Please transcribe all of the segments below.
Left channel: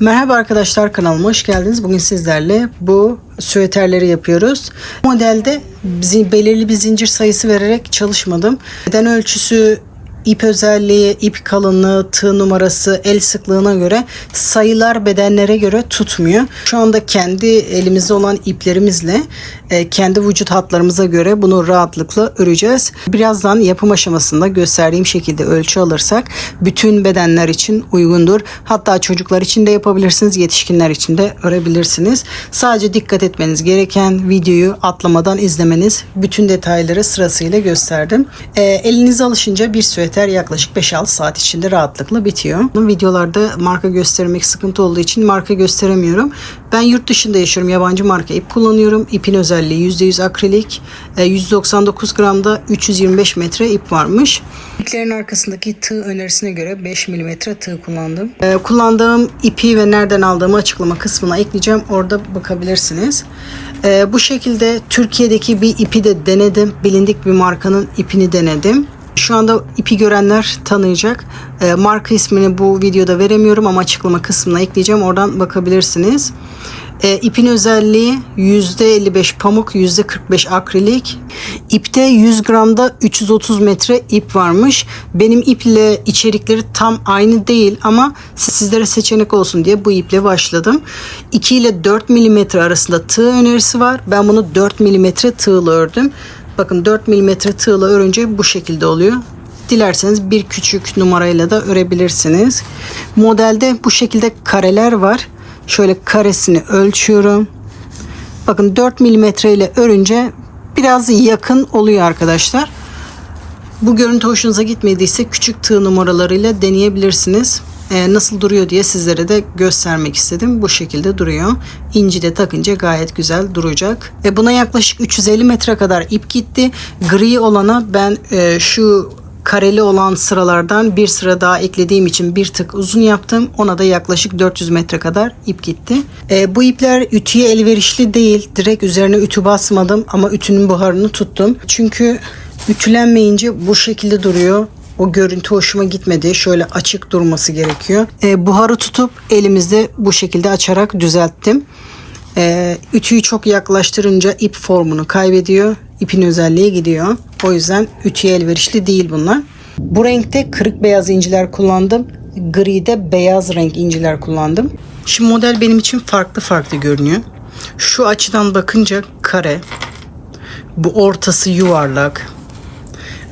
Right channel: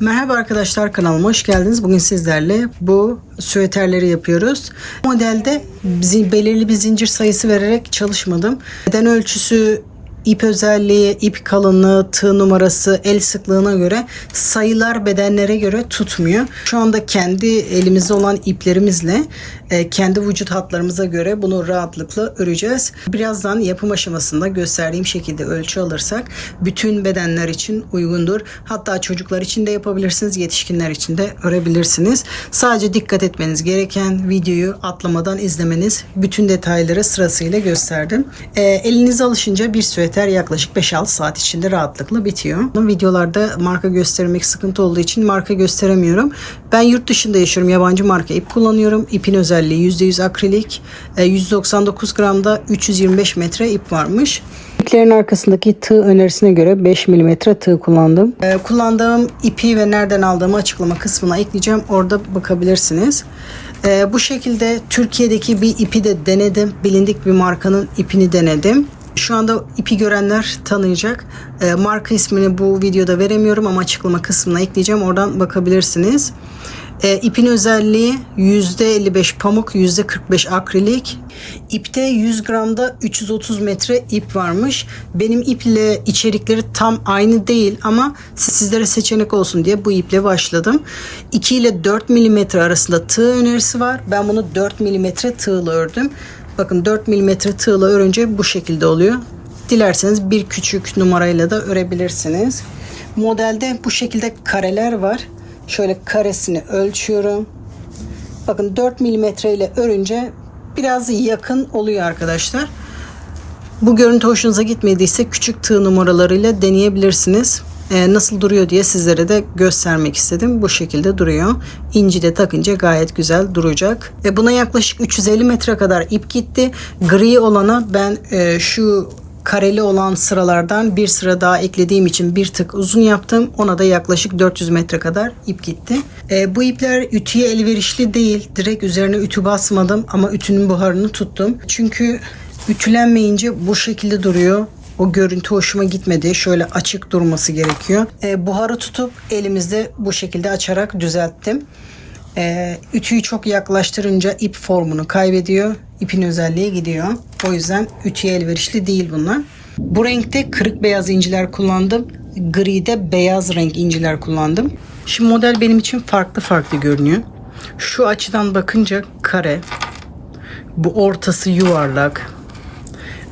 Merhaba arkadaşlar, kanalıma hoş geldiniz. Bugün sizlerle bu süveterleri yapıyoruz. Bu modelde belirli bir zincir sayısı vererek çalışmadım. Beden ölçüsü, ip özelliği, ip kalınlığı, tığ numarası, el sıklığına göre sayılar bedenlere göre tutmuyor. Şu anda kendi elimizde olan iplerimizle kendi vücut hatlarımıza göre bunu rahatlıkla öreceğiz. Birazdan yapım aşamasında gösterdiğim şekilde ölçü alırsak bütün bedenler için uygundur. Hatta çocuklar için de yapabilirsiniz, yetişkinler için de örebilirsiniz. Sadece dikkat etmeniz gereken videoyu atlamadan izlemeniz. Bütün detayları sırasıyla gösterdim. Elinize alışınca bir süveter yaklaşık 5-6 saat içinde rahatlıkla bitiyor. Videolarda marka göstermek sıkıntı olduğu için marka gösteremiyorum. Ben yurt dışında yaşıyorum. Yabancı marka ip kullanıyorum. İpin özelliği %100 akrilik. 199 gramda 325 metre ip varmış. İplerin arkasındaki tığ önerisine göre 5 mm tığ kullandım. Kullandığım ipi ve nereden aldığımı açıklama kısmına ekleyeceğim. Orada bakabilirsiniz. Bu şekilde Türkiye'deki bir ipi de denedim. Bilindik bir markanın ipini denedim. Şu anda ipi görenler tanıyacak. Marka ismini bu videoda veremiyorum ama açıklama kısmına ekleyeceğim. Oradan bakabilirsiniz. İpin özelliği %55 pamuk, %45 akrilik. İpte 100 gramda 330 metre ip varmış. Benim iple içerikleri tam aynı değil ama sizlere seçenek olsun diye bu iple başladım. 2 ile 4 mm arasında tığ önerisi var. Ben bunu 4 mm tığla ördüm. Bakın 4 mm tığla örünce bu şekilde oluyor. Dilerseniz bir küçük numarayla da örebilirsiniz. Modelde bu şekilde kareler var. Şöyle karesini ölçüyorum. Bakın 4 mm ile örünce biraz yakın oluyor arkadaşlar. Bu görüntü hoşunuza gitmediyse küçük tığ numaralarıyla deneyebilirsiniz. Nasıl duruyor diye sizlere de göstermek istedim. Bu şekilde duruyor. İnci de takınca gayet güzel duracak. Buna yaklaşık 350 metre kadar ip gitti. Gri olana ben şu kareli olan sıralardan bir sıra daha eklediğim için bir tık uzun yaptım. Ona da yaklaşık 400 metre kadar ip gitti. Bu ipler ütüye elverişli değil. Direkt üzerine ütü basmadım ama ütünün buharını tuttum. Çünkü ütülenmeyince bu şekilde duruyor. O görüntü hoşuma gitmedi. Şöyle açık durması gerekiyor. Buharı tutup elimizde bu şekilde açarak düzelttim. Ütüyü çok yaklaştırınca ip formunu kaybediyor. İpin özelliği gidiyor. O yüzden ütüye elverişli değil bunlar. Bu renkte kırık beyaz inciler kullandım. Gri'de beyaz renk inciler kullandım. Şimdi model benim için farklı görünüyor. Şu açıdan bakınca kare. Bu ortası yuvarlak.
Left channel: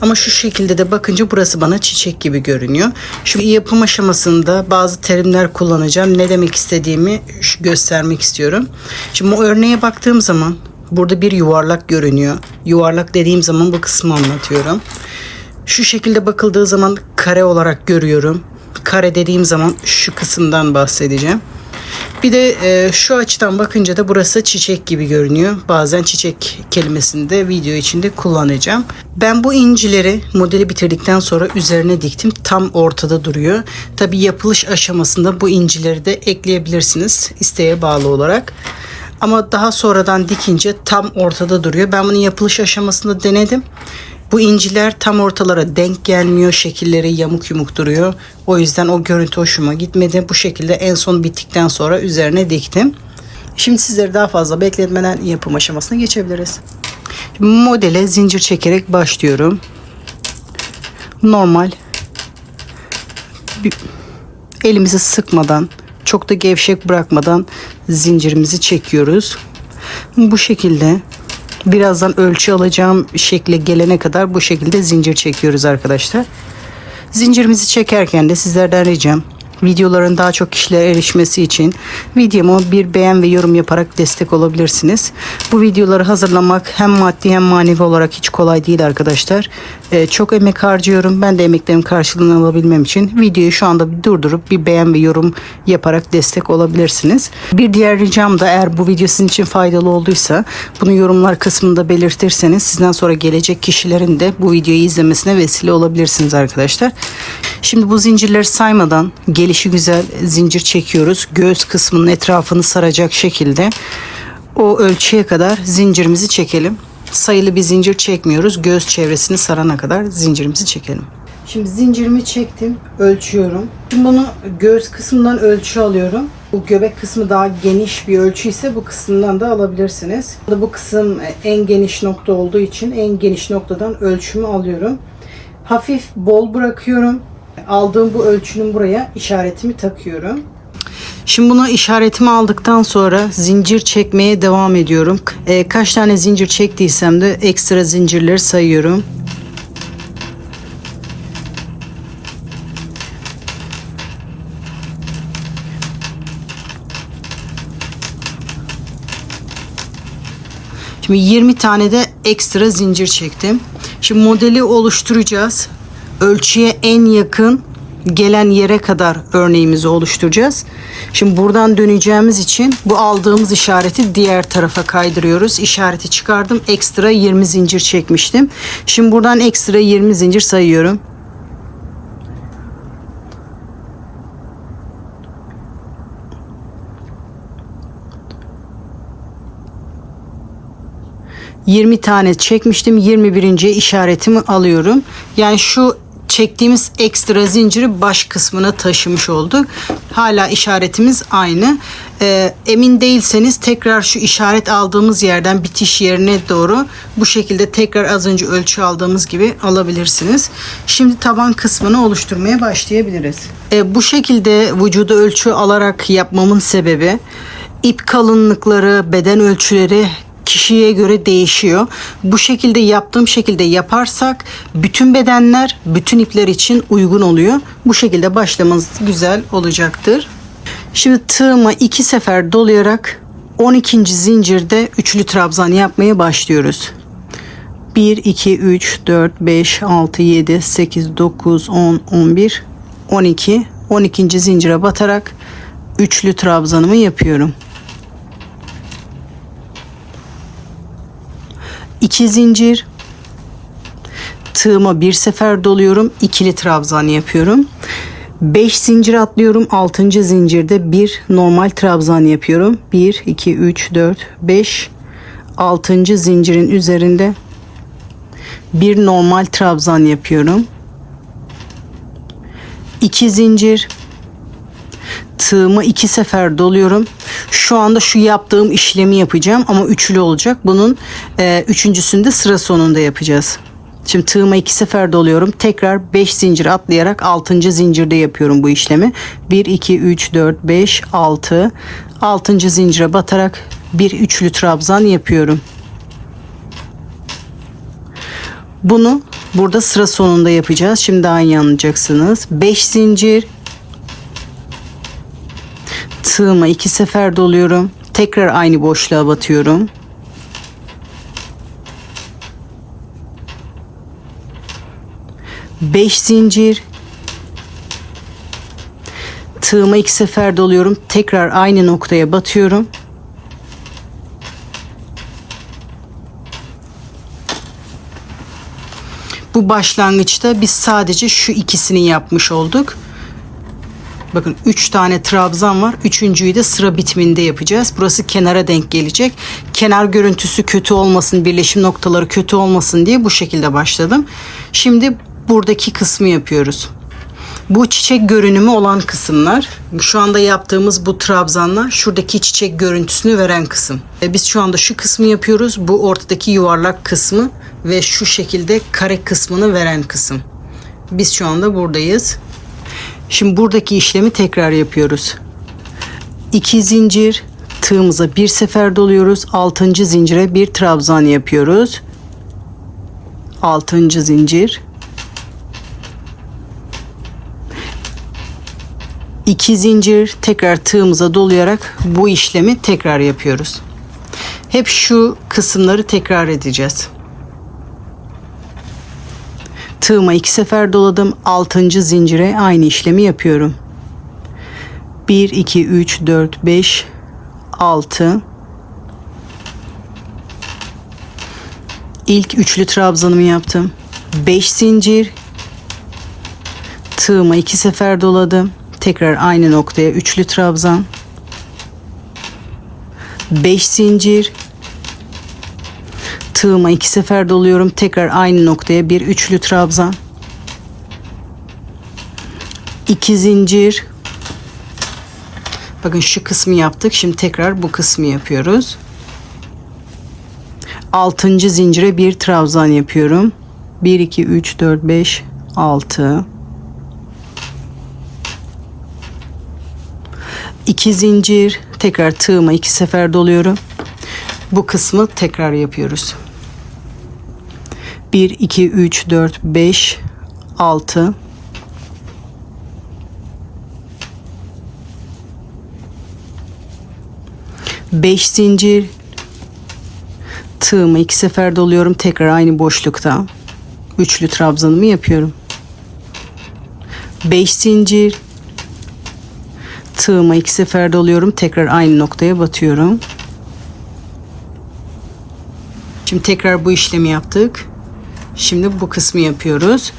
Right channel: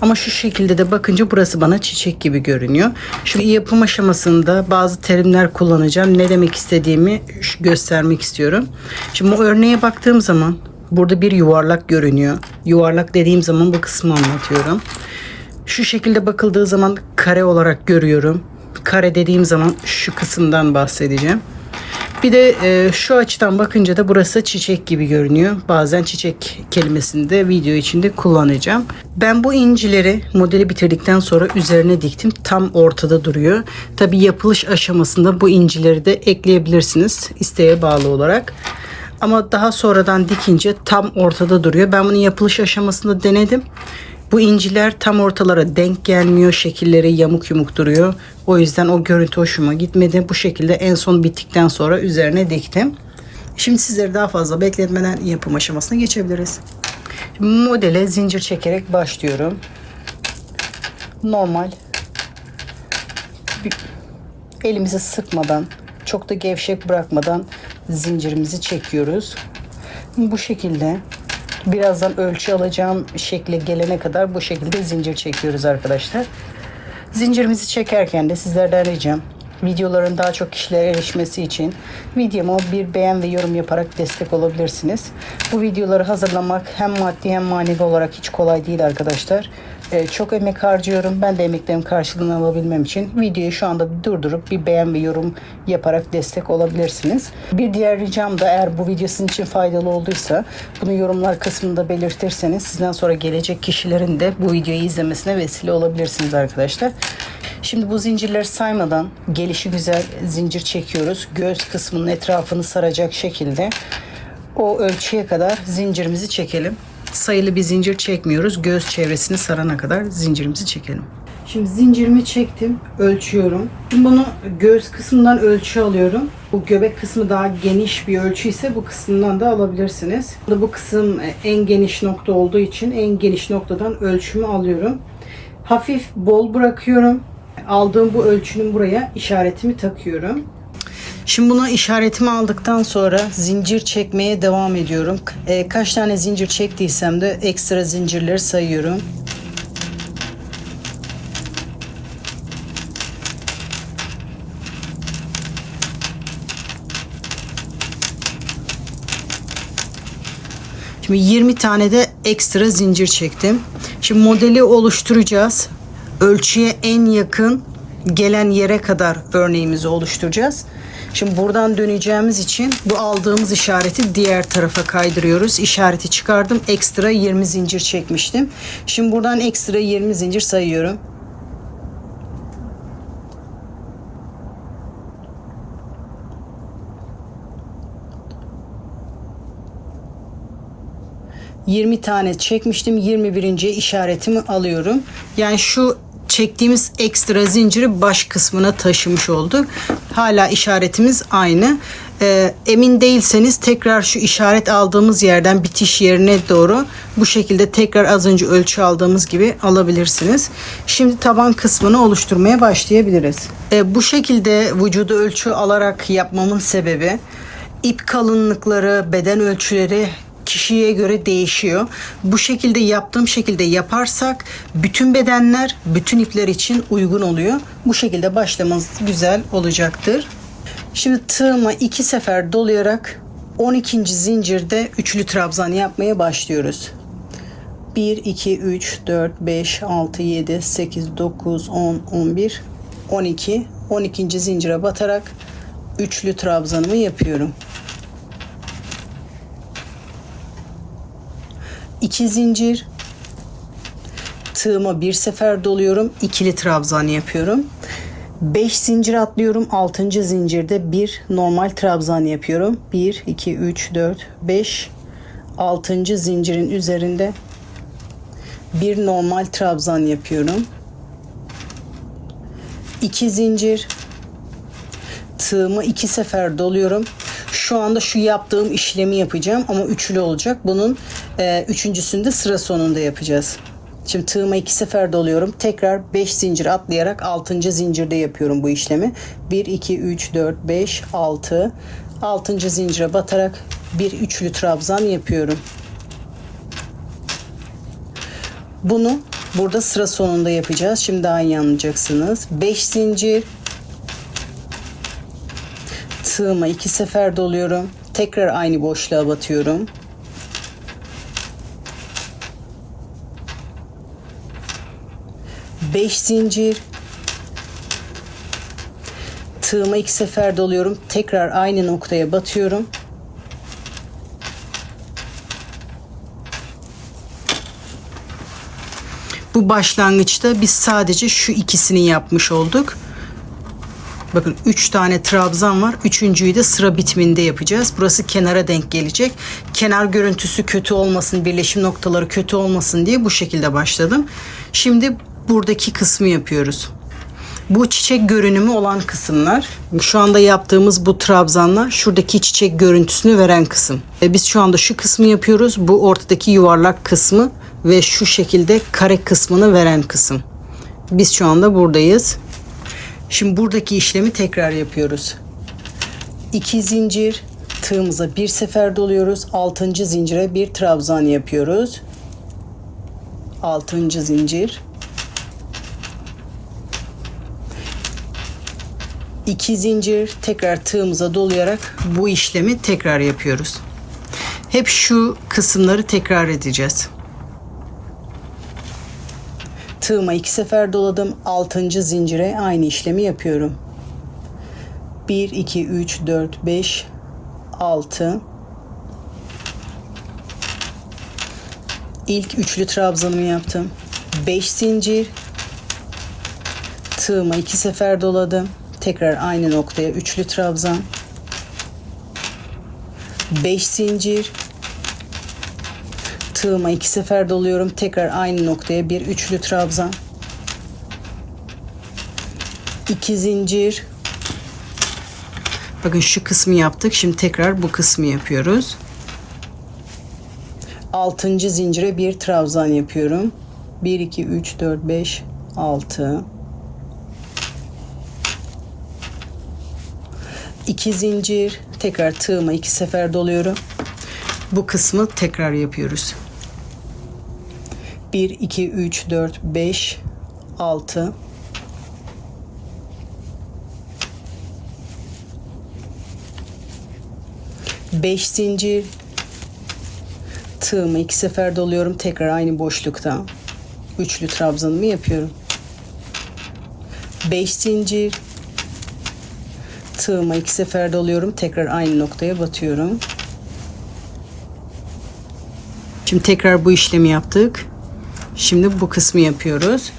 Ama şu şekilde de bakınca burası bana çiçek gibi görünüyor. Şu yapım aşamasında bazı terimler kullanacağım. Ne demek istediğimi göstermek istiyorum. Şimdi bu örneğe baktığım zaman burada bir yuvarlak görünüyor. Yuvarlak dediğim zaman bu kısmı anlatıyorum. Şu şekilde bakıldığı zaman kare olarak görüyorum. Kare dediğim zaman şu kısımdan bahsedeceğim. Bir de şu açıdan bakınca da burası çiçek gibi görünüyor. Bazen çiçek kelimesini de video içinde kullanacağım. Ben bu incileri modeli bitirdikten sonra üzerine diktim. Tam ortada duruyor. Tabii yapılış aşamasında bu incileri de ekleyebilirsiniz isteğe bağlı olarak. Ama daha sonradan dikince tam ortada duruyor. Ben bunu yapılış aşamasında denedim. Bu inciler tam ortalara denk gelmiyor. Şekilleri yamuk yumuk duruyor. O yüzden o görüntü hoşuma gitmedi. Bu şekilde en son bittikten sonra üzerine diktim. Şimdi sizleri daha fazla bekletmeden yapım aşamasına geçebiliriz. Şimdi modele zincir çekerek başlıyorum. Normal. Elimizi sıkmadan, çok da gevşek bırakmadan zincirimizi çekiyoruz. Bu şekilde birazdan ölçü alacağım şekle gelene kadar bu şekilde zincir çekiyoruz arkadaşlar. Zincirimizi çekerken de sizlerden ricam videoların daha çok kişilere erişmesi için videomu bir beğen ve yorum yaparak destek olabilirsiniz. Bu videoları hazırlamak hem maddi hem manevi olarak hiç kolay değil arkadaşlar. Çok emek harcıyorum. Ben de emeklerim karşılığını alabilmem için videoyu şu anda bir durdurup bir beğen ve yorum yaparak destek olabilirsiniz. Bir diğer ricam da eğer bu video sizin için faydalı olduysa bunu yorumlar kısmında belirtirseniz sizden sonra gelecek kişilerin de bu videoyu izlemesine vesile olabilirsiniz arkadaşlar. Şimdi bu zincirleri saymadan gelişi güzel zincir çekiyoruz. Göğüs kısmının etrafını saracak şekilde o ölçüye kadar zincirimizi çekelim. Sayılı bir zincir çekmiyoruz. Göğüs çevresini sarana kadar zincirimizi çekelim. Şimdi zincirimi çektim, ölçüyorum. Şimdi bunu göğüs kısmından ölçü alıyorum. Bu göbek kısmı daha geniş bir ölçü ise bu kısımdan da alabilirsiniz. Bu kısım en geniş nokta olduğu için en geniş noktadan ölçümü alıyorum. Hafif bol bırakıyorum. Aldığım bu ölçünün buraya işaretimi takıyorum. Şimdi bunu işaretimi aldıktan sonra zincir çekmeye devam ediyorum. Kaç tane zincir çektiysem de ekstra zincirleri sayıyorum. Şimdi 20 tane de ekstra zincir çektim. Şimdi modeli oluşturacağız. Ölçüye en yakın gelen yere kadar örneğimizi oluşturacağız. Şimdi buradan döneceğimiz için bu aldığımız işareti diğer tarafa kaydırıyoruz. İşareti çıkardım. Ekstra 20 zincir çekmiştim. Şimdi buradan ekstra 20 zincir sayıyorum. ...20 tane çekmiştim. 21. işaretimi alıyorum. Yani şu çektiğimiz ekstra zinciri baş kısmına taşımış olduk. Hala işaretimiz aynı. Emin değilseniz tekrar şu işaret aldığımız yerden bitiş yerine doğru bu şekilde tekrar az önce ölçü aldığımız gibi alabilirsiniz. Şimdi taban kısmını oluşturmaya başlayabiliriz. Bu şekilde vücuda ölçü alarak yapmamın sebebi ip kalınlıkları, beden ölçüleri kişiye göre değişiyor. Bu şekilde yaptığım şekilde yaparsak bütün bedenler, bütün ipler için uygun oluyor. Bu şekilde başlamanız güzel olacaktır. Şimdi tığıma 2 sefer dolayarak 12. zincirde üçlü trabzan yapmaya başlıyoruz. 1, 2, 3, 4, 5, 6, 7, 8, 9, 10, 11, 12. 12. zincire batarak üçlü trabzanımı yapıyorum. 2 zincir, tığıma bir sefer doluyorum, ikili trabzan yapıyorum. 5 zincir atlıyorum, 6. zincirde bir normal trabzan yapıyorum. 1 2 3 4 5, 6. zincirin üzerinde bir normal trabzan yapıyorum. 2 zincir, tığımı 2 sefer doluyorum. Şu anda şu yaptığım işlemi yapacağım ama üçlü olacak. Bunun üçüncüsünü de sıra sonunda yapacağız. Şimdi tığıma 2 sefer doluyorum. Tekrar 5 zincir atlayarak 6. zincirde yapıyorum bu işlemi. 1 2 3 4 5 6. 6. zincire batarak bir üçlü trabzan yapıyorum. Bunu burada sıra sonunda yapacağız. Şimdi daha iyi anlayacaksınız. 5 zincir, tığıma 2 sefer doluyorum. Tekrar aynı boşluğa batıyorum. Beş zincir, tığıma 2 sefer doluyorum. Tekrar aynı noktaya batıyorum. Bu başlangıçta biz sadece şu ikisini yapmış olduk. Bakın 3 tane trabzan var. Üçüncüyü de sıra bitiminde yapacağız. Burası kenara denk gelecek. Kenar görüntüsü kötü olmasın, birleşim noktaları kötü olmasın diye bu şekilde başladım. Şimdi buradaki kısmı yapıyoruz. Bu çiçek görünümü olan kısımlar. Şu anda yaptığımız bu trabzanlar şuradaki çiçek görüntüsünü veren kısım. Biz şu anda şu kısmı yapıyoruz. Bu ortadaki yuvarlak kısmı ve şu şekilde kare kısmını veren kısım. Biz şu anda buradayız. Şimdi buradaki işlemi tekrar yapıyoruz. 2 zincir, tığımıza bir sefer doluyoruz. 6. zincire bir trabzan yapıyoruz. 6. zincir. 2 zincir, tekrar tığımıza dolayarak bu işlemi tekrar yapıyoruz. Hep şu kısımları tekrar edeceğiz. Tığıma 2 sefer doladım. 6. zincire aynı işlemi yapıyorum. 1 2 3 4 5 6. İlk üçlü trabzanımı yaptım. 5 zincir, tığıma 2 sefer doladım. Tekrar aynı noktaya üçlü trabzan. 5 zincir, tığıma 2 sefer doluyorum. Tekrar aynı noktaya bir üçlü trabzan. 2 zincir. Bakın şu kısmı yaptık. Şimdi tekrar bu kısmı yapıyoruz. 6. zincire bir trabzan yapıyorum. 1 2 3 4 5 6. 2 zincir, tekrar tığıma 2 sefer doluyorum. Bu kısmı tekrar yapıyoruz. 1 2 3 4 5 6. 5 zincir, tığımı 2 sefer doluyorum. Tekrar aynı boşlukta üçlü trabzanımı yapıyorum. 5 zincir, tığımı 2 sefer doluyorum. Tekrar aynı noktaya batıyorum. Şimdi tekrar bu işlemi yaptık. Şimdi bu kısmı yapıyoruz.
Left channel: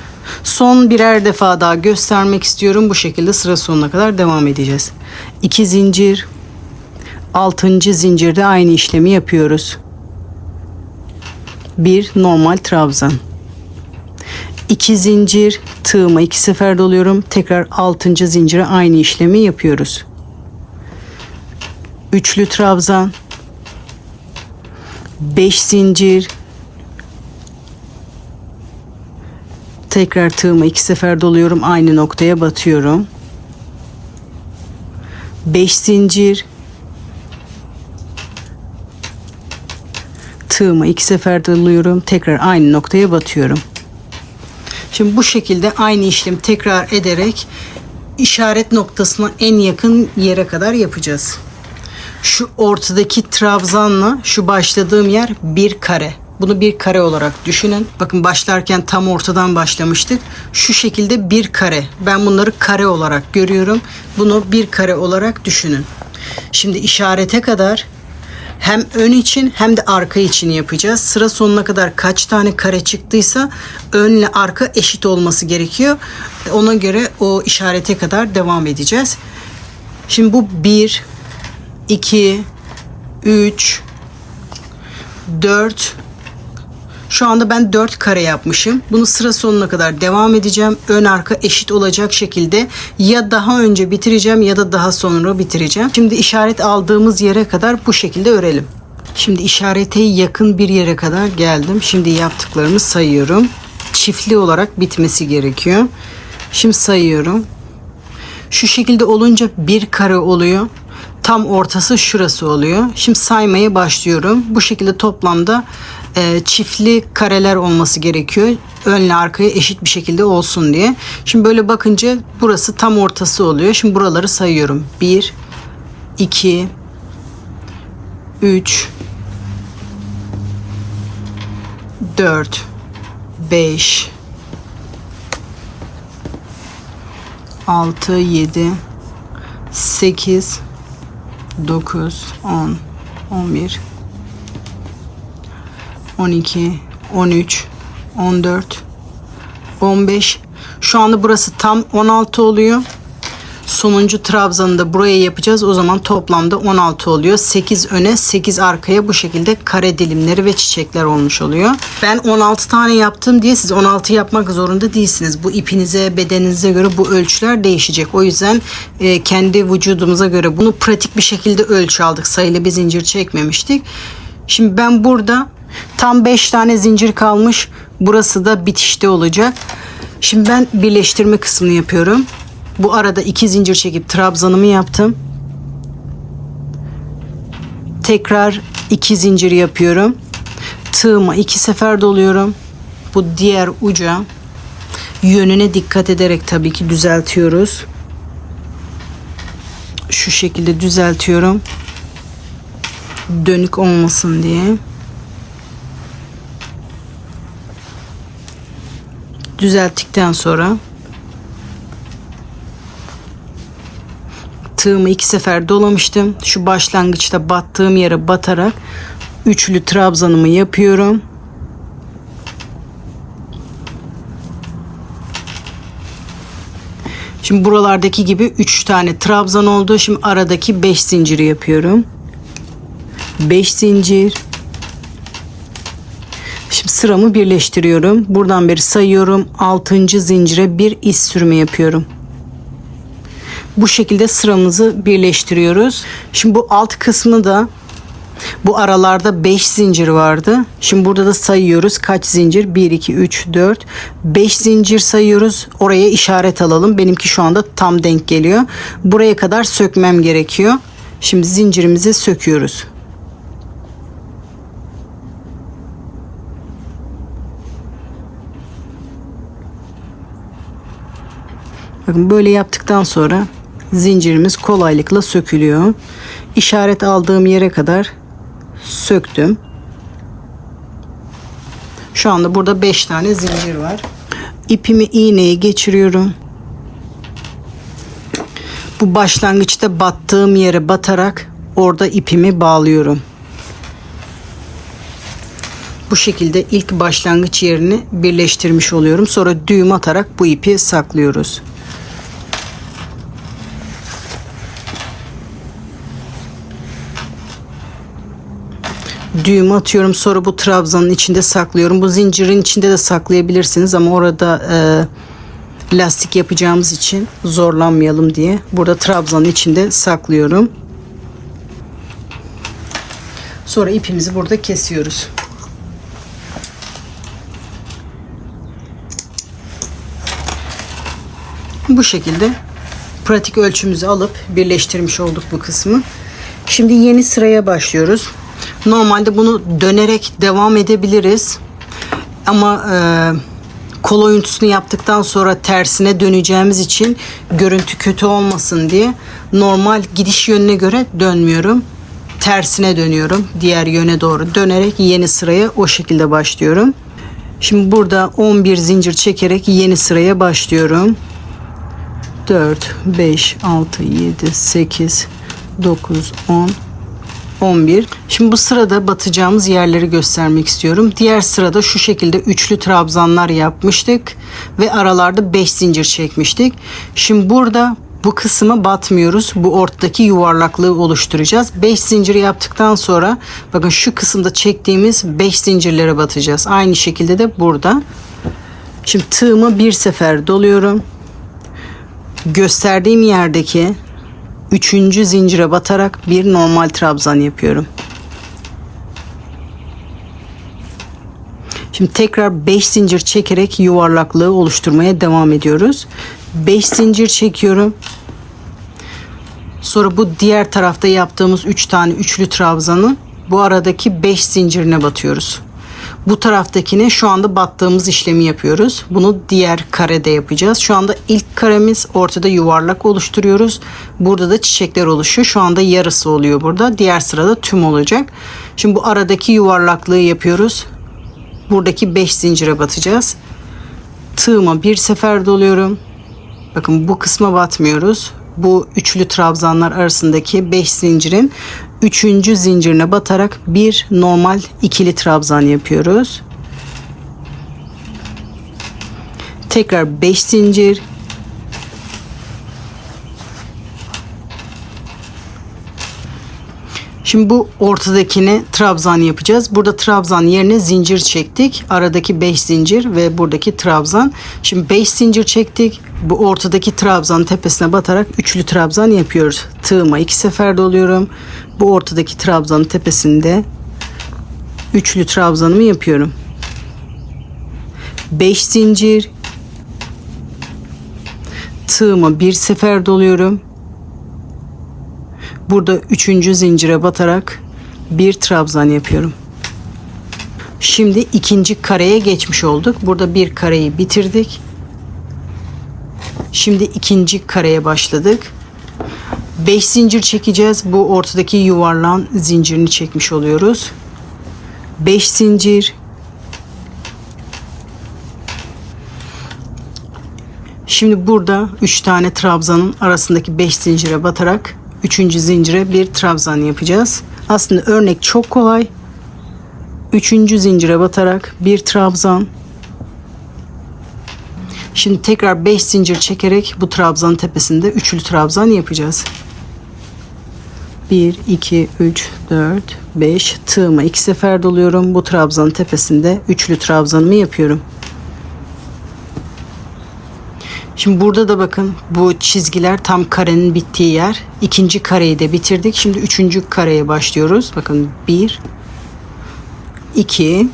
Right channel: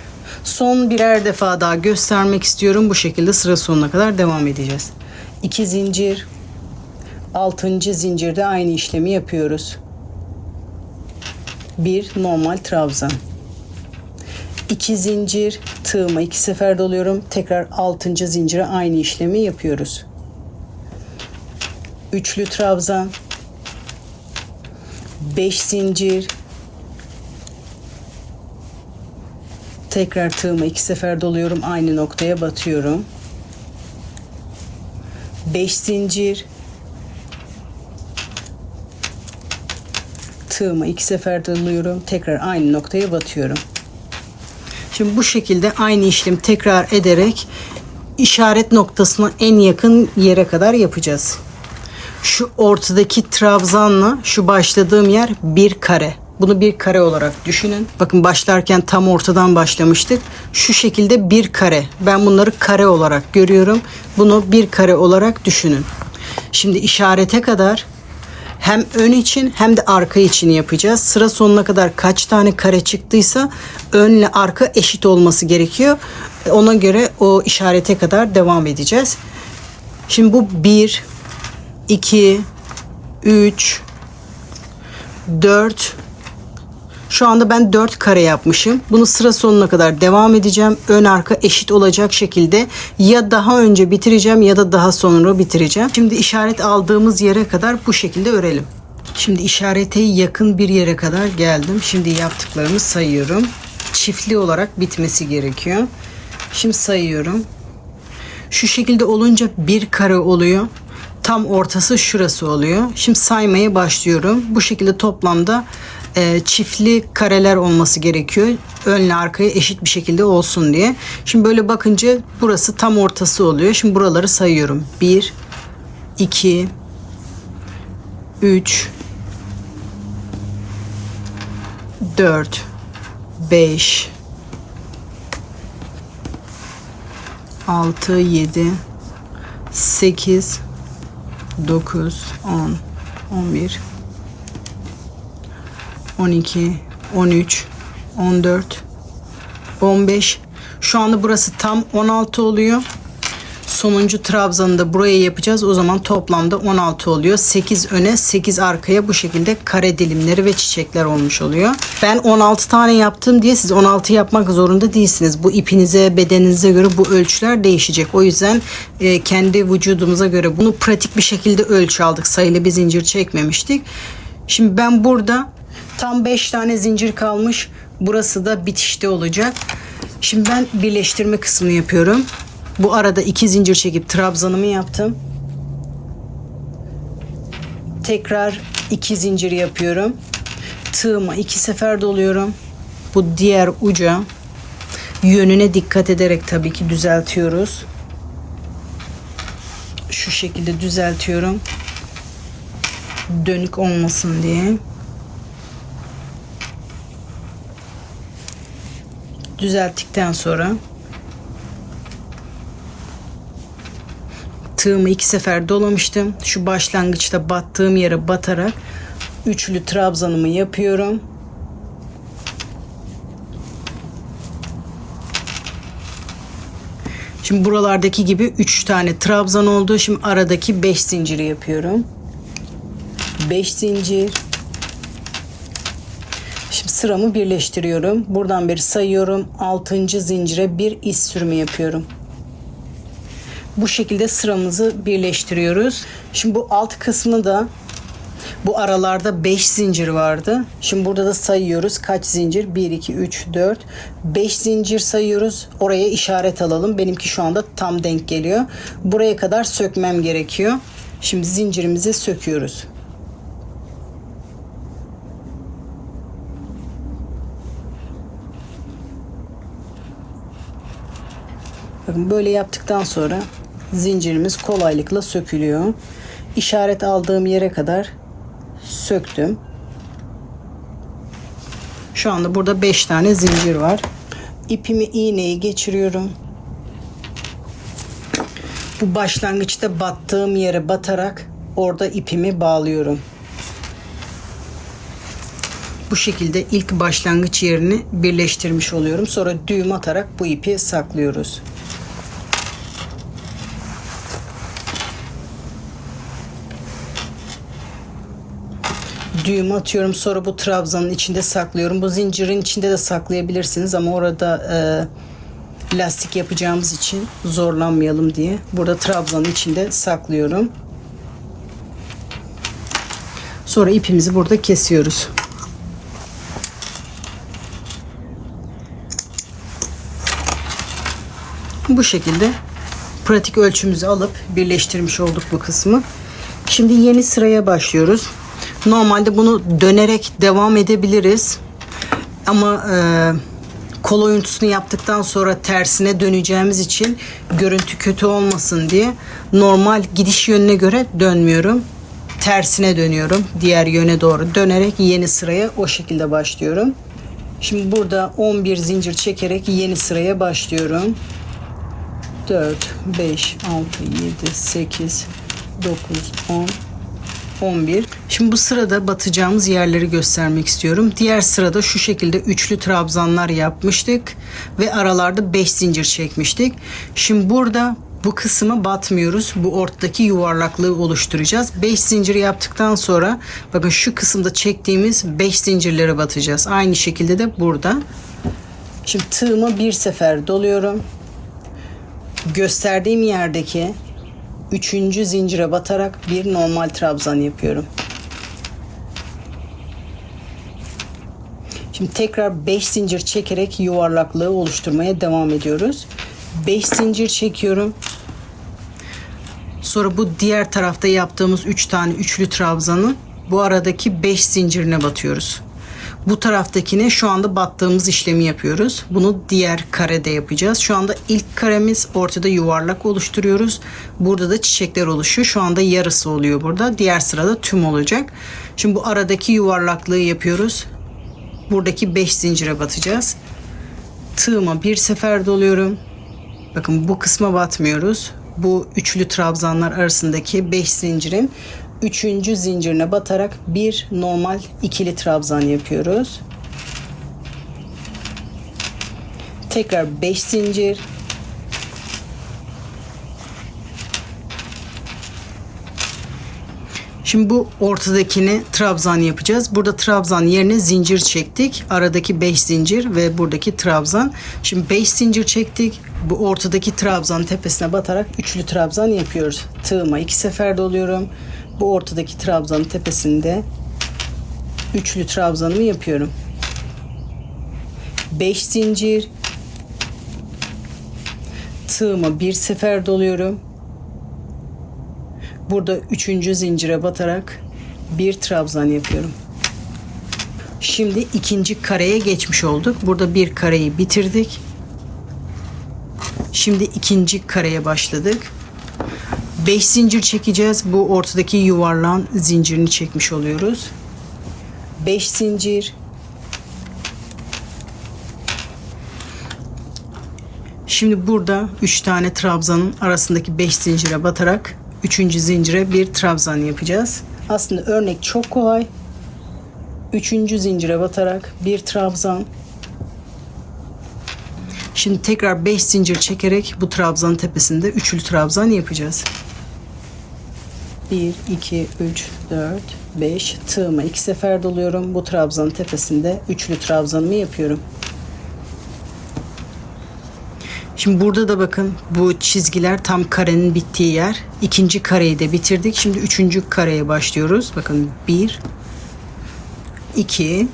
Son birer defa daha göstermek istiyorum. Bu şekilde sıra sonuna kadar devam edeceğiz. 2 zincir, 6. zincirde aynı işlemi yapıyoruz. Bir normal trabzan. 2 zincir, tığıma 2 sefer doluyorum. Tekrar 6. zincire aynı işlemi yapıyoruz. Üçlü trabzan. 5 zincir. Tekrar tığıma 2 sefer doluyorum. Aynı noktaya batıyorum. 5 zincir. Tığımı 2 sefer doluyorum. Tekrar aynı noktaya batıyorum. Şimdi bu şekilde aynı işlemi tekrar ederek işaret noktasına en yakın yere kadar yapacağız. Şu ortadaki trabzanla şu başladığım yer bir kare. Bunu bir kare olarak düşünün. Bakın başlarken tam ortadan başlamıştık. Şu şekilde bir kare. Ben bunları kare olarak görüyorum. Bunu bir kare olarak düşünün. Şimdi işarete kadar hem ön için hem de arka için yapacağız. Sıra sonuna kadar kaç tane kare çıktıysa önle arka eşit olması gerekiyor. Ona göre o işarete kadar devam edeceğiz. Şimdi bu 1, 2, 3, 4. Şu anda ben 4 kare yapmışım. Bunu sıra sonuna kadar devam edeceğim. Ön arka eşit olacak şekilde ya daha önce bitireceğim ya da daha sonra bitireceğim. Şimdi işaret aldığımız yere kadar bu şekilde örelim. Şimdi işarete yakın bir yere kadar geldim. Şimdi yaptıklarımı sayıyorum. Çiftli olarak bitmesi gerekiyor. Şimdi sayıyorum. Şu şekilde olunca bir kare oluyor. Tam ortası şurası oluyor. Şimdi saymaya başlıyorum. Bu şekilde toplamda çiftli kareler olması gerekiyor. Önle arkaya eşit bir şekilde olsun diye. Şimdi böyle bakınca burası tam ortası oluyor. Şimdi buraları sayıyorum. 1, 2, 3, 4, 5, 6, 7, 8, 9, 10, 11, 12, 13, 14, 15. Şu anda burası tam 16 oluyor. Sonuncu trabzanı da buraya yapacağız. O zaman toplamda 16 oluyor. 8 öne 8 arkaya bu şekilde kare dilimleri ve çiçekler olmuş oluyor. Ben 16 tane yaptım diye siz 16 yapmak zorunda değilsiniz. Bu ipinize, bedeninize göre bu ölçüler değişecek. O yüzden kendi vücudumuza göre bunu pratik bir şekilde ölçü aldık. Sayılı bir zincir çekmemiştik. Şimdi ben burada tam 5 tane zincir kalmış. Burası da bitişte olacak. Şimdi ben birleştirme kısmını yapıyorum. Bu arada 2 zincir çekip trabzanımı yaptım. Tekrar 2 zincir yapıyorum. Tığımı 2 sefer doluyorum. Bu diğer uca yönüne dikkat ederek tabii ki düzeltiyoruz. Şu şekilde düzeltiyorum. Dönük olmasın diye. Düzelttikten sonra tığımı 2 sefer dolamıştım. Şu başlangıçta battığım yere batarak üçlü trabzanımı yapıyorum. Şimdi buralardaki gibi 3 tane trabzan oldu. Şimdi aradaki 5 zinciri yapıyorum. 5 zincir. Şimdi sıramı birleştiriyorum. Buradan beri sayıyorum. 6. zincire bir iz sürme yapıyorum. Bu şekilde sıramızı birleştiriyoruz. Şimdi bu alt kısmını da, bu aralarda 5 zincir vardı. Şimdi burada da sayıyoruz. Kaç zincir? 1, 2, 3, 4, 5 zincir sayıyoruz. Oraya işaret alalım. Benimki şu anda tam denk geliyor. Buraya kadar sökmem gerekiyor. Şimdi zincirimizi söküyoruz. Bakın böyle yaptıktan sonra zincirimiz kolaylıkla sökülüyor. İşaret aldığım yere kadar söktüm. Şu anda burada 5 tane zincir var. İpimi iğneye geçiriyorum. Bu başlangıçta battığım yere batarak orada ipimi bağlıyorum. Bu şekilde ilk başlangıç yerini birleştirmiş oluyorum. Sonra düğüm atarak bu ipi saklıyoruz. Düğüm atıyorum, sonra bu trabzanın içinde saklıyorum. Bu zincirin içinde de saklayabilirsiniz ama orada lastik yapacağımız için zorlanmayalım diye burada trabzanın içinde saklıyorum. Sonra ipimizi burada kesiyoruz. Bu şekilde pratik ölçümüzü alıp birleştirmiş olduk bu kısmı. Şimdi yeni sıraya başlıyoruz. Normalde bunu dönerek devam edebiliriz. Ama kol oyuntusunu yaptıktan sonra tersine döneceğimiz için görüntü kötü olmasın diye normal gidiş yönüne göre dönmüyorum. Tersine dönüyorum. Diğer yöne doğru dönerek yeni sıraya o şekilde başlıyorum. Şimdi burada 11 zincir çekerek yeni sıraya başlıyorum. 4, 5, 6, 7, 8, 9, 10, 11. Şimdi bu sırada batacağımız yerleri göstermek istiyorum. Diğer sırada şu şekilde üçlü trabzanlar yapmıştık ve aralarda 5 zincir çekmiştik. Şimdi burada bu kısma batmıyoruz. Bu ortadaki yuvarlaklığı oluşturacağız. 5 zinciri yaptıktan sonra bakın şu kısımda çektiğimiz 5 zincirlere batacağız. Aynı şekilde de burada. Şimdi tığımı bir sefer doluyorum. Gösterdiğim yerdeki 3. zincire batarak bir normal trabzan yapıyorum. Şimdi tekrar 5 zincir çekerek yuvarlaklığı oluşturmaya devam ediyoruz. 5 zincir çekiyorum. Sonra bu diğer tarafta yaptığımız 3 tane üçlü trabzanın bu aradaki 5 zincirine batıyoruz. Bu taraftakine şu anda battığımız işlemi yapıyoruz. Bunu diğer karede yapacağız. Şu anda ilk karemiz, ortada yuvarlak oluşturuyoruz. Burada da çiçekler oluşuyor. Şu anda yarısı oluyor burada. Diğer sırada tüm olacak. Şimdi bu aradaki yuvarlaklığı yapıyoruz. Buradaki 5 zincire batacağız. Tığıma bir sefer doluyorum. Bakın bu kısma batmıyoruz. Bu üçlü trabzanlar arasındaki 5 zincirin 3. zincirine batarak bir normal ikili trabzan yapıyoruz. Tekrar 5 zincir. Şimdi bu ortadakini trabzan yapacağız. Burada trabzan yerine zincir çektik. Aradaki 5 zincir ve buradaki trabzan. Şimdi 5 zincir çektik. Bu ortadaki trabzanın tepesine batarak üçlü trabzan yapıyoruz. Tığıma 2 sefer doluyorum. Bu ortadaki trabzanın tepesinde üçlü trabzanımı yapıyorum. 5 zincir. Tığıma bir sefer doluyorum. Burada 3. zincire batarak bir trabzan yapıyorum. Şimdi ikinci kareye geçmiş olduk. Burada bir kareyi bitirdik. Şimdi ikinci kareye başladık. 5 zincir çekeceğiz. Bu ortadaki yuvarlağın zincirini çekmiş oluyoruz. 5 zincir. Şimdi burada 3 tane trabzanın arasındaki 5 zincire batarak 3. zincire bir trabzan yapacağız. Aslında örnek çok kolay. 3. zincire batarak bir trabzan. Şimdi tekrar 5 zincir çekerek bu trabzanın tepesinde üçlü trabzan yapacağız. 1, 2, 3, 4, 5. Tığıma 2 sefer doluyorum. Bu trabzanın tepesinde üçlü trabzanımı yapıyorum. Şimdi burada da bakın bu çizgiler tam karenin bittiği yer. İkinci kareyi de bitirdik. Şimdi üçüncü kareye başlıyoruz. Bakın 1, 2.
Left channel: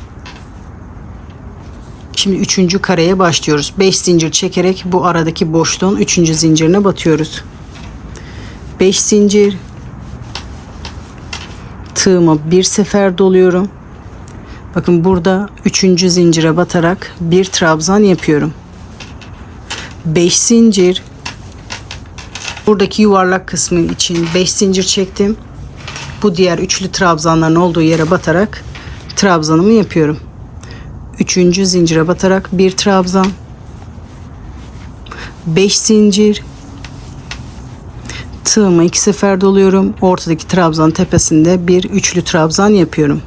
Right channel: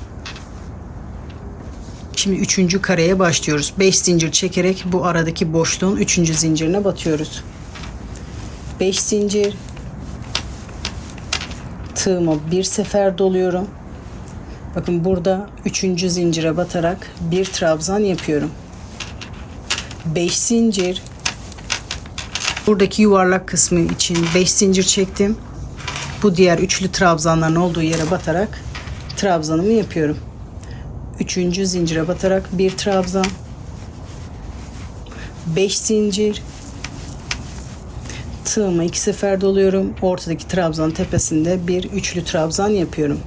Şimdi üçüncü kareye başlıyoruz. 5 zincir çekerek bu aradaki boşluğun üçüncü zincirine batıyoruz. 5 zincir. Tığımı bir sefer doluyorum. Bakın burada üçüncü zincire batarak bir trabzan yapıyorum. 5 zincir. Buradaki yuvarlak kısmı için 5 zincir çektim. Bu diğer üçlü trabzanların olduğu yere batarak trabzanımı yapıyorum. Üçüncü zincire batarak bir trabzan. 5 zincir. Tığımı iki sefer doluyorum. Ortadaki trabzan tepesinde bir üçlü trabzan yapıyorum.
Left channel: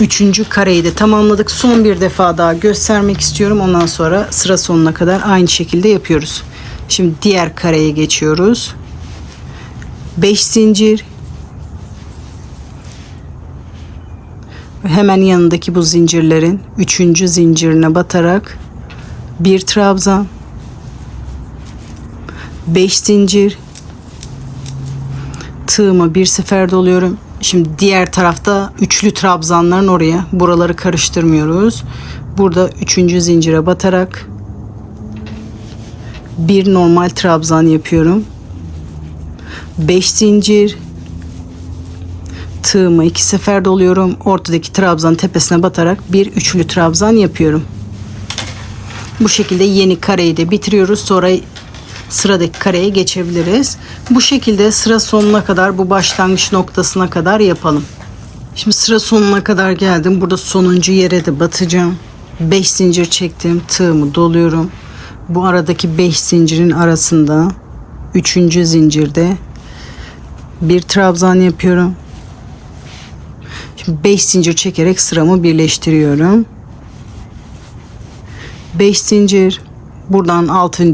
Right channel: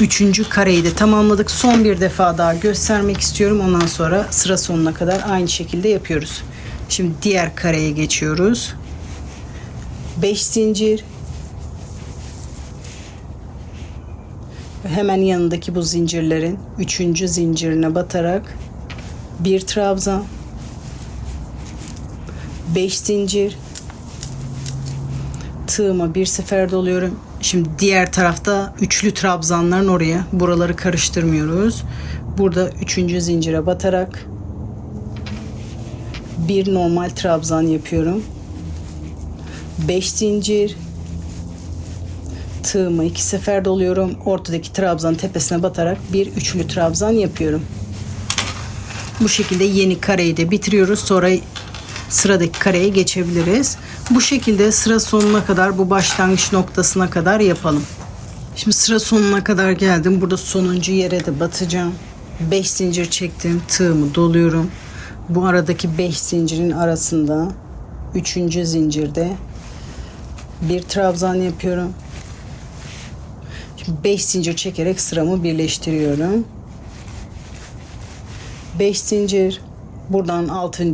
Üçüncü kareyi de tamamladık. Son bir defa daha göstermek istiyorum. Ondan sonra sıra sonuna kadar aynı şekilde yapıyoruz. Şimdi diğer kareye geçiyoruz. 5 zincir. Hemen yanındaki bu zincirlerin üçüncü zincirine batarak bir trabzan. 5 zincir. Tığımı bir sefer doluyorum. Şimdi diğer tarafta üçlü trabzanların oraya, buraları karıştırmıyoruz. Burada üçüncü zincire batarak bir normal trabzan yapıyorum. 5 zincir. Tığımı iki sefer doluyorum. Ortadaki trabzan tepesine batarak bir üçlü trabzan yapıyorum. Bu şekilde yeni kareyi de bitiriyoruz. Sonra sıradaki kareye geçebiliriz. Bu şekilde sıra sonuna kadar, bu başlangıç noktasına kadar yapalım. Şimdi sıra sonuna kadar geldim. Burada sonuncu yere de batacağım. 5 zincir çektim. Tığımı doluyorum. Bu aradaki 5 zincirin arasında 3. zincirde bir trabzan yapıyorum. Şimdi 5 zincir çekerek sıramı birleştiriyorum. 5 zincir. Buradan 6.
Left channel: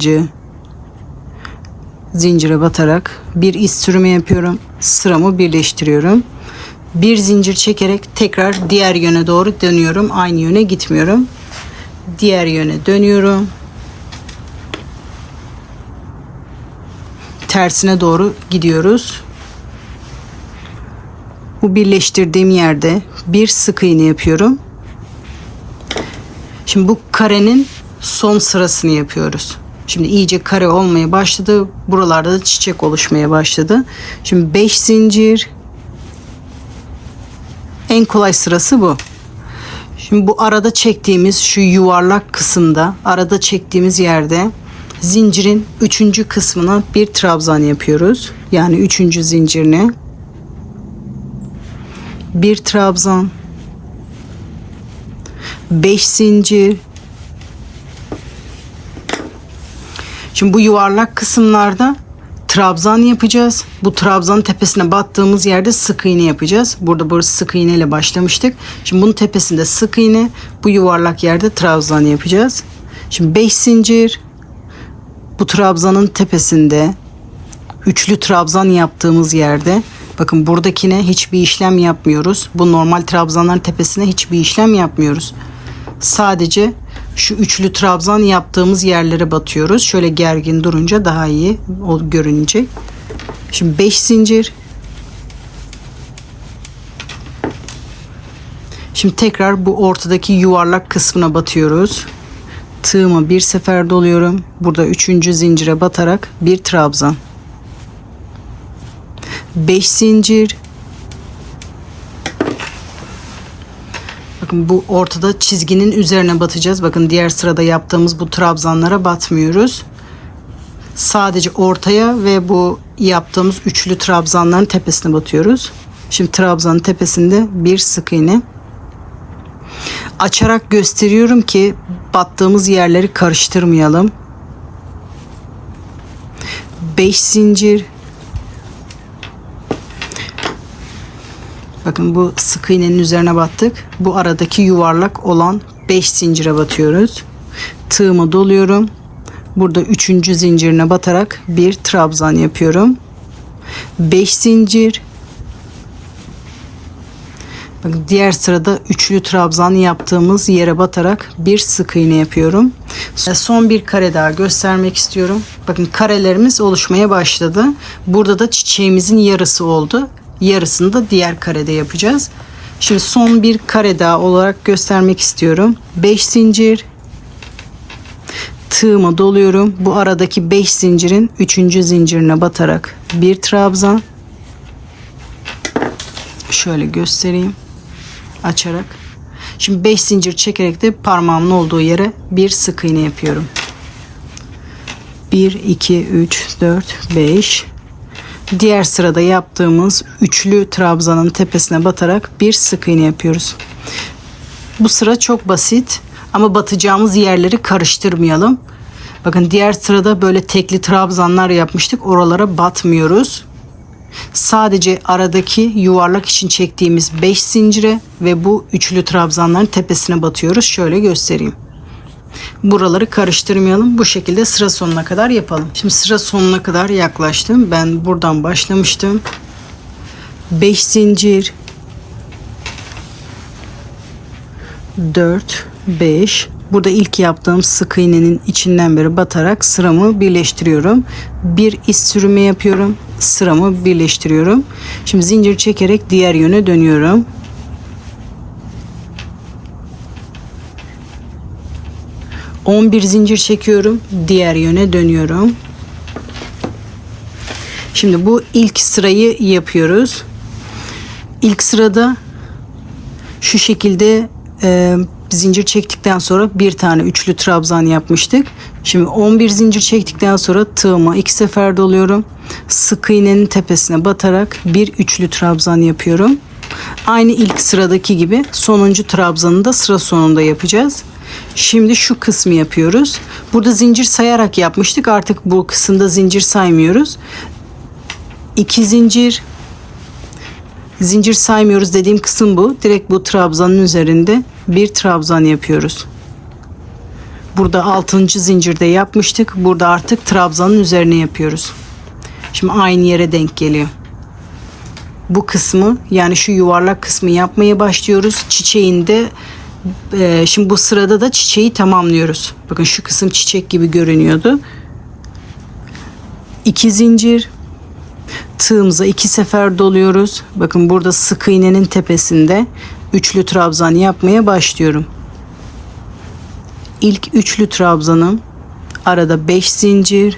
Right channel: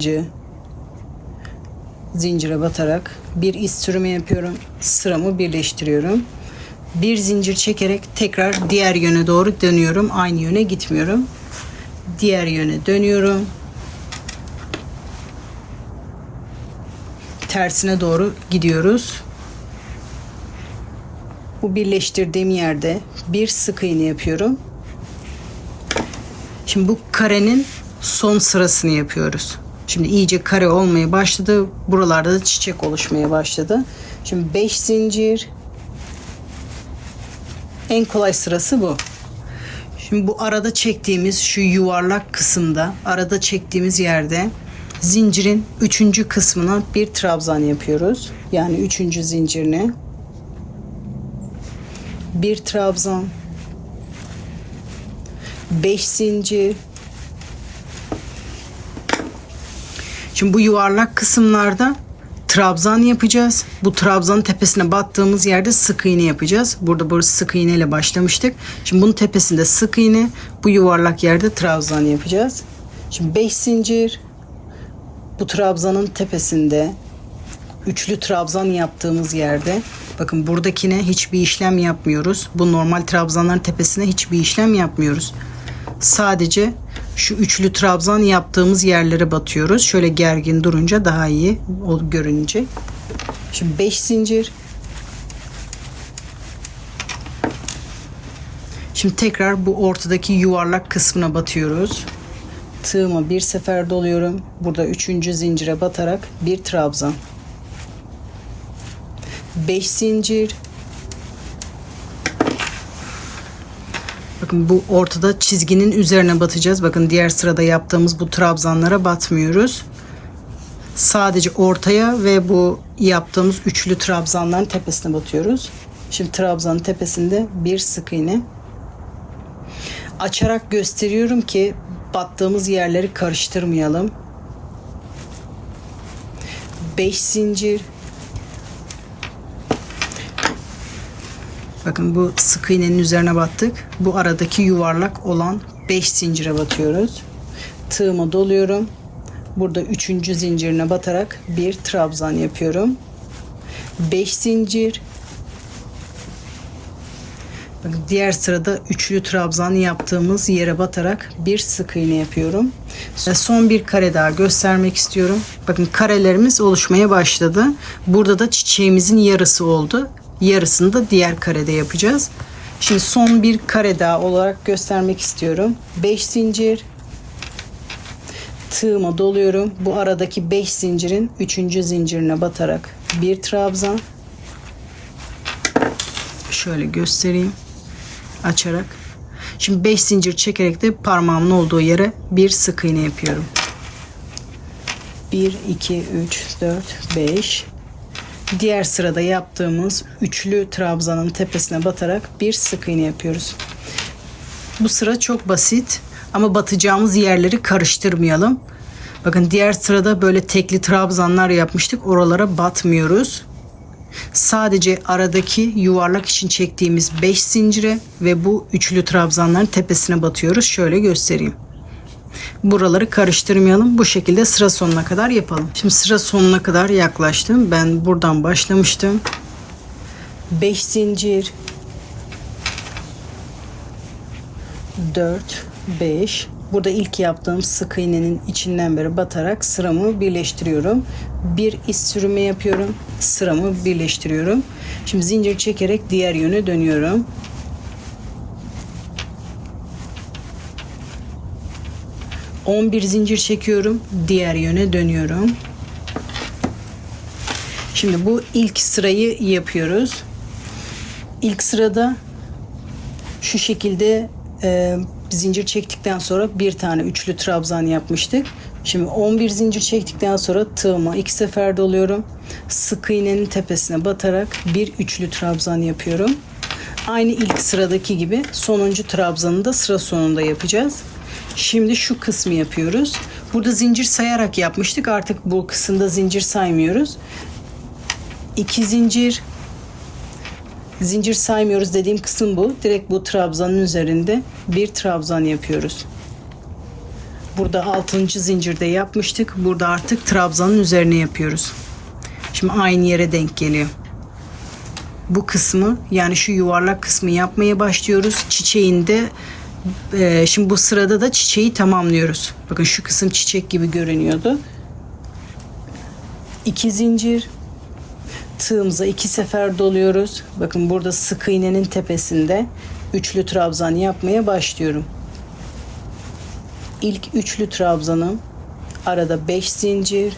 zincire batarak bir iz sürümü yapıyorum. Sıramı birleştiriyorum. Bir zincir çekerek tekrar diğer yöne doğru dönüyorum. Aynı yöne gitmiyorum. Diğer yöne dönüyorum. Tersine doğru gidiyoruz. Bu birleştirdiğim yerde bir sık iğne yapıyorum. Şimdi bu karenin son sırasını yapıyoruz. Şimdi iyice kare olmaya başladı. Buralarda da çiçek oluşmaya başladı. Şimdi 5 zincir. En kolay sırası bu. Şimdi bu arada çektiğimiz şu yuvarlak kısımda, arada çektiğimiz yerde zincirin 3. kısmına bir trabzan yapıyoruz. Yani 3. zincirine bir trabzan, 5 zincir. Şimdi bu yuvarlak kısımlarda trabzan yapacağız. Bu trabzanın tepesine battığımız yerde sık iğne yapacağız. Burada sık iğne ile başlamıştık. Şimdi bunun tepesinde sık iğne, bu yuvarlak yerde trabzan yapacağız. Şimdi 5 zincir. Bu trabzanın tepesinde üçlü trabzan yaptığımız yerde, bakın buradakine hiçbir işlem yapmıyoruz. Bu normal trabzanların tepesine hiçbir işlem yapmıyoruz. Sadece şu üçlü trabzan yaptığımız yerlere batıyoruz. Şöyle gergin durunca daha iyi o görünecek. Şimdi 5 zincir. Şimdi tekrar bu ortadaki yuvarlak kısmına batıyoruz. Tığımı bir sefer doluyorum. Burada 3. zincire batarak bir trabzan. 5 zincir. Bakın bu ortada çizginin üzerine batacağız. Bakın diğer sırada yaptığımız bu trabzanlara batmıyoruz. Sadece ortaya ve bu yaptığımız üçlü trabzanların tepesine batıyoruz. Şimdi trabzanın tepesinde bir sık iğne. Açarak gösteriyorum ki battığımız yerleri karıştırmayalım. 5 zincir. Bakın bu sık iğnenin üzerine battık. Bu aradaki yuvarlak olan 5 zincire batıyoruz. Tığımı doluyorum. Burada 3. zincirine batarak bir trabzan yapıyorum. 5 zincir. Bakın diğer sırada üçlü trabzan yaptığımız yere batarak bir sık iğne yapıyorum. Son bir kare daha göstermek istiyorum. Bakın karelerimiz oluşmaya başladı. Burada da çiçeğimizin yarısı oldu. Yarısını da diğer karede yapacağız. Şimdi son bir kare daha olarak göstermek istiyorum. 5 zincir, tığımı doluyorum. Bu aradaki 5 zincirin 3. zincirine batarak bir trabzan. Şöyle göstereyim açarak. Şimdi 5 zincir çekerek de parmağımın olduğu yere bir sık iğne yapıyorum. 1 2 3 4 5. Diğer sırada yaptığımız üçlü trabzanın tepesine batarak bir sık iğne yapıyoruz. Bu sıra çok basit ama batacağımız yerleri karıştırmayalım. Bakın diğer sırada böyle tekli trabzanlar yapmıştık. Oralara batmıyoruz. Sadece aradaki yuvarlak için çektiğimiz 5 zincire ve bu üçlü trabzanların tepesine batıyoruz. Şöyle göstereyim. Buraları karıştırmayalım. Bu şekilde sıra sonuna kadar yapalım. Şimdi sıra sonuna kadar yaklaştım. Ben buradan başlamıştım. 5 zincir, 4 5. Burada ilk yaptığım sık iğnenin içinden beri batarak sıramı birleştiriyorum. Bir iz sürümü yapıyorum. Sıramı birleştiriyorum. Şimdi zincir çekerek diğer yöne dönüyorum. Bir zincir çekiyorum. Diğer yöne dönüyorum. Şimdi bu ilk sırayı yapıyoruz. İlk sırada şu şekilde zincir çektikten sonra bir tane üçlü trabzan yapmıştık. Şimdi 11 zincir çektikten sonra tığıma 2 sefer doluyorum. Sık iğnenin tepesine batarak bir üçlü trabzan yapıyorum. Aynı ilk sıradaki gibi sonuncu trabzanı da sıra sonunda yapacağız. Şimdi şu kısmı yapıyoruz. Burada zincir sayarak yapmıştık. Artık bu kısımda zincir saymıyoruz. 2 zincir. Zincir saymıyoruz dediğim kısım bu. Direkt bu trabzanın üzerinde bir trabzan yapıyoruz. Burada 6. zincirde yapmıştık. Burada artık trabzanın üzerine yapıyoruz. Şimdi aynı yere denk geliyor. Bu kısmı, yani şu yuvarlak kısmı yapmaya başlıyoruz. Çiçeğinde şimdi bu sırada da çiçeği tamamlıyoruz. Bakın şu kısım çiçek gibi görünüyordu. 2 zincir. Tığımıza 2 sefer doluyoruz. Bakın burada sık iğnenin tepesinde üçlü trabzan yapmaya başlıyorum. İlk üçlü trabzanım, arada 5 zincir,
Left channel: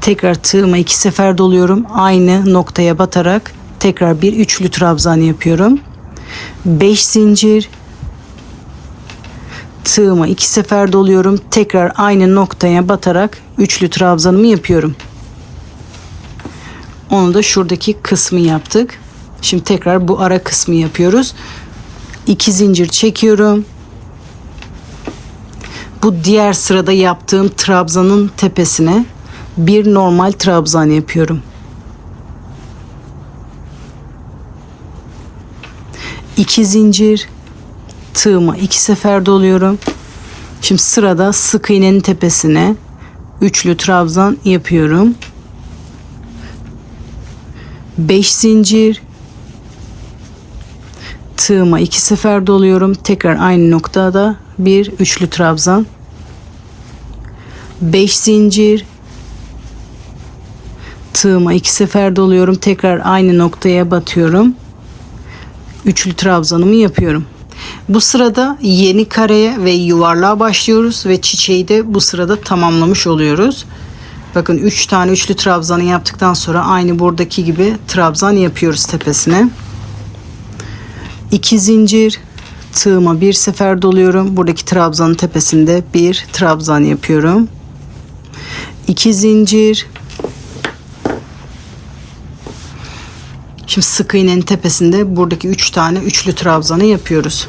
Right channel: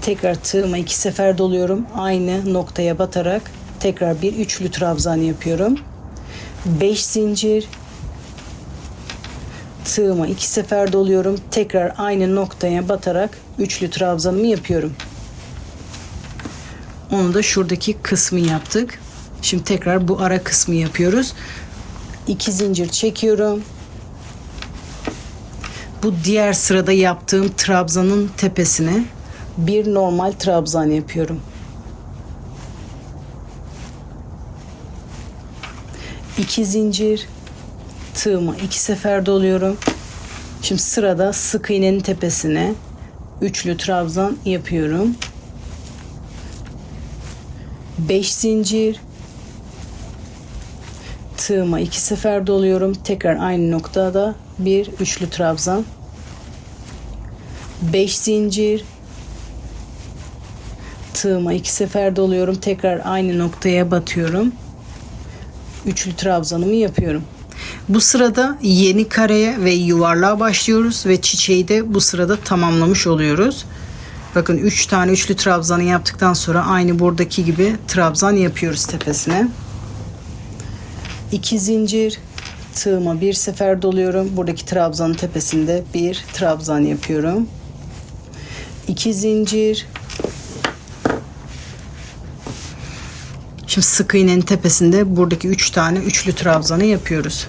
tekrar tığıma 2 sefer doluyorum. Aynı noktaya batarak tekrar bir üçlü trabzan yapıyorum. 5 zincir, tığıma 2 sefer doluyorum. Tekrar aynı noktaya batarak üçlü trabzanımı yapıyorum. Onu da şuradaki kısmı yaptık. Şimdi tekrar bu ara kısmı yapıyoruz. 2 zincir çekiyorum. Bu diğer sırada yaptığım trabzanın tepesine bir normal trabzan yapıyorum. 2 zincir, tığıma 2 sefer doluyorum. Şimdi sırada sık iğnenin tepesine üçlü trabzan yapıyorum. 5 zincir, tığıma 2 sefer doluyorum. Tekrar aynı noktada bir üçlü trabzan. 5 zincir, tığıma 2 sefer doluyorum. Tekrar aynı noktaya batıyorum. Üçlü trabzanımı yapıyorum. Bu sırada yeni kareye ve yuvarlığa başlıyoruz ve çiçeği de bu sırada tamamlamış oluyoruz. Bakın 3 tane üçlü trabzanı yaptıktan sonra aynı buradaki gibi trabzan yapıyoruz tepesine. 2 zincir, tığıma 1 sefer doluyorum. Buradaki trabzanın tepesinde bir trabzan yapıyorum. 2 zincir. Şimdi sık iğnenin tepesinde buradaki 3 tane üçlü trabzanı yapıyoruz.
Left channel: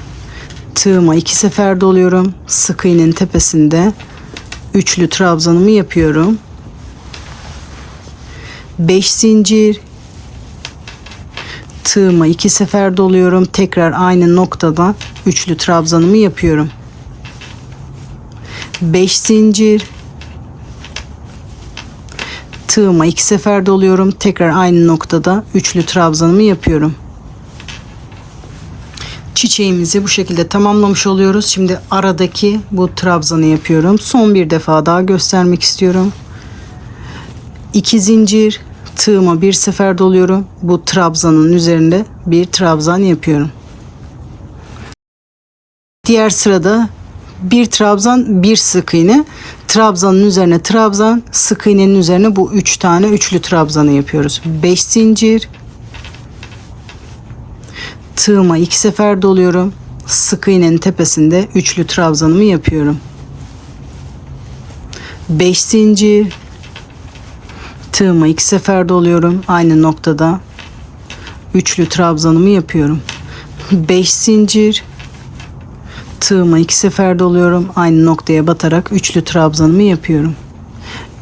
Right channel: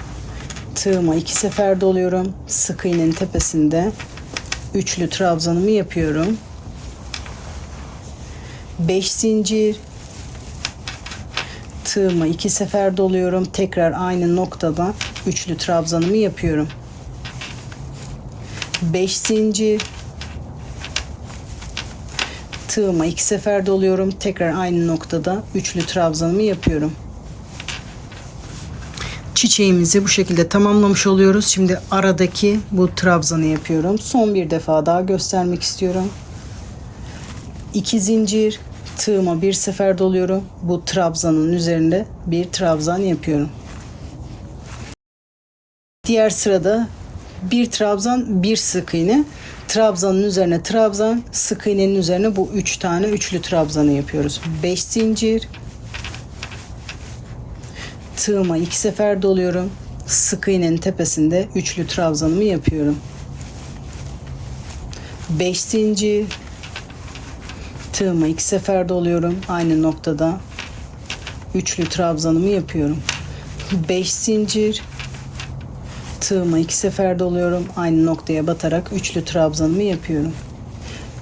Tığıma 2 sefer doluyorum. Sık iğnenin tepesinde üçlü trabzanımı yapıyorum. 5 zincir, tığıma 2 sefer doluyorum. Tekrar aynı noktada üçlü trabzanımı yapıyorum. 5 zincir, tığıma 2 sefer doluyorum. Tekrar aynı noktada üçlü trabzanımı yapıyorum. Çiçeğimizi bu şekilde tamamlamış oluyoruz. Şimdi aradaki bu trabzanı yapıyorum. Son bir defa daha göstermek istiyorum. 2 zincir, tığıma bir sefer doluyorum. Bu trabzanın üzerinde bir trabzan yapıyorum. Diğer sırada bir trabzan, bir sık iğne. Trabzanın üzerine trabzan, sık iğnenin üzerine bu 3 tane üçlü trabzanı yapıyoruz. 5 zincir, tığıma 2 sefer doluyorum. Sık iğnenin tepesinde üçlü trabzanımı yapıyorum. 5 zincir, tığıma 2 sefer doluyorum. Aynı noktada üçlü trabzanımı yapıyorum. 5 zincir, tığıma 2 sefer doluyorum. Aynı noktaya batarak üçlü trabzanımı yapıyorum.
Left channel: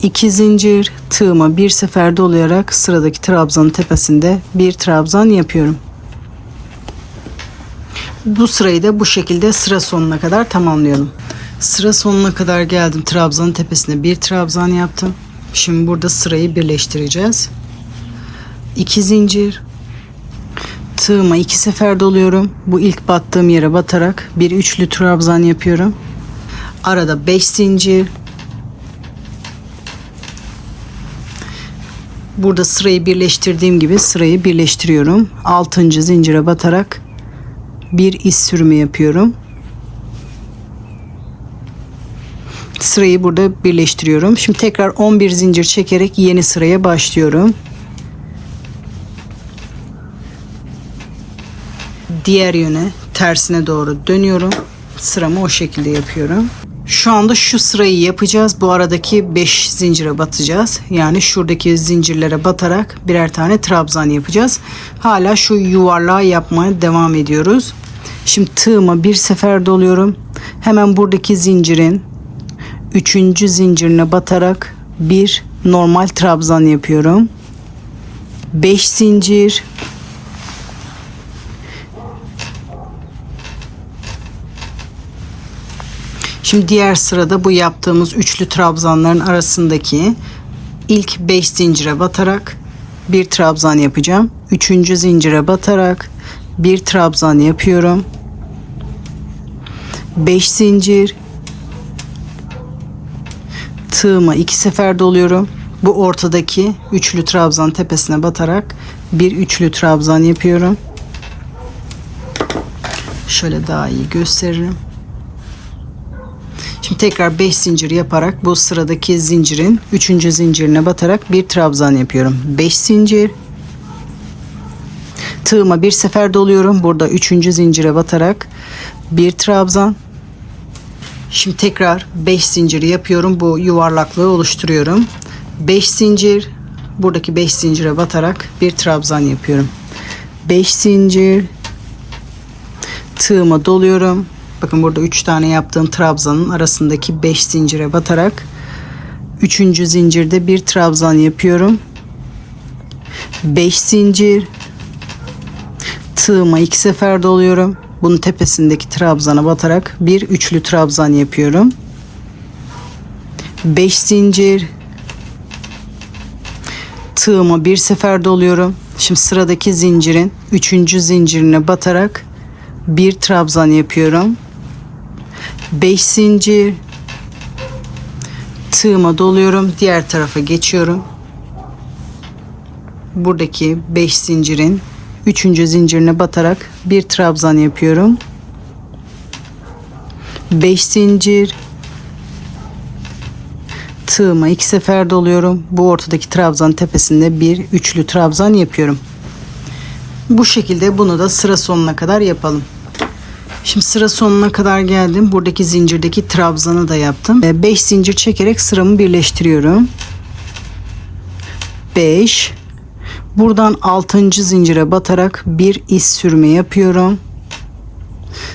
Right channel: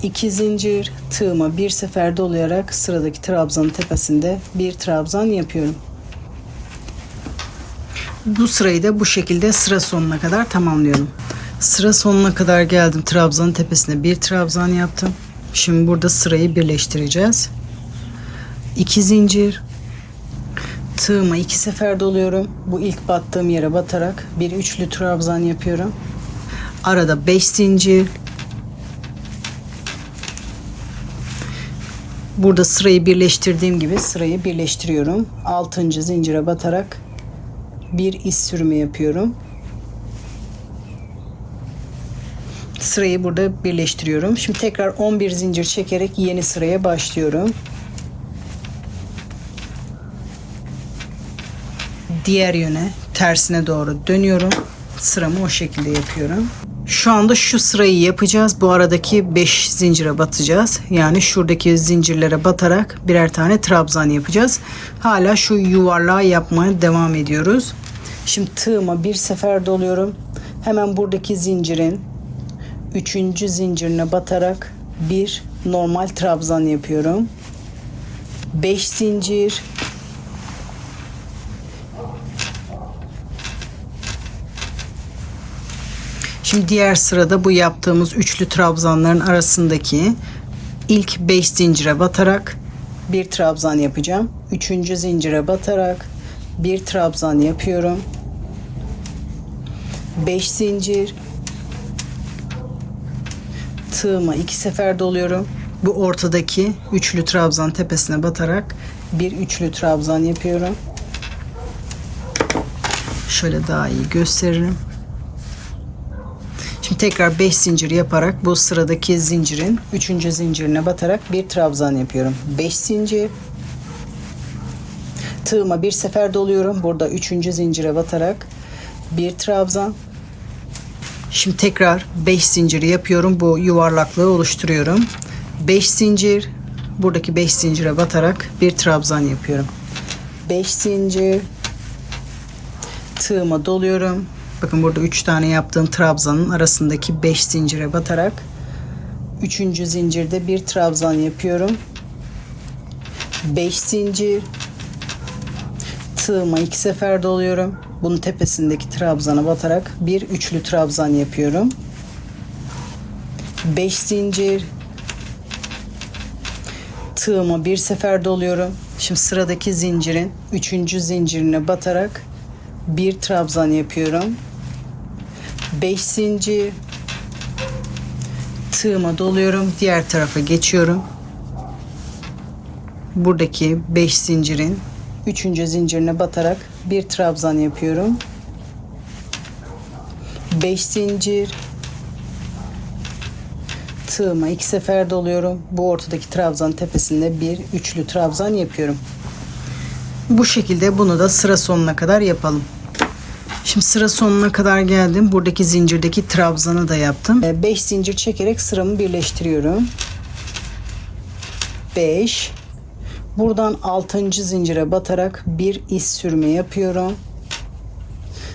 2 zincir, tığıma bir sefer dolayarak sıradaki trabzanın tepesinde bir trabzan yapıyorum. Bu sırayı da bu şekilde sıra sonuna kadar tamamlıyorum. Sıra sonuna kadar geldim. Trabzanın tepesine bir trabzan yaptım. Şimdi burada sırayı birleştireceğiz. 2 zincir, tığıma 2 sefer doluyorum. Bu ilk battığım yere batarak bir üçlü trabzan yapıyorum. Arada 5 zincir. Burada sırayı birleştirdiğim gibi sırayı birleştiriyorum. 6. zincire batarak bir iz sürümü yapıyorum. Sırayı burada birleştiriyorum. Şimdi tekrar 11 zincir çekerek yeni sıraya başlıyorum. Diğer yöne, tersine doğru dönüyorum. Sıramı o şekilde yapıyorum. Şu anda şu sırayı yapacağız. Bu aradaki 5 zincire batacağız. Yani şuradaki zincirlere batarak birer tane trabzan yapacağız. Hala şu yuvarlağı yapmaya devam ediyoruz. Şimdi tığıma bir sefer doluyorum. Hemen buradaki zincirin 3. zincirine batarak bir normal trabzan yapıyorum. 5 zincir, şimdi diğer sırada bu yaptığımız üçlü trabzanların arasındaki ilk 5 zincire batarak bir trabzan yapacağım. 3. zincire batarak bir trabzan yapıyorum. 5 zincir, tığıma 2 sefer doluyorum. Bu ortadaki üçlü trabzan tepesine batarak bir üçlü trabzan yapıyorum. Şöyle daha iyi gösteririm. Şimdi tekrar 5 zincir yaparak bu sıradaki zincirin 3. zincirine batarak bir trabzan yapıyorum. 5 zincir, tığıma bir sefer doluyorum. Burada 3. zincire batarak bir trabzan. Şimdi tekrar 5 zincir yapıyorum. Bu yuvarlaklığı oluşturuyorum. 5 zincir, buradaki 5 zincire batarak bir trabzan yapıyorum. 5 zincir, tığıma doluyorum. Bakın burada 3 tane yaptığım trabzanın arasındaki 5 zincire batarak 3. zincirde bir trabzan yapıyorum. 5 zincir, tığıma 2 sefer doluyorum. Bunun tepesindeki trabzana batarak bir üçlü trabzan yapıyorum. 5 zincir, tığıma bir sefer doluyorum. Şimdi sıradaki zincirin 3. zincirine batarak bir trabzan yapıyorum. 5 zincir, tığıma doluyorum. Diğer tarafa geçiyorum. Buradaki 5 zincirin 3. zincirine batarak bir trabzan yapıyorum. 5 zincir, tığıma 2 sefer doluyorum. Bu ortadaki trabzan tepesinde bir üçlü trabzan yapıyorum. Bu şekilde bunu da sıra sonuna kadar yapalım. Şimdi sıra sonuna kadar geldim. Buradaki zincirdeki trabzanı da yaptım. 5 zincir çekerek sıramı birleştiriyorum. 5. Buradan 6. zincire batarak bir iz sürme yapıyorum.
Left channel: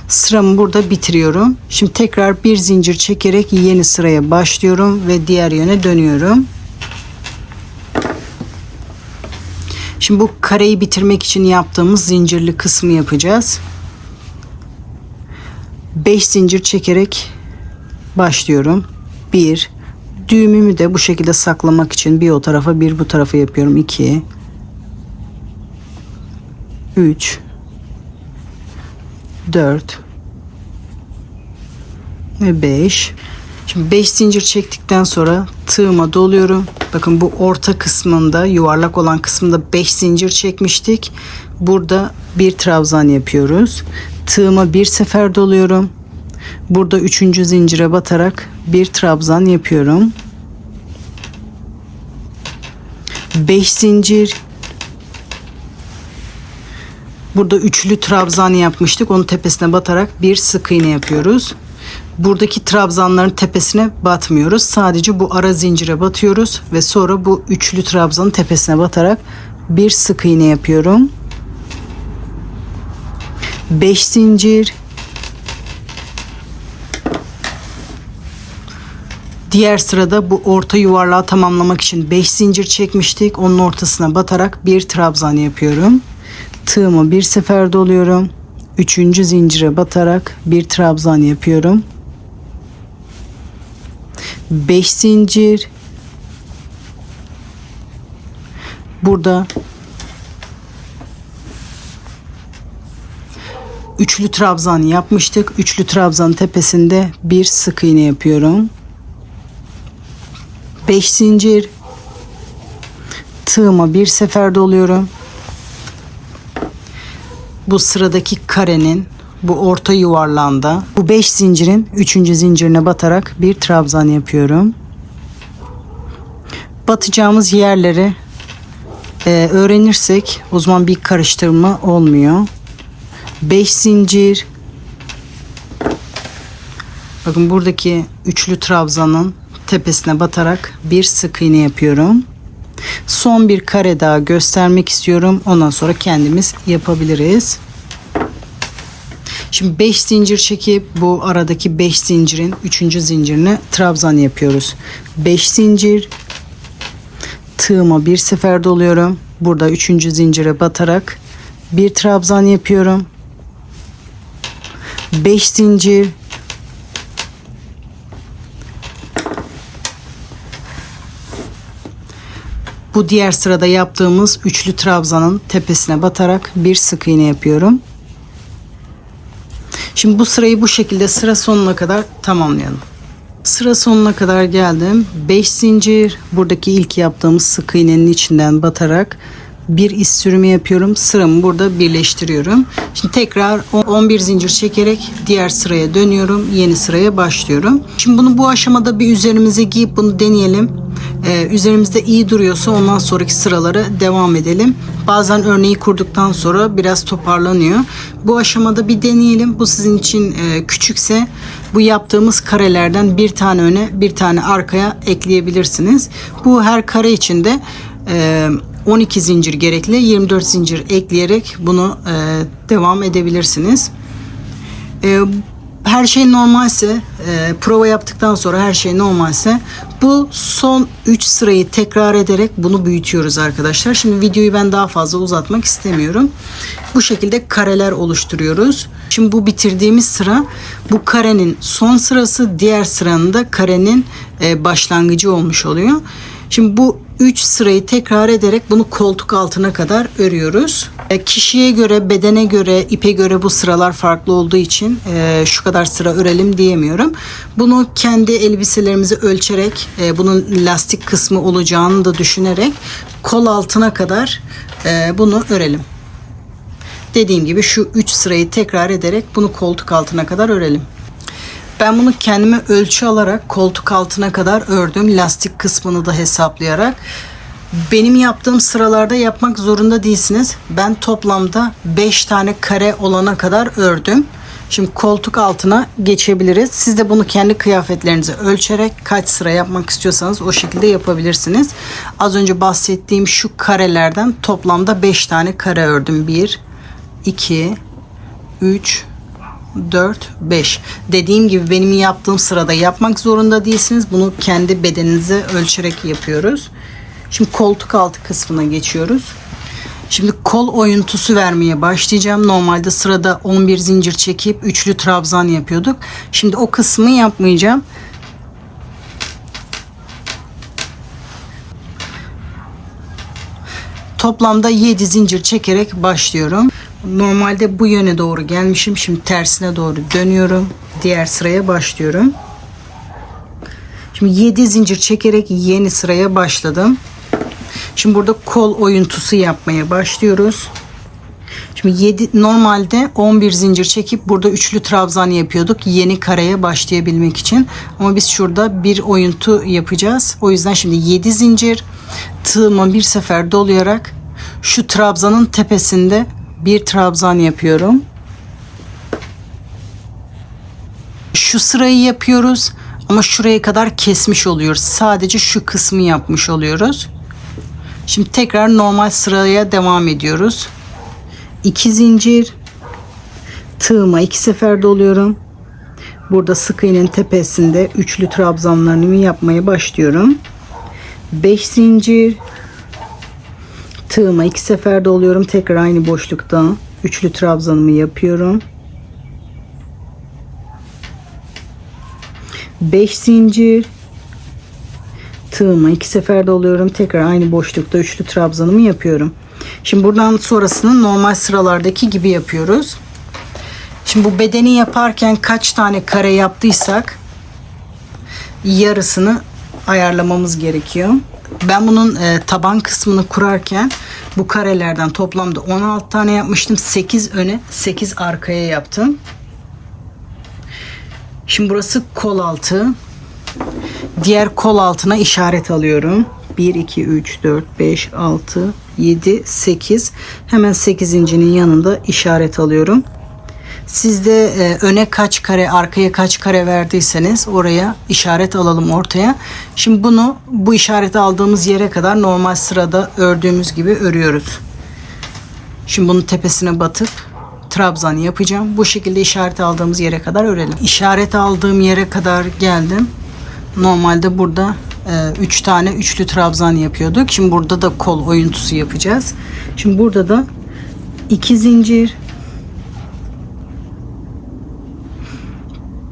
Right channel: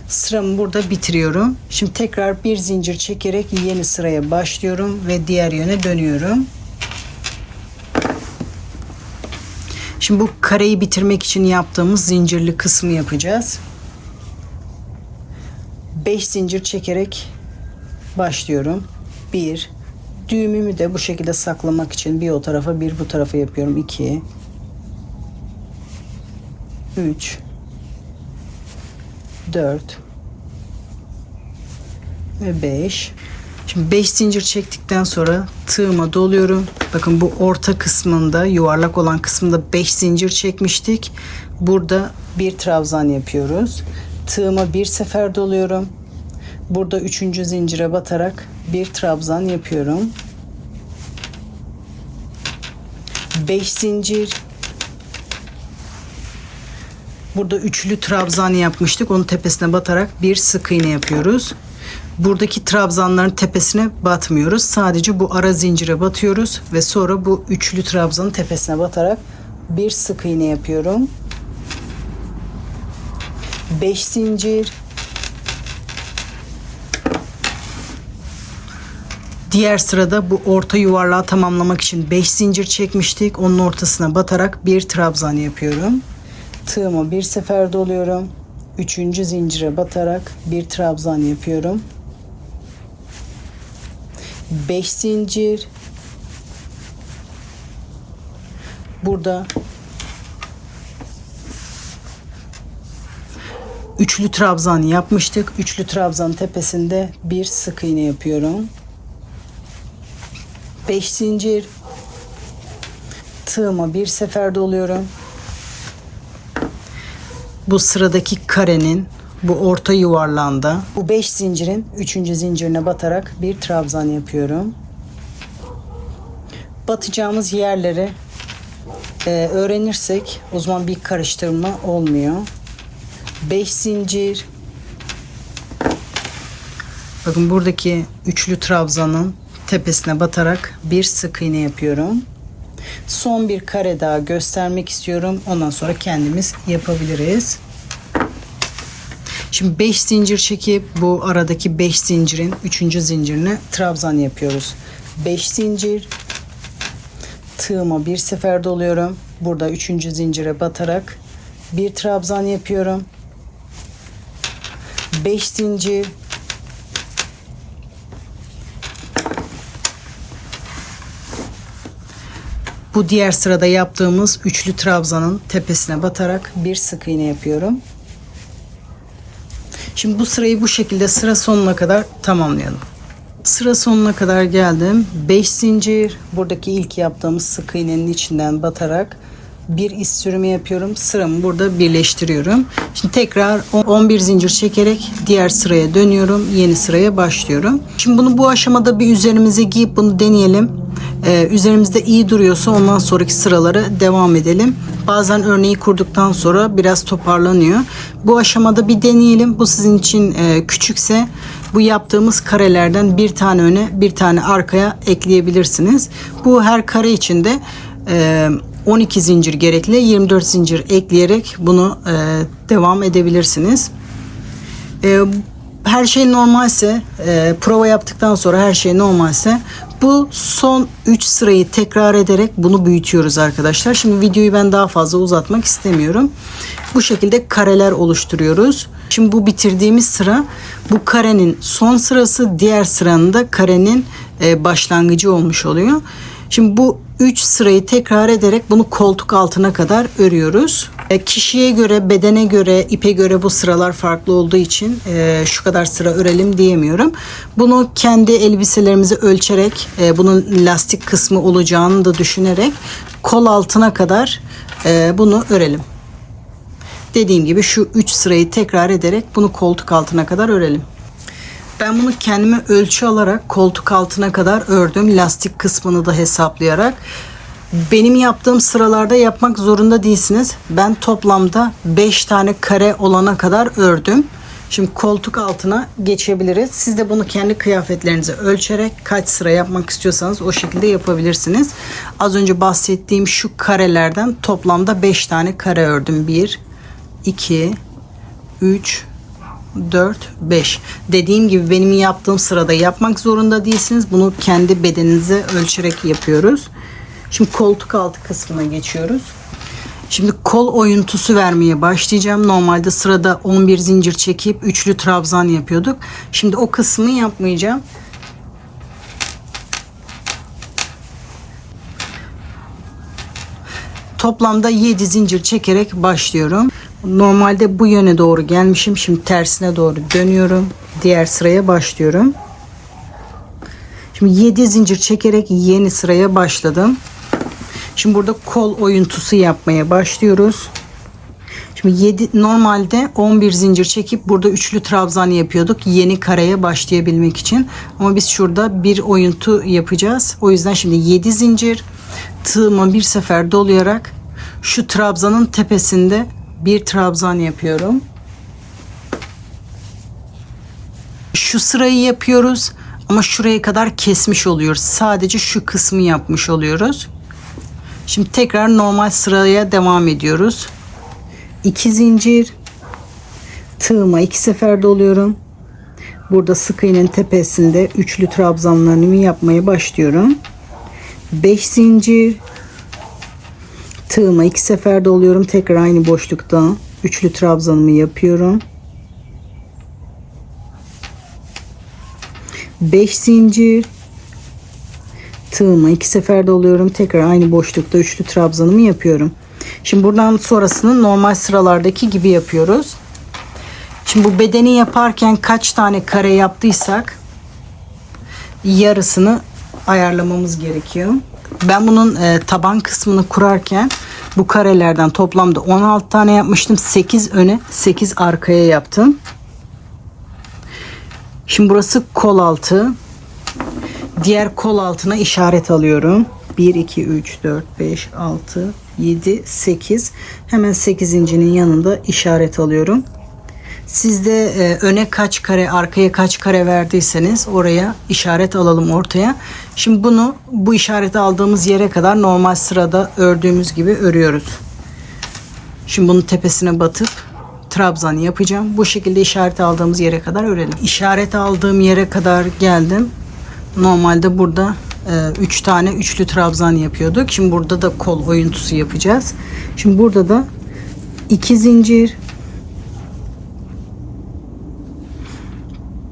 Sıramı burada bitiriyorum. Şimdi tekrar bir zincir çekerek yeni sıraya başlıyorum ve diğer yöne dönüyorum. Şimdi bu kareyi bitirmek için yaptığımız zincirli kısmı yapacağız. 5 zincir çekerek başlıyorum. 1. Düğümümü de bu şekilde saklamak için bir o tarafa bir bu tarafa yapıyorum. 2, 3, 4 ve 5. Şimdi 5 zincir çektikten sonra tığıma doluyorum. Bakın bu orta kısmında, yuvarlak olan kısmında 5 zincir çekmiştik. Burada bir trabzan yapıyoruz. Tığıma bir sefer doluyorum. Burada 3. zincire batarak bir trabzan yapıyorum. 5 zincir. Burada üçlü trabzan yapmıştık. Onun tepesine batarak bir sık iğne yapıyoruz. Buradaki trabzanların tepesine batmıyoruz. Sadece bu ara zincire batıyoruz ve sonra bu üçlü trabzanın tepesine batarak bir sık iğne yapıyorum. 5 zincir. Diğer sırada bu orta yuvarlağı tamamlamak için 5 zincir çekmiştik. Onun ortasına batarak bir trabzan yapıyorum. Tığımı bir sefer doluyorum. 3. zincire batarak bir trabzan yapıyorum. 5 zincir. Burada üçlü trabzan yapmıştık. Üçlü trabzanın tepesinde bir sık iğne yapıyorum. 5 zincir. Tığıma bir sefer doluyorum. Bu sıradaki karenin bu orta yuvarlağında bu 5 zincirin 3. zincirine batarak bir trabzan yapıyorum. Batacağımız yerleri öğrenirsek o zaman bir karıştırma olmuyor. 5 zincir. Bakın buradaki üçlü trabzanın tepesine batarak bir sık iğne yapıyorum. Son bir kare daha göstermek istiyorum. Ondan sonra kendimiz yapabiliriz. Şimdi 5 zincir çekip bu aradaki 5 zincirin 3. zincirine trabzan yapıyoruz. 5 zincir. Tığıma bir sefer doluyorum. Burada 3. zincire batarak bir trabzan yapıyorum. 5 zincir. Bu diğer sırada yaptığımız üçlü trabzanın tepesine batarak bir sık iğne yapıyorum. Şimdi bu sırayı bu şekilde sıra sonuna kadar tamamlayalım. Sıra sonuna kadar geldim. 5 zincir. Buradaki ilk yaptığımız sık iğnenin içinden batarak bir iz sürümü yapıyorum. Sıramı burada birleştiriyorum. Şimdi tekrar 11 zincir çekerek diğer sıraya dönüyorum. Yeni sıraya başlıyorum. Şimdi bunu bu aşamada bir üzerimize giyip bunu deneyelim. Üzerimizde iyi duruyorsa ondan sonraki sıralara devam edelim. Bazen örneği kurduktan sonra biraz toparlanıyor. Bu aşamada bir deneyelim. Bu sizin için küçükse bu yaptığımız karelerden bir tane öne bir tane arkaya ekleyebilirsiniz. Bu her kare içinde 12 zincir gerekli, 24 zincir ekleyerek bunu devam edebilirsiniz. Her şey normalse, prova yaptıktan sonra her şey normalse bu son 3 sırayı tekrar ederek bunu büyütüyoruz arkadaşlar. Şimdi videoyu ben daha fazla uzatmak istemiyorum. Bu şekilde kareler oluşturuyoruz. Şimdi bu bitirdiğimiz sıra bu karenin son sırası, diğer sıranın da karenin başlangıcı olmuş oluyor. Şimdi bu 3 sırayı tekrar ederek bunu koltuk altına kadar örüyoruz. Kişiye göre, bedene göre, ipe göre bu sıralar farklı olduğu için şu kadar sıra örelim diyemiyorum. Bunu kendi elbiselerimizi ölçerek, bunun lastik kısmı olacağını da düşünerek kol altına kadar bunu örelim. Dediğim gibi şu 3 sırayı tekrar ederek bunu koltuk altına kadar örelim. Ben bunu kendime ölçü alarak koltuk altına kadar ördüm. Lastik kısmını da hesaplayarak. Benim yaptığım sıralarda yapmak zorunda değilsiniz. Ben toplamda 5 tane kare olana kadar ördüm. Şimdi koltuk altına geçebiliriz. Siz de bunu kendi kıyafetlerinize ölçerek kaç sıra yapmak istiyorsanız o şekilde yapabilirsiniz. Az önce bahsettiğim şu karelerden toplamda 5 tane kare ördüm. 1, 2, 3, 4, 5. Dediğim gibi benim yaptığım sırada yapmak zorunda değilsiniz. Bunu kendi bedeninize ölçerek yapıyoruz. Şimdi koltuk altı kısmına geçiyoruz. Şimdi kol oyuntusu vermeye başlayacağım. Normalde sırada 11 zincir çekip üçlü trabzan yapıyorduk. Şimdi o kısmı yapmayacağım. Toplamda 7 zincir çekerek başlıyorum. Normalde bu yöne doğru gelmişim. Şimdi tersine doğru dönüyorum. Diğer sıraya başlıyorum. Şimdi 7 zincir çekerek yeni sıraya başladım. Şimdi burada kol oyuntusu yapmaya başlıyoruz. Şimdi normalde 11 zincir çekip burada üçlü trabzan yapıyorduk. Yeni kareye başlayabilmek için. Ama biz şurada bir oyuntu yapacağız. O yüzden şimdi 7 zincir tığıma bir sefer dolayarak şu trabzanın tepesinde bir trabzan yapıyorum. Şu sırayı yapıyoruz ama şuraya kadar kesmiş oluyoruz. Sadece şu kısmı yapmış oluyoruz. Şimdi tekrar normal sıraya devam ediyoruz. 2 zincir tığıma 2 sefer doluyorum. Burada sık iğnenin tepesinde üçlü trabzanlarımı yapmaya başlıyorum. 5 zincir tığıma 2 sefer doluyorum. Tekrar aynı boşlukta üçlü trabzanımı yapıyorum. 5 zincir tığıma 2 sefer doluyorum. Tekrar aynı boşlukta üçlü trabzanımı yapıyorum. Şimdi buradan sonrasını normal sıralardaki gibi yapıyoruz. Şimdi bu bedeni yaparken kaç tane kare yaptıysak yarısını ayarlamamız gerekiyor. Ben bunun taban kısmını kurarken bu karelerden toplamda 16 tane yapmıştım. 8 öne 8 arkaya yaptım. Şimdi burası kol altı. Diğer kol altına işaret alıyorum. 1, 2, 3, 4, 5, 6, 7, 8. Hemen 8.'nin yanında işaret alıyorum. Siz de öne kaç kare, arkaya kaç kare verdiyseniz oraya işaret alalım ortaya. Şimdi bu işareti aldığımız yere kadar normal sırada ördüğümüz gibi örüyoruz. Şimdi bunun tepesine batıp trabzan yapacağım. Bu şekilde işaret aldığımız yere kadar örelim. İşaret aldığım yere kadar geldim. Normalde burada 3 tane üçlü trabzan yapıyorduk. Şimdi burada da kol oyuntusu yapacağız. Şimdi burada da 2 zincir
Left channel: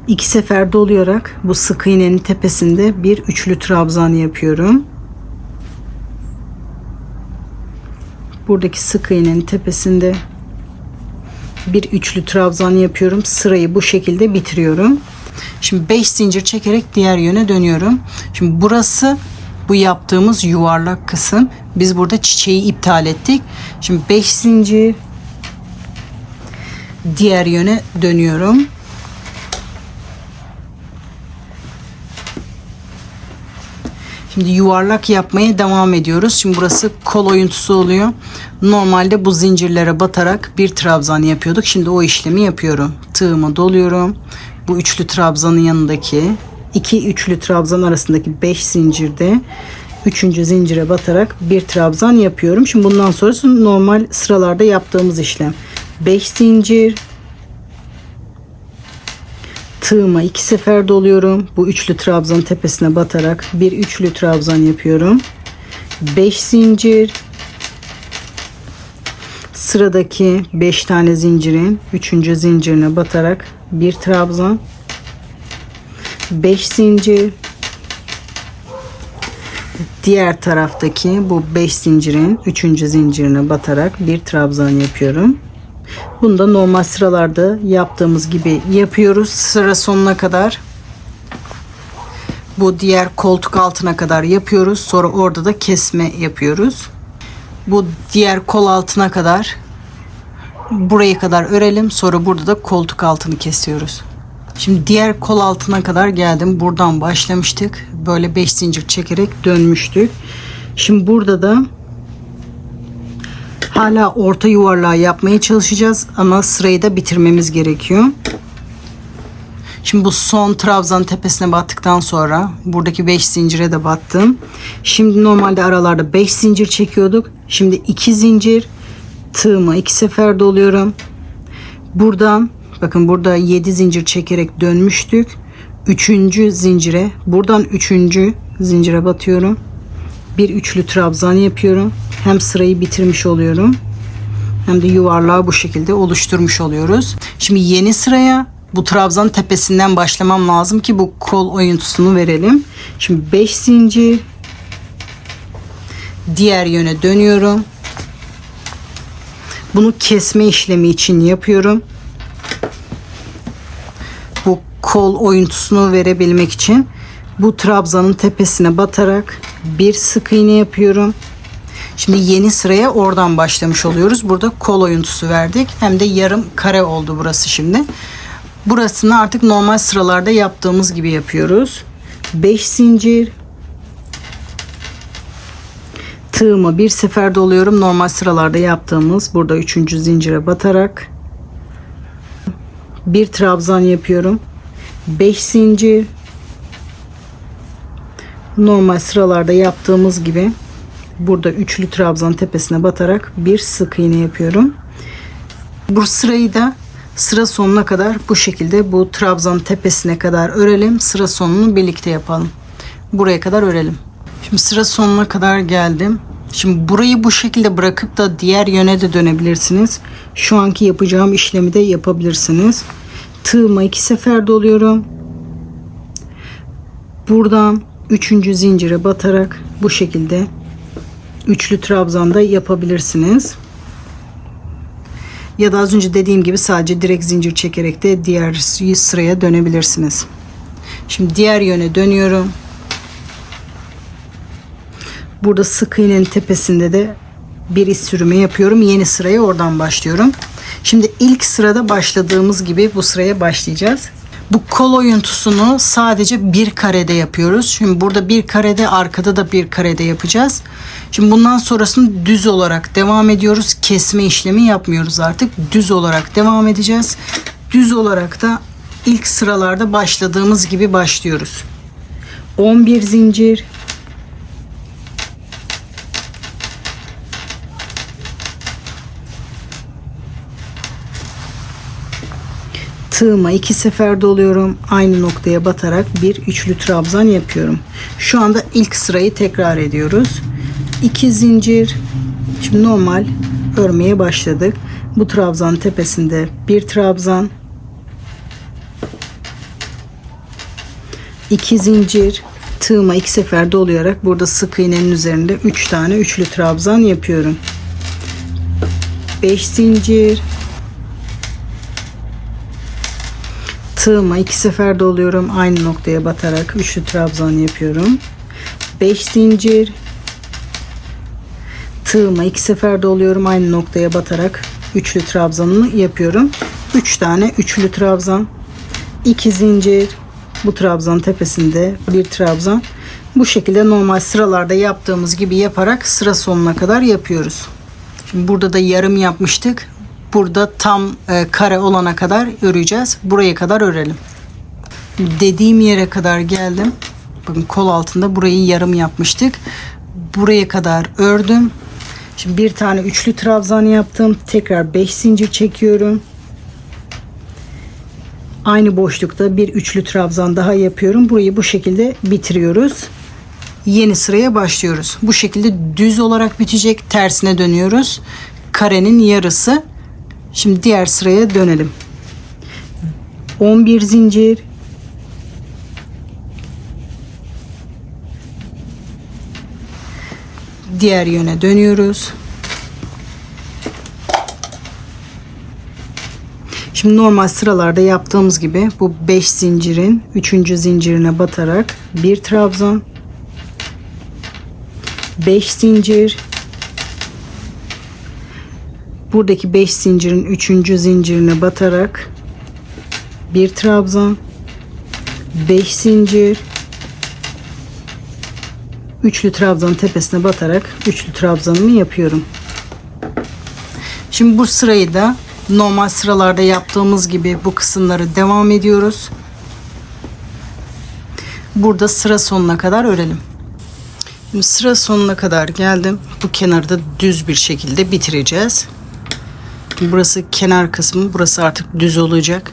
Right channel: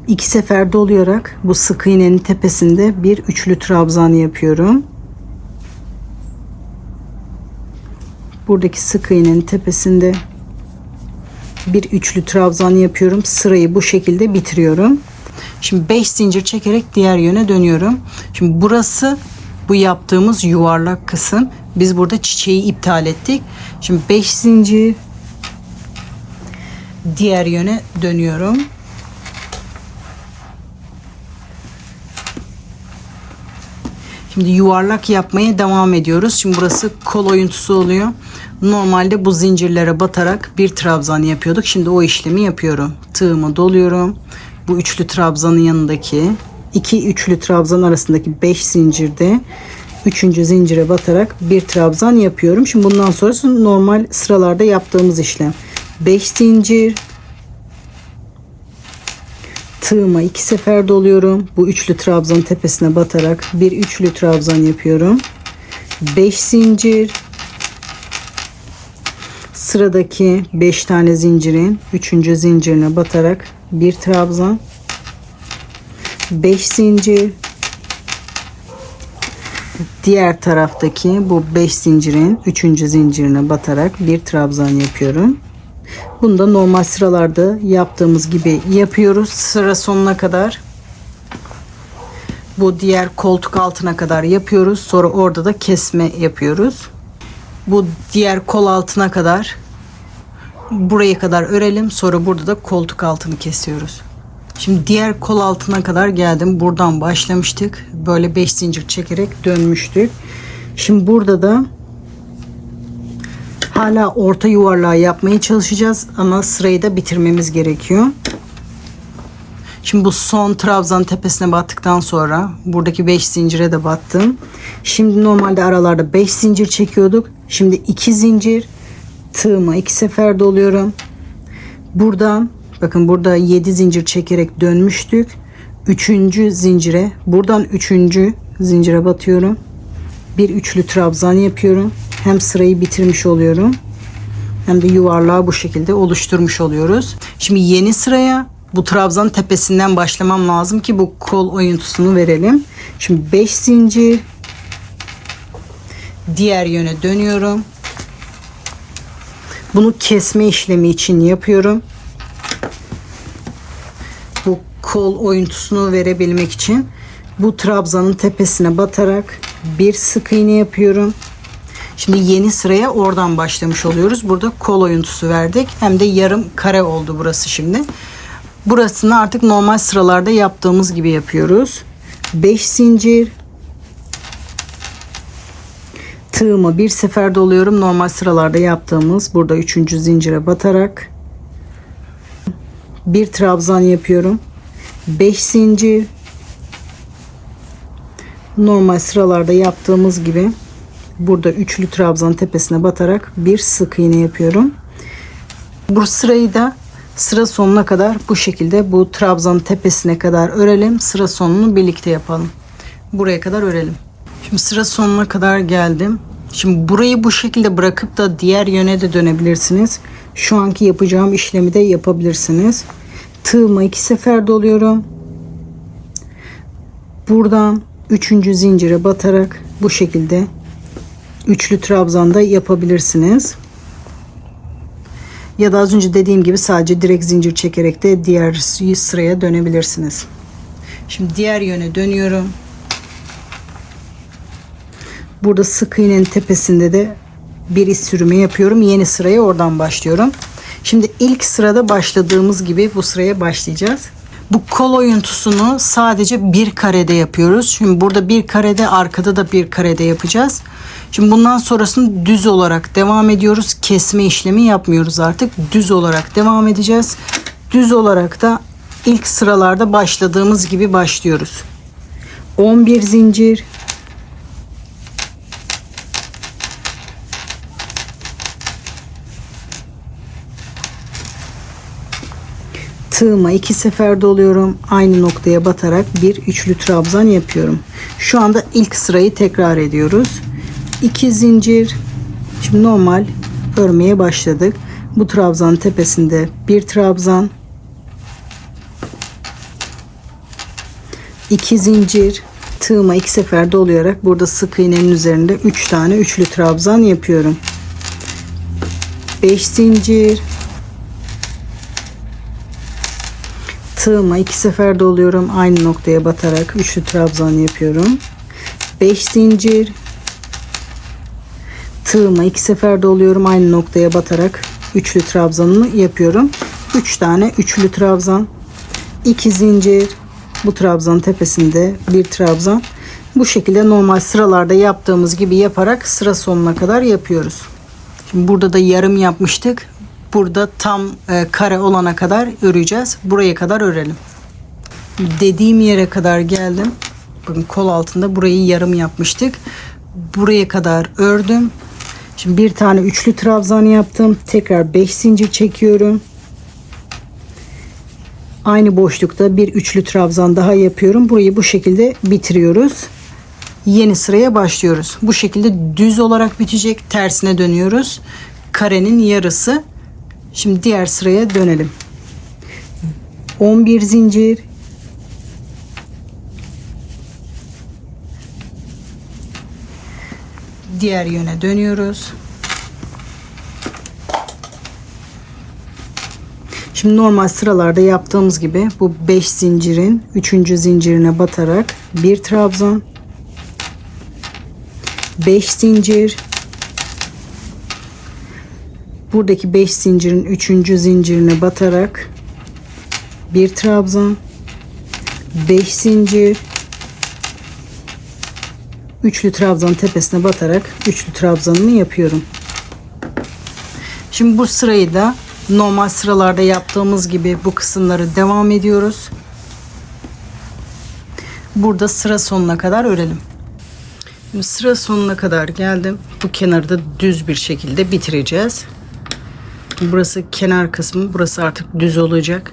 2 sefer dolayarak bu sık iğnenin tepesinde bir üçlü trabzan yapıyorum. Buradaki sık iğnenin tepesinde bir üçlü trabzan yapıyorum. Sırayı bu şekilde bitiriyorum. Şimdi 5 zincir çekerek diğer yöne dönüyorum. Şimdi burası bu yaptığımız yuvarlak kısım. Biz burada çiçeği iptal ettik. Şimdi 5 zincir diğer yöne dönüyorum. Şimdi yuvarlak yapmaya devam ediyoruz. Şimdi burası kol oyuntusu oluyor. Normalde bu zincirlere batarak bir trabzan yapıyorduk. Şimdi o işlemi yapıyorum. Tığımı doluyorum. Bu üçlü trabzanın yanındaki iki üçlü trabzan arasındaki 5 zincirde 3. zincire batarak bir trabzan yapıyorum. Şimdi bundan sonrası normal sıralarda yaptığımız işlem. 5 zincir tığıma 2 sefer doluyorum. Bu üçlü trabzanın tepesine batarak bir üçlü trabzan yapıyorum. 5 zincir sıradaki 5 tane zincirin 3. zincirine batarak bir trabzan, 5 zincir diğer taraftaki bu 5 zincirin 3. zincirine batarak bir trabzan yapıyorum. Bunu da normal sıralarda yaptığımız gibi yapıyoruz sıra sonuna kadar. Bu diğer koltuk altına kadar yapıyoruz. Sonra orada da kesme yapıyoruz. Bu diğer kol altına kadar buraya kadar örelim. Sonra burada da koltuk altını kesiyoruz. Şimdi diğer kol altına kadar geldim. Buradan başlamıştık. Böyle 5 zincir çekerek dönmüştük. Şimdi burada da hala orta yuvarlağı yapmaya çalışacağız ama sırayı da bitirmemiz gerekiyor. Şimdi bu son trabzanın tepesine battıktan sonra buradaki 5 zincire de battım. Şimdi normalde aralarda 5 zincir çekiyorduk. Şimdi 2 zincir tığıma 2 sefer doluyorum. Buradan bakın burada 7 zincir çekerek dönmüştük. 3. zincire buradan 3. zincire batıyorum. Bir üçlü trabzan yapıyorum. Hem sırayı bitirmiş oluyorum. Hem de yuvarlağı bu şekilde oluşturmuş oluyoruz. Şimdi yeni sıraya bu trabzanın tepesinden başlamam lazım ki bu kol oyuntusunu verelim. Şimdi 5 zincir diğer yöne dönüyorum. Bunu kesme işlemi için yapıyorum. Bu kol oyuntusunu verebilmek için bu trabzanın tepesine batarak bir sık iğne yapıyorum. Şimdi yeni sıraya oradan başlamış oluyoruz. Burada kol oyuntusu verdik. Hem de yarım kare oldu burası şimdi. Burasını artık normal sıralarda yaptığımız gibi yapıyoruz. 5 zincir. Tığımı bir sefer doluyorum. Normal sıralarda yaptığımız burada 3. zincire batarak bir trabzan yapıyorum. 5 zincir. Normal sıralarda yaptığımız gibi burada üçlü trabzan tepesine batarak bir sık iğne yapıyorum. Bu sırayı da sıra sonuna kadar bu şekilde bu trabzan tepesine kadar örelim. Sıra sonunu birlikte yapalım. Buraya kadar örelim. Şimdi sıra sonuna kadar geldim. Şimdi burayı bu şekilde bırakıp da diğer yöne de dönebilirsiniz. Şu anki yapacağım işlemi de yapabilirsiniz. Tığıma 2 sefer doluyorum. Buradan 3. zincire batarak bu şekilde üçlü trabzan da yapabilirsiniz. Ya da az önce dediğim gibi sadece direkt zincir çekerek de diğer sıraya dönebilirsiniz. Şimdi diğer yöne dönüyorum. Burada sık iğnenin tepesinde de bir iz sürümü yapıyorum. Yeni sıraya oradan başlıyorum. Şimdi ilk sırada başladığımız gibi bu sıraya başlayacağız. Bu kol oyuntusunu sadece bir karede yapıyoruz. Şimdi burada bir karede, arkada da bir karede yapacağız. Şimdi bundan sonrasını düz olarak devam ediyoruz. Kesme işlemi yapmıyoruz artık. Düz olarak devam edeceğiz. Düz olarak da ilk sıralarda başladığımız gibi başlıyoruz. 11 zincir. Tığıma 2 sefer doluyorum. Aynı noktaya batarak bir üçlü trabzan yapıyorum. Şu anda ilk sırayı tekrar ediyoruz. 2 zincir. Şimdi normal örmeye başladık. Bu trabzan tepesinde bir trabzan. 2 zincir. Tığıma 2 sefer dolayarak burada sık iğnenin üzerinde 3 tane üçlü trabzan yapıyorum. 5 zincir. Tığıma 2 sefer doluyorum. Aynı noktaya batarak üçlü trabzan yapıyorum. 5 zincir. Tığıma 2 sefer doluyorum. Aynı noktaya batarak üçlü trabzanımı yapıyorum. 3 tane üçlü trabzan. 2 zincir. Bu trabzan tepesinde bir trabzan. Bu şekilde normal sıralarda yaptığımız gibi yaparak sıra sonuna kadar yapıyoruz. Şimdi burada da yarım yapmıştık. Burada tam kare olana kadar öreceğiz. Buraya kadar örelim. Dediğim yere kadar geldim. Bakın kol altında burayı yarım yapmıştık. Buraya kadar ördüm. Şimdi bir tane üçlü trabzan yaptım. Tekrar 5 zincir çekiyorum. Aynı boşlukta bir üçlü trabzan daha yapıyorum. Burayı bu şekilde bitiriyoruz. Yeni sıraya başlıyoruz. Bu şekilde düz olarak bitecek. Tersine dönüyoruz. Karenin yarısı. Şimdi diğer sıraya dönelim. 11 zincir. Diğer yöne dönüyoruz. Şimdi normal sıralarda yaptığımız gibi bu 5 zincirin 3. zincirine batarak bir trabzan, 5 zincir, buradaki 5 zincirin 3. zincirine batarak bir trabzan, 5 zincir, üçlü trabzanın tepesine batarak üçlü trabzanımı yapıyorum. Şimdi bu sırayı da normal sıralarda yaptığımız gibi bu kısımları devam ediyoruz. Burada sıra sonuna kadar örelim. Şimdi sıra sonuna kadar geldim. Bu kenarı da düz bir şekilde bitireceğiz. Burası kenar kısmı, burası artık düz olacak.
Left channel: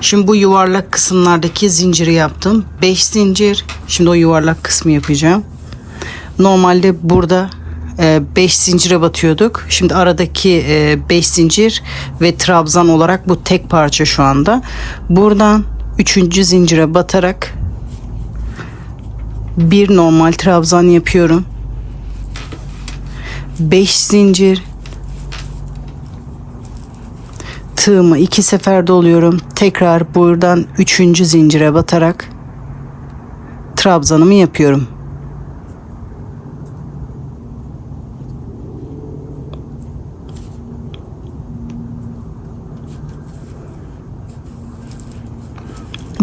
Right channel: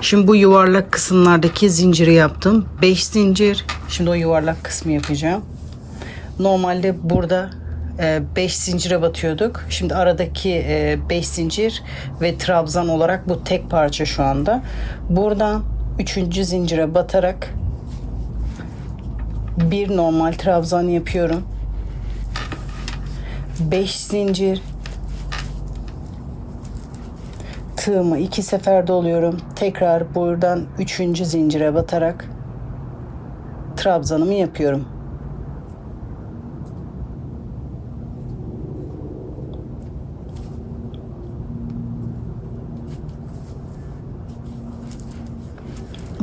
Şimdi bu yuvarlak kısımlardaki zinciri yaptım. 5 zincir. Şimdi o yuvarlak kısmı yapacağım. Normalde burada 5 zincire batıyorduk. Şimdi aradaki 5 zincir ve trabzan olarak bu tek parça şu anda. Buradan 3. zincire batarak bir normal trabzan yapıyorum. 5 zincir. Tığımı 2 sefer doluyorum. Tekrar buradan 3. zincire batarak trabzanımı yapıyorum.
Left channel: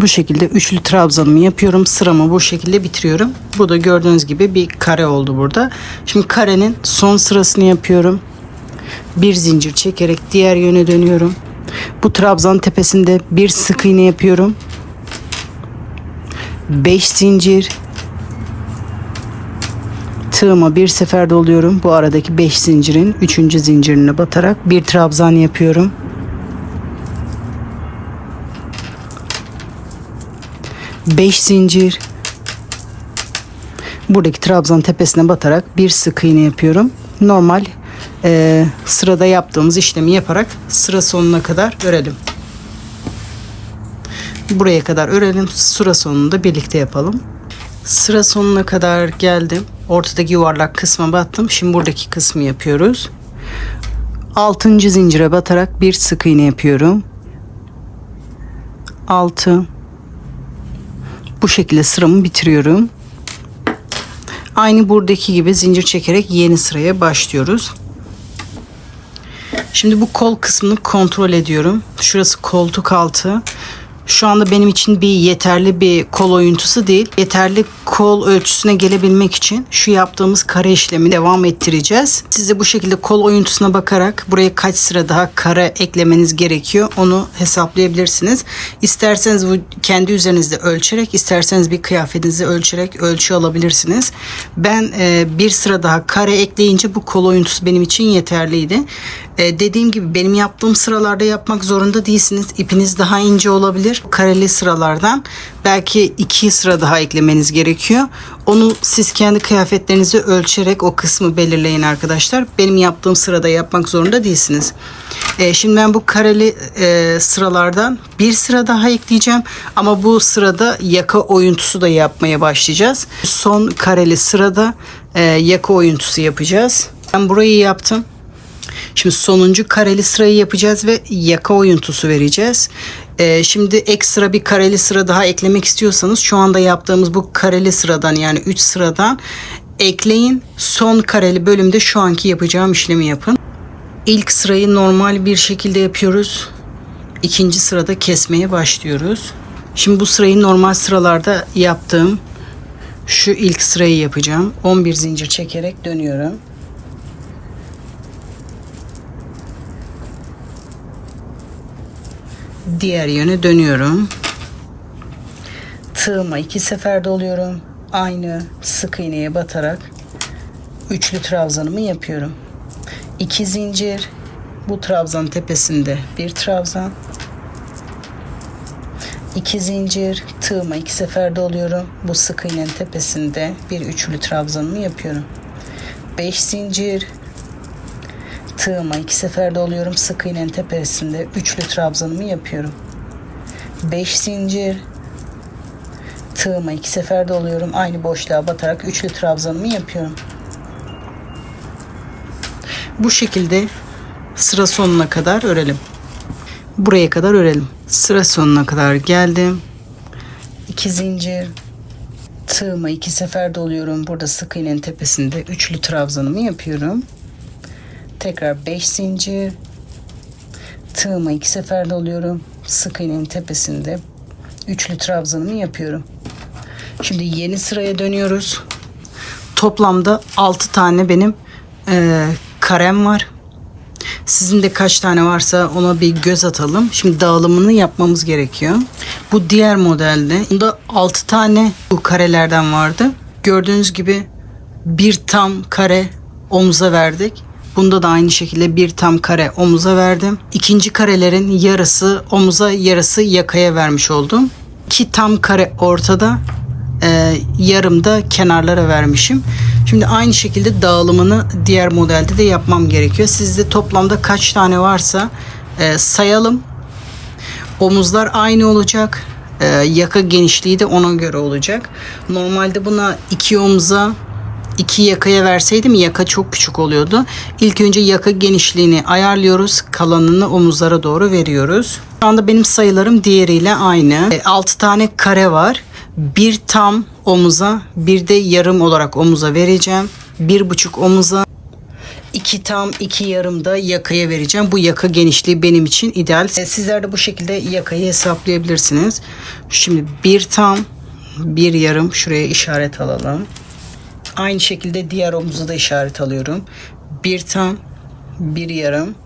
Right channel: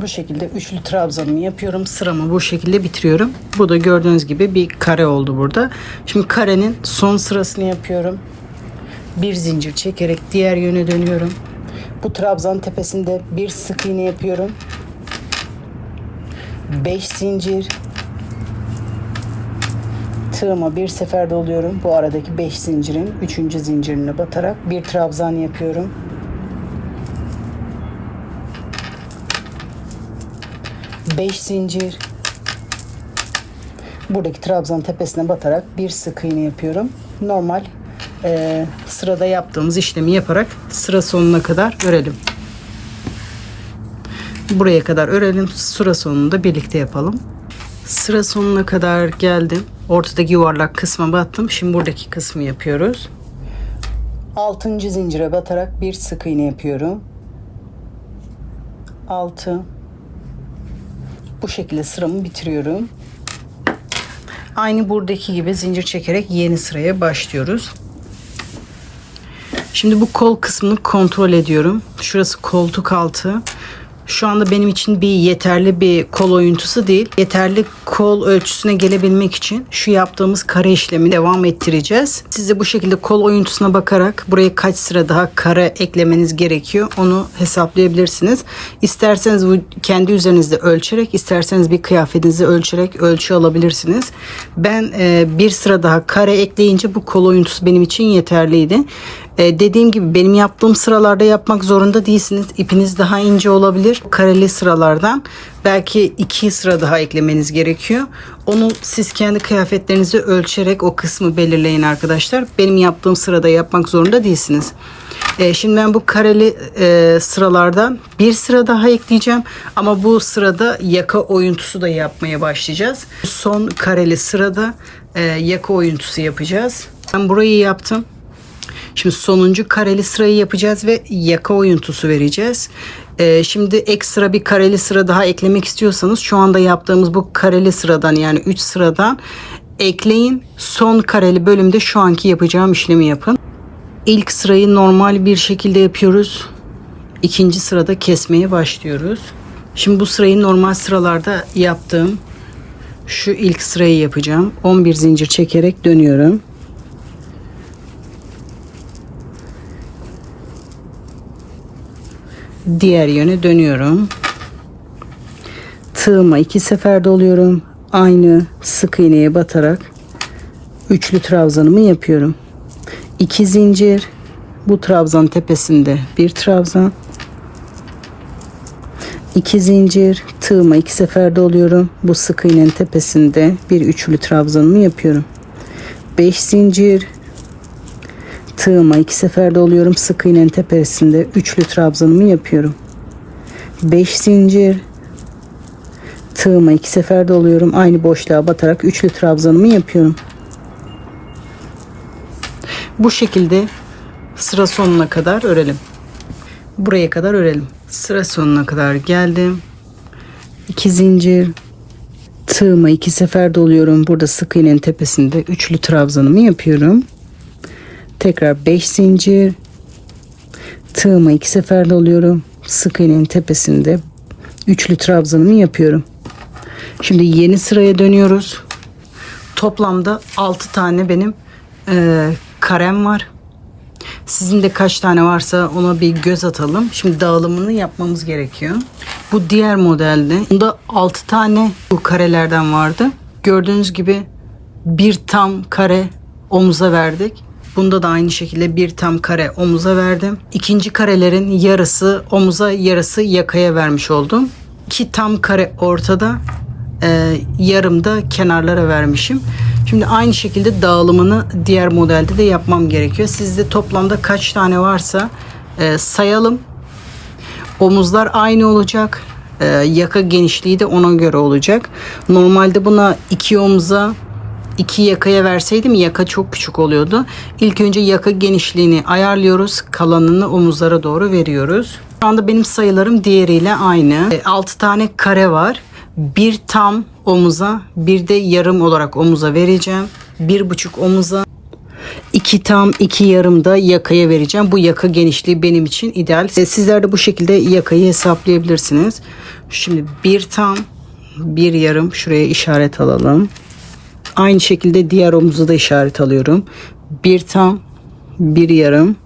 Bu şekilde üçlü trabzanımı yapıyorum. Sıramı bu şekilde bitiriyorum. Bu da gördüğünüz gibi bir kare oldu burada. Şimdi karenin son sırasını yapıyorum. Bir zincir çekerek diğer yöne dönüyorum. Bu trabzan tepesinde bir sık iğne yapıyorum. 5 zincir. Tığıma bir sefer doluyorum. Bu aradaki 5 zincirin 3. zincirine batarak bir trabzan yapıyorum. 5 zincir. Buradaki trabzan tepesine batarak bir sık iğne yapıyorum. Normal sırada yaptığımız işlemi yaparak sıra sonuna kadar örelim. Buraya kadar örelim. Sıra sonunda birlikte yapalım. Sıra sonuna kadar geldim. Ortadaki yuvarlak kısma battım. Şimdi buradaki kısmı yapıyoruz. 6. zincire batarak bir sık iğne yapıyorum. 6. Bu şekilde sıramı bitiriyorum. Aynı buradaki gibi zincir çekerek yeni sıraya başlıyoruz. Şimdi bu kol kısmını kontrol ediyorum. Şurası koltuk altı. Şu anda benim için yeterli bir kol oyuntusu değil. Yeterli kol ölçüsüne gelebilmek için şu yaptığımız kare işlemi devam ettireceğiz. Siz de bu şekilde kol oyuntusuna bakarak buraya kaç sıra daha kare eklemeniz gerekiyor onu hesaplayabilirsiniz. İsterseniz bu kendi üzerinizde ölçerek, isterseniz bir kıyafetinizi ölçerek ölçü alabilirsiniz. Ben bir sıra daha kare ekleyince bu kol oyuntusu benim için yeterliydi. Dediğim gibi benim yaptığım sıralarda yapmak zorunda değilsiniz. İpiniz daha ince olabilir. Kareli sıralardan belki 2 sıra daha eklemeniz gerekiyor. Onu siz kendi kıyafetlerinizi ölçerek o kısmı belirleyin arkadaşlar. Benim yaptığım sırada yapmak zorunda değilsiniz. Şimdi ben bu kareli sıralardan bir sıra daha ekleyeceğim. Ama bu sırada yaka oyuntusu da yapmaya başlayacağız. Son kareli sırada yaka oyuntusu yapacağız. Ben burayı yaptım. Şimdi sonuncu kareli sırayı yapacağız ve yaka oyuntusu vereceğiz. Şimdi ekstra bir kareli sıra daha eklemek istiyorsanız şu anda yaptığımız bu kareli sıradan yani 3 sıradan ekleyin. Son kareli bölümde şu anki yapacağım işlemi yapın. İlk sırayı normal bir şekilde yapıyoruz. İkinci sırada kesmeye başlıyoruz. Şimdi bu sırayı normal sıralarda yaptığım şu ilk sırayı yapacağım. 11 zincir çekerek dönüyorum. Diğer yöne dönüyorum. Tığıma 2 sefer doluyorum. Aynı sık iğneye batarak üçlü trabzanımı yapıyorum. 2 zincir. Bu trabzan tepesinde bir trabzan. 2 zincir. Tığıma 2 sefer doluyorum. Bu sık iğnenin tepesinde bir üçlü trabzanımı yapıyorum. 5 zincir. Tığıma 2 sefer doluyorum. Sık iğnenin tepesinde üçlü trabzanımı yapıyorum. 5 zincir. Tığıma 2 sefer doluyorum. Aynı boşluğa batarak üçlü trabzanımı yapıyorum. Bu şekilde sıra sonuna kadar örelim. Buraya kadar örelim. Sıra sonuna kadar geldim. 2 zincir. Tığıma 2 sefer doluyorum. Burada sık iğnenin tepesinde üçlü trabzanımı yapıyorum. Tekrar 5 zincir. Tığıma 2 sefer doluyorum. Sık iğnenin tepesinde üçlü trabzanımı yapıyorum. Şimdi yeni sıraya dönüyoruz. Toplamda 6 tane benim karem var. Sizin de kaç tane varsa ona bir göz atalım. Şimdi dağılımını yapmamız gerekiyor. Bu diğer modelde bunda 6 tane bu karelerden vardı. Gördüğünüz gibi bir tam kare omuza verdik. Bunda da aynı şekilde bir tam kare omuza verdim. İkinci karelerin yarısı omuza, yarısı yakaya vermiş oldum. 2 tam kare ortada, yarım da kenarlara vermişim. Şimdi aynı şekilde dağılımını diğer modelde de yapmam gerekiyor. Sizde toplamda kaç tane varsa sayalım. Omuzlar aynı olacak. Yaka genişliği de ona göre olacak. Normalde buna 2 omuza iki yakaya verseydim yaka çok küçük oluyordu. İlk önce yaka genişliğini ayarlıyoruz. Kalanını omuzlara doğru veriyoruz. Şu anda benim sayılarım diğeriyle aynı. 6 tane kare var. Bir tam omuza, bir de yarım olarak omuza vereceğim. 1,5 omuza, 2 tam 2 yarım da yakaya vereceğim. Bu yaka genişliği benim için ideal. Sizler de bu şekilde yakayı hesaplayabilirsiniz. Şimdi bir tam, bir yarım, şuraya işaret alalım. Aynı şekilde diğer omuza da işaret alıyorum. Bir tam, bir yarım.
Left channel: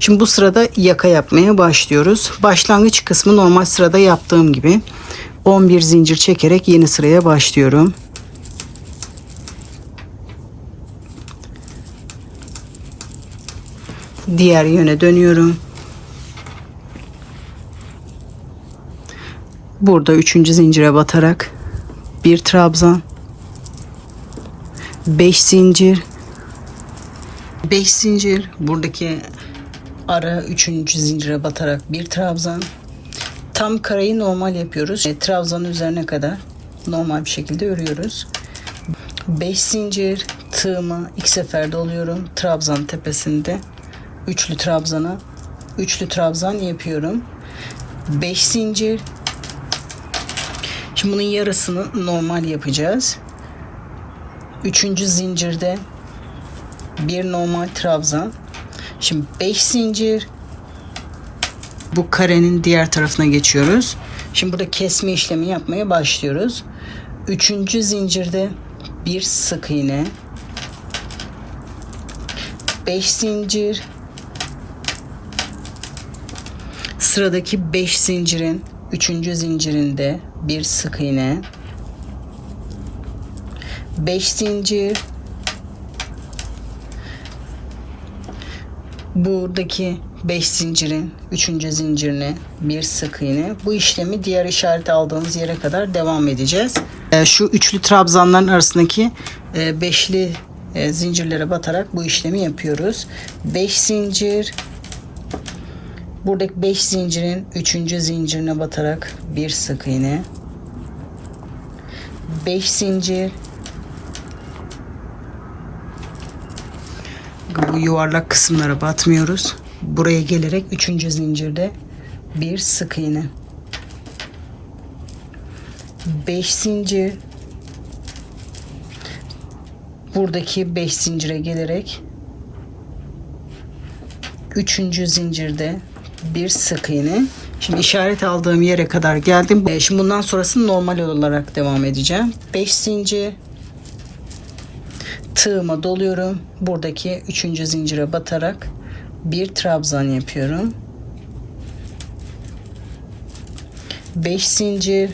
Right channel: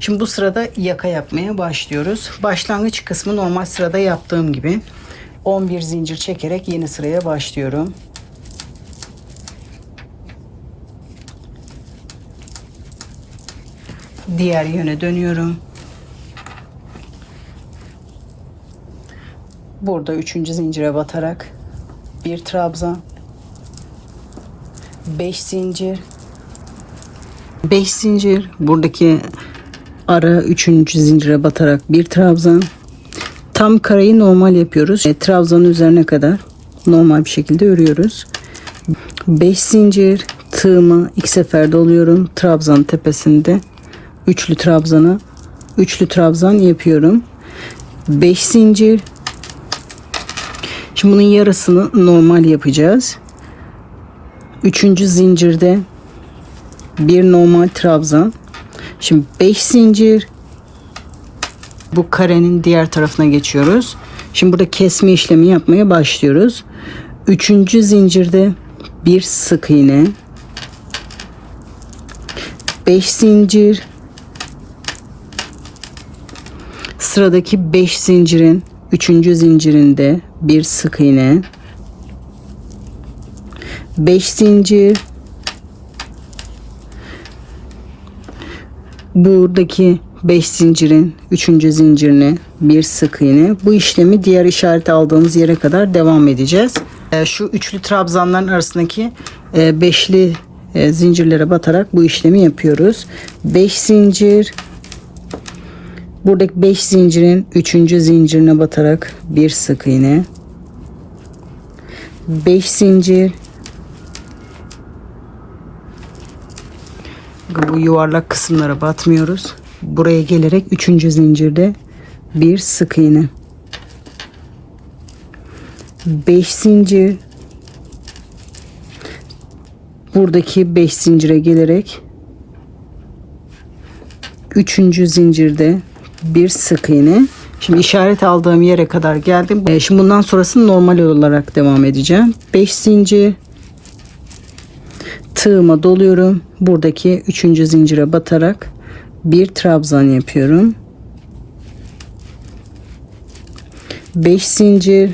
Şimdi bu sırada yaka yapmaya başlıyoruz. Başlangıç kısmı normal sırada yaptığım gibi 11 zincir çekerek yeni sıraya başlıyorum. Diğer yöne dönüyorum. Burada 3. zincire batarak bir trabzan, 5 zincir, 5 zincir, buradaki ara 3. zincire batarak bir trabzan. Tam kareyi normal yapıyoruz. Trabzanın üzerine kadar normal bir şekilde örüyoruz. 5 zincir, tığımı 2 sefer doluyorum. Trabzan tepesinde üçlü trabzan yapıyorum. 5 zincir. Şimdi bunun yarısını normal yapacağız. 3. zincirde bir normal trabzan. Şimdi 5 zincir. Bu karenin diğer tarafına geçiyoruz. Şimdi burada kesme işlemi yapmaya başlıyoruz. 3. zincirde bir sık iğne. 5 zincir. Sıradaki 5 zincirin 3. zincirinde bir sık iğne. 5 zincir. Buradaki 5 zincirin 3. zincirine bir sık iğne. Bu işlemi diğer işaret aldığımız yere kadar devam edeceğiz. Şu üçlü trabzanların arasındaki beşli zincirlere batarak bu işlemi yapıyoruz. 5 zincir. Buradaki 5 zincirin 3. zincirine batarak bir sık iğne. 5 zincir. Bu yuvarlak kısımlara batmıyoruz. Buraya gelerek 3. zincirde bir sık iğne. 5 zincir. Buradaki 5 zincire gelerek 3. zincirde bir sık iğne. Şimdi işaret aldığım yere kadar geldim. Şimdi bundan sonrası normal olarak devam edeceğim. 5 zincir. Tığıma doluyorum. Buradaki 3. zincire batarak bir trabzan yapıyorum. 5 zincir.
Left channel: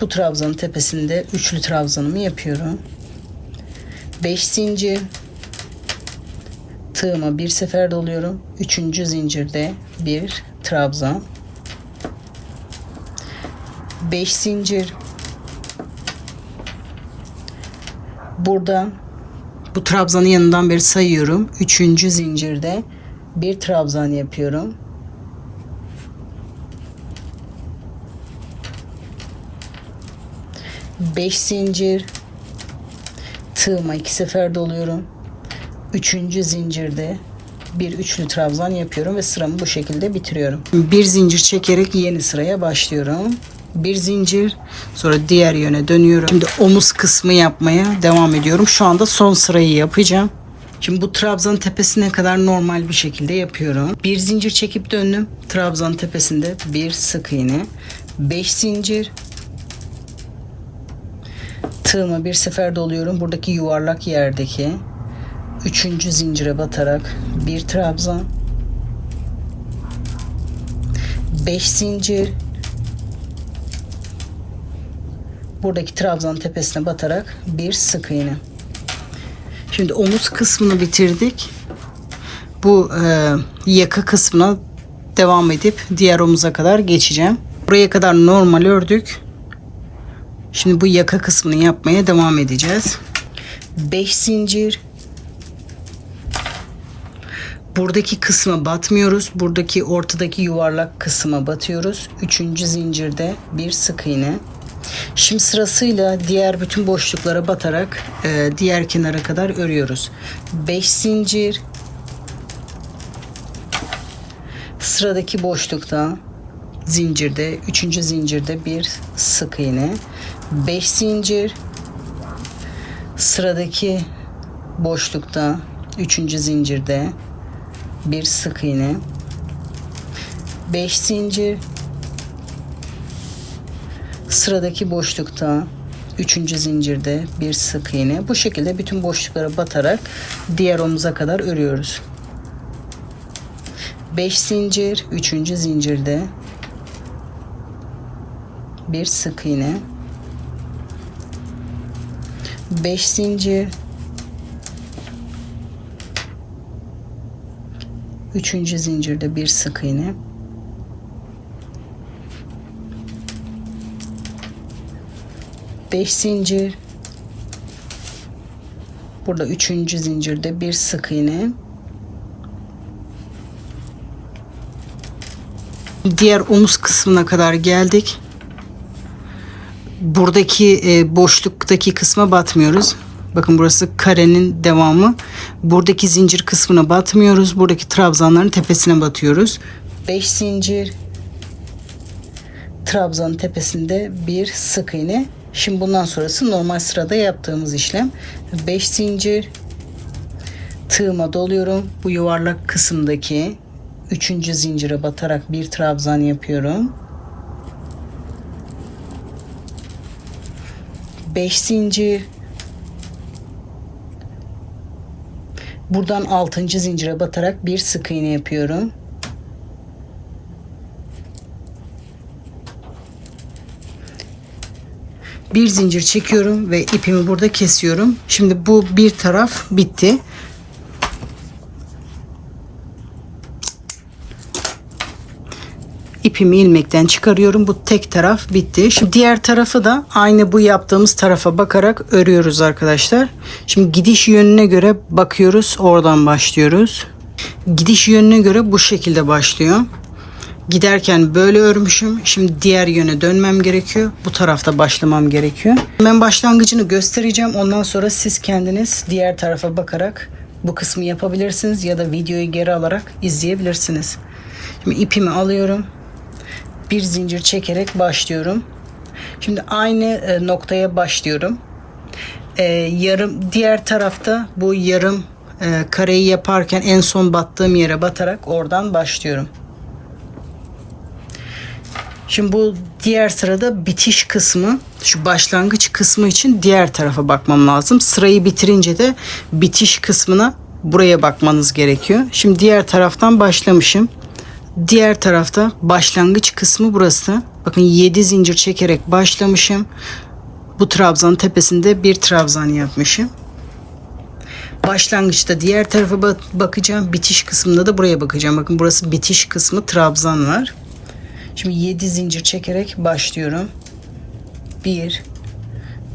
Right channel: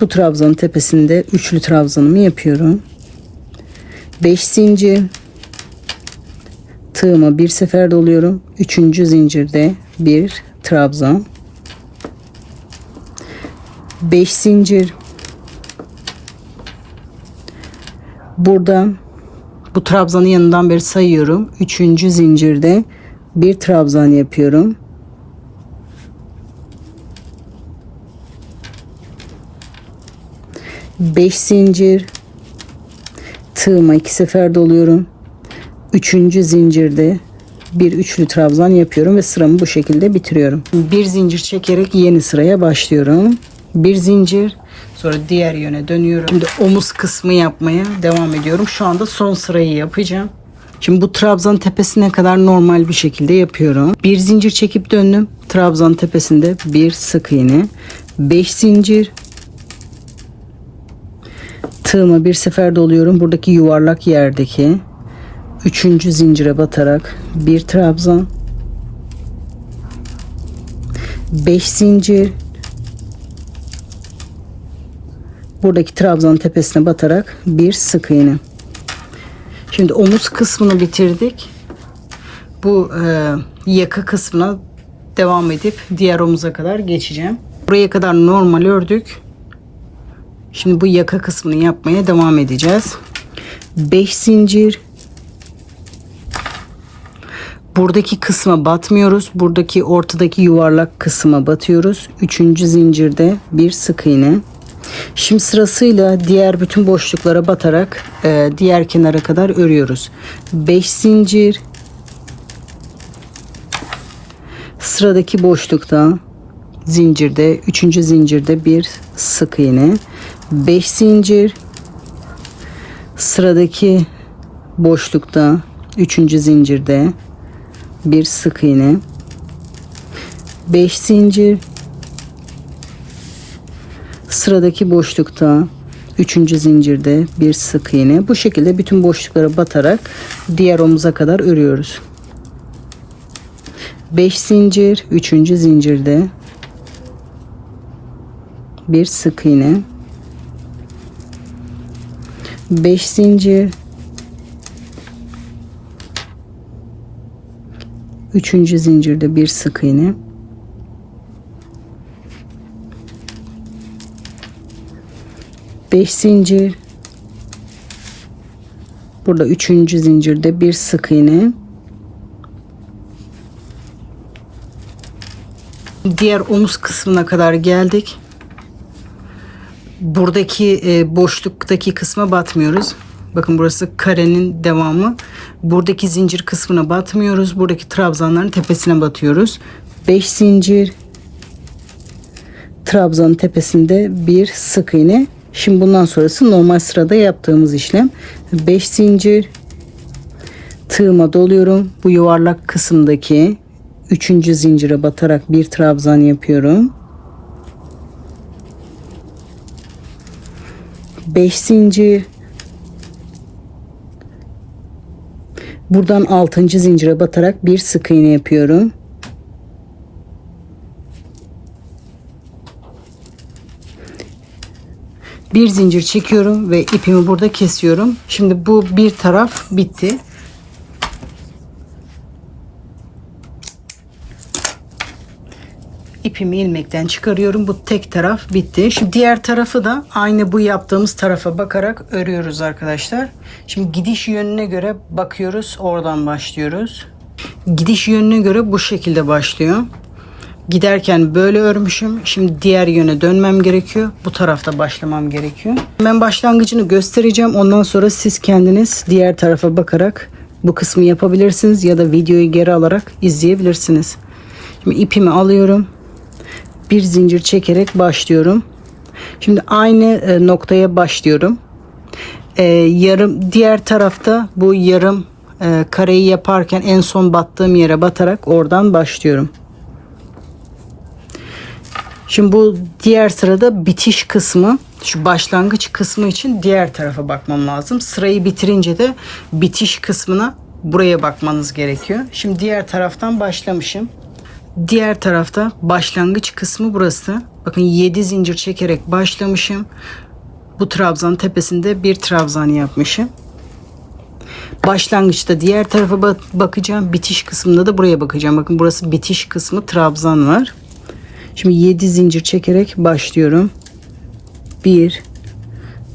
Bu trabzanın tepesinde üçlü trabzanımı yapıyorum. 5 zincir. Tığıma bir sefer doluyorum. 3. zincirde bir trabzan. 5 zincir. Buradan bu trabzanın yanından beri sayıyorum. 3. zincirde bir trabzan yapıyorum. 5 zincir. Tığıma 2 sefer doluyorum. 3. zincirde bir üçlü trabzan yapıyorum ve sıramı bu şekilde bitiriyorum. Bir zincir çekerek yeni sıraya başlıyorum. Bir zincir, sonra diğer yöne dönüyorum. Şimdi omuz kısmı yapmaya devam ediyorum. Şu anda son sırayı yapacağım. Şimdi bu trabzan tepesine kadar normal bir şekilde yapıyorum. Bir zincir çekip döndüm. Trabzan tepesinde bir sık iğne. 5 zincir. Tığıma bir sefer doluyorum. Buradaki yuvarlak yerdeki 3. zincire batarak bir trabzan. 5 zincir. Buradaki trabzanın tepesine batarak bir sık iğne. Şimdi omuz kısmını bitirdik. Bu yaka kısmına devam edip diğer omuza kadar geçeceğim. Buraya kadar normal ördük. Şimdi bu yaka kısmını yapmaya devam edeceğiz. 5 zincir. Buradaki kısma batmıyoruz. Buradaki ortadaki yuvarlak kısma batıyoruz. 3. zincirde bir sık iğne. Şimdi sırasıyla diğer bütün boşluklara batarak diğer kenara kadar örüyoruz. 5 zincir, sıradaki boşlukta zincirde 3. zincirde bir sık iğne, 5 zincir, sıradaki boşlukta 3. zincirde bir sık iğne, 5 zincir, sıradaki boşlukta 3. zincirde bir sık iğne. Bu şekilde bütün boşluklara batarak diğer omuza kadar örüyoruz. 5 zincir, 3. zincirde bir sık iğne, 5 zincir, 3. zincirde bir sık iğne, 5 zincir, burada 3. zincirde bir sık iğne, diğer omuz kısmına kadar geldik. Buradaki boşluktaki kısma batmıyoruz. Bakın burası karenin devamı. Buradaki zincir kısmına batmıyoruz. Buradaki trabzanların tepesine batıyoruz. 5 zincir, trabzanın tepesinde bir sık iğne. Şimdi bundan sonrası normal sırada yaptığımız işlem. 5 zincir, tığıma doluyorum. Bu yuvarlak kısımdaki 3. zincire batarak bir trabzan yapıyorum. 5 zincir, buradan 6. zincire batarak bir sık iğne yapıyorum. Bir zincir çekiyorum ve ipimi burada kesiyorum. Şimdi bu bir taraf bitti. İpimi ilmekten çıkarıyorum. Bu tek taraf bitti. Şimdi diğer tarafı da aynı bu yaptığımız tarafa bakarak örüyoruz arkadaşlar. Şimdi gidiş yönüne göre bakıyoruz. Oradan başlıyoruz. Gidiş yönüne göre bu şekilde başlıyor. Giderken böyle örmüşüm. Şimdi diğer yöne dönmem gerekiyor. Bu tarafta başlamam gerekiyor. Ben başlangıcını göstereceğim. Ondan sonra siz kendiniz diğer tarafa bakarak bu kısmı yapabilirsiniz ya da videoyu geri alarak izleyebilirsiniz. Şimdi ipimi alıyorum. Bir zincir çekerek başlıyorum. Şimdi aynı noktaya başlıyorum. Yarım diğer tarafta bu yarım kareyi yaparken en son battığım yere batarak oradan başlıyorum. Şimdi bu diğer sırada bitiş kısmı, şu başlangıç kısmı için diğer tarafa bakmam lazım. Sırayı bitirince de bitiş kısmına buraya bakmanız gerekiyor. Şimdi diğer taraftan başlamışım. Diğer tarafta başlangıç kısmı burası. Bakın 7 zincir çekerek başlamışım. Bu trabzanın tepesinde bir trabzan yapmışım. Başlangıçta diğer tarafa bakacağım. Bitiş kısmında da buraya bakacağım. Bakın burası bitiş kısmı, trabzan var. Şimdi 7 zincir çekerek başlıyorum. 1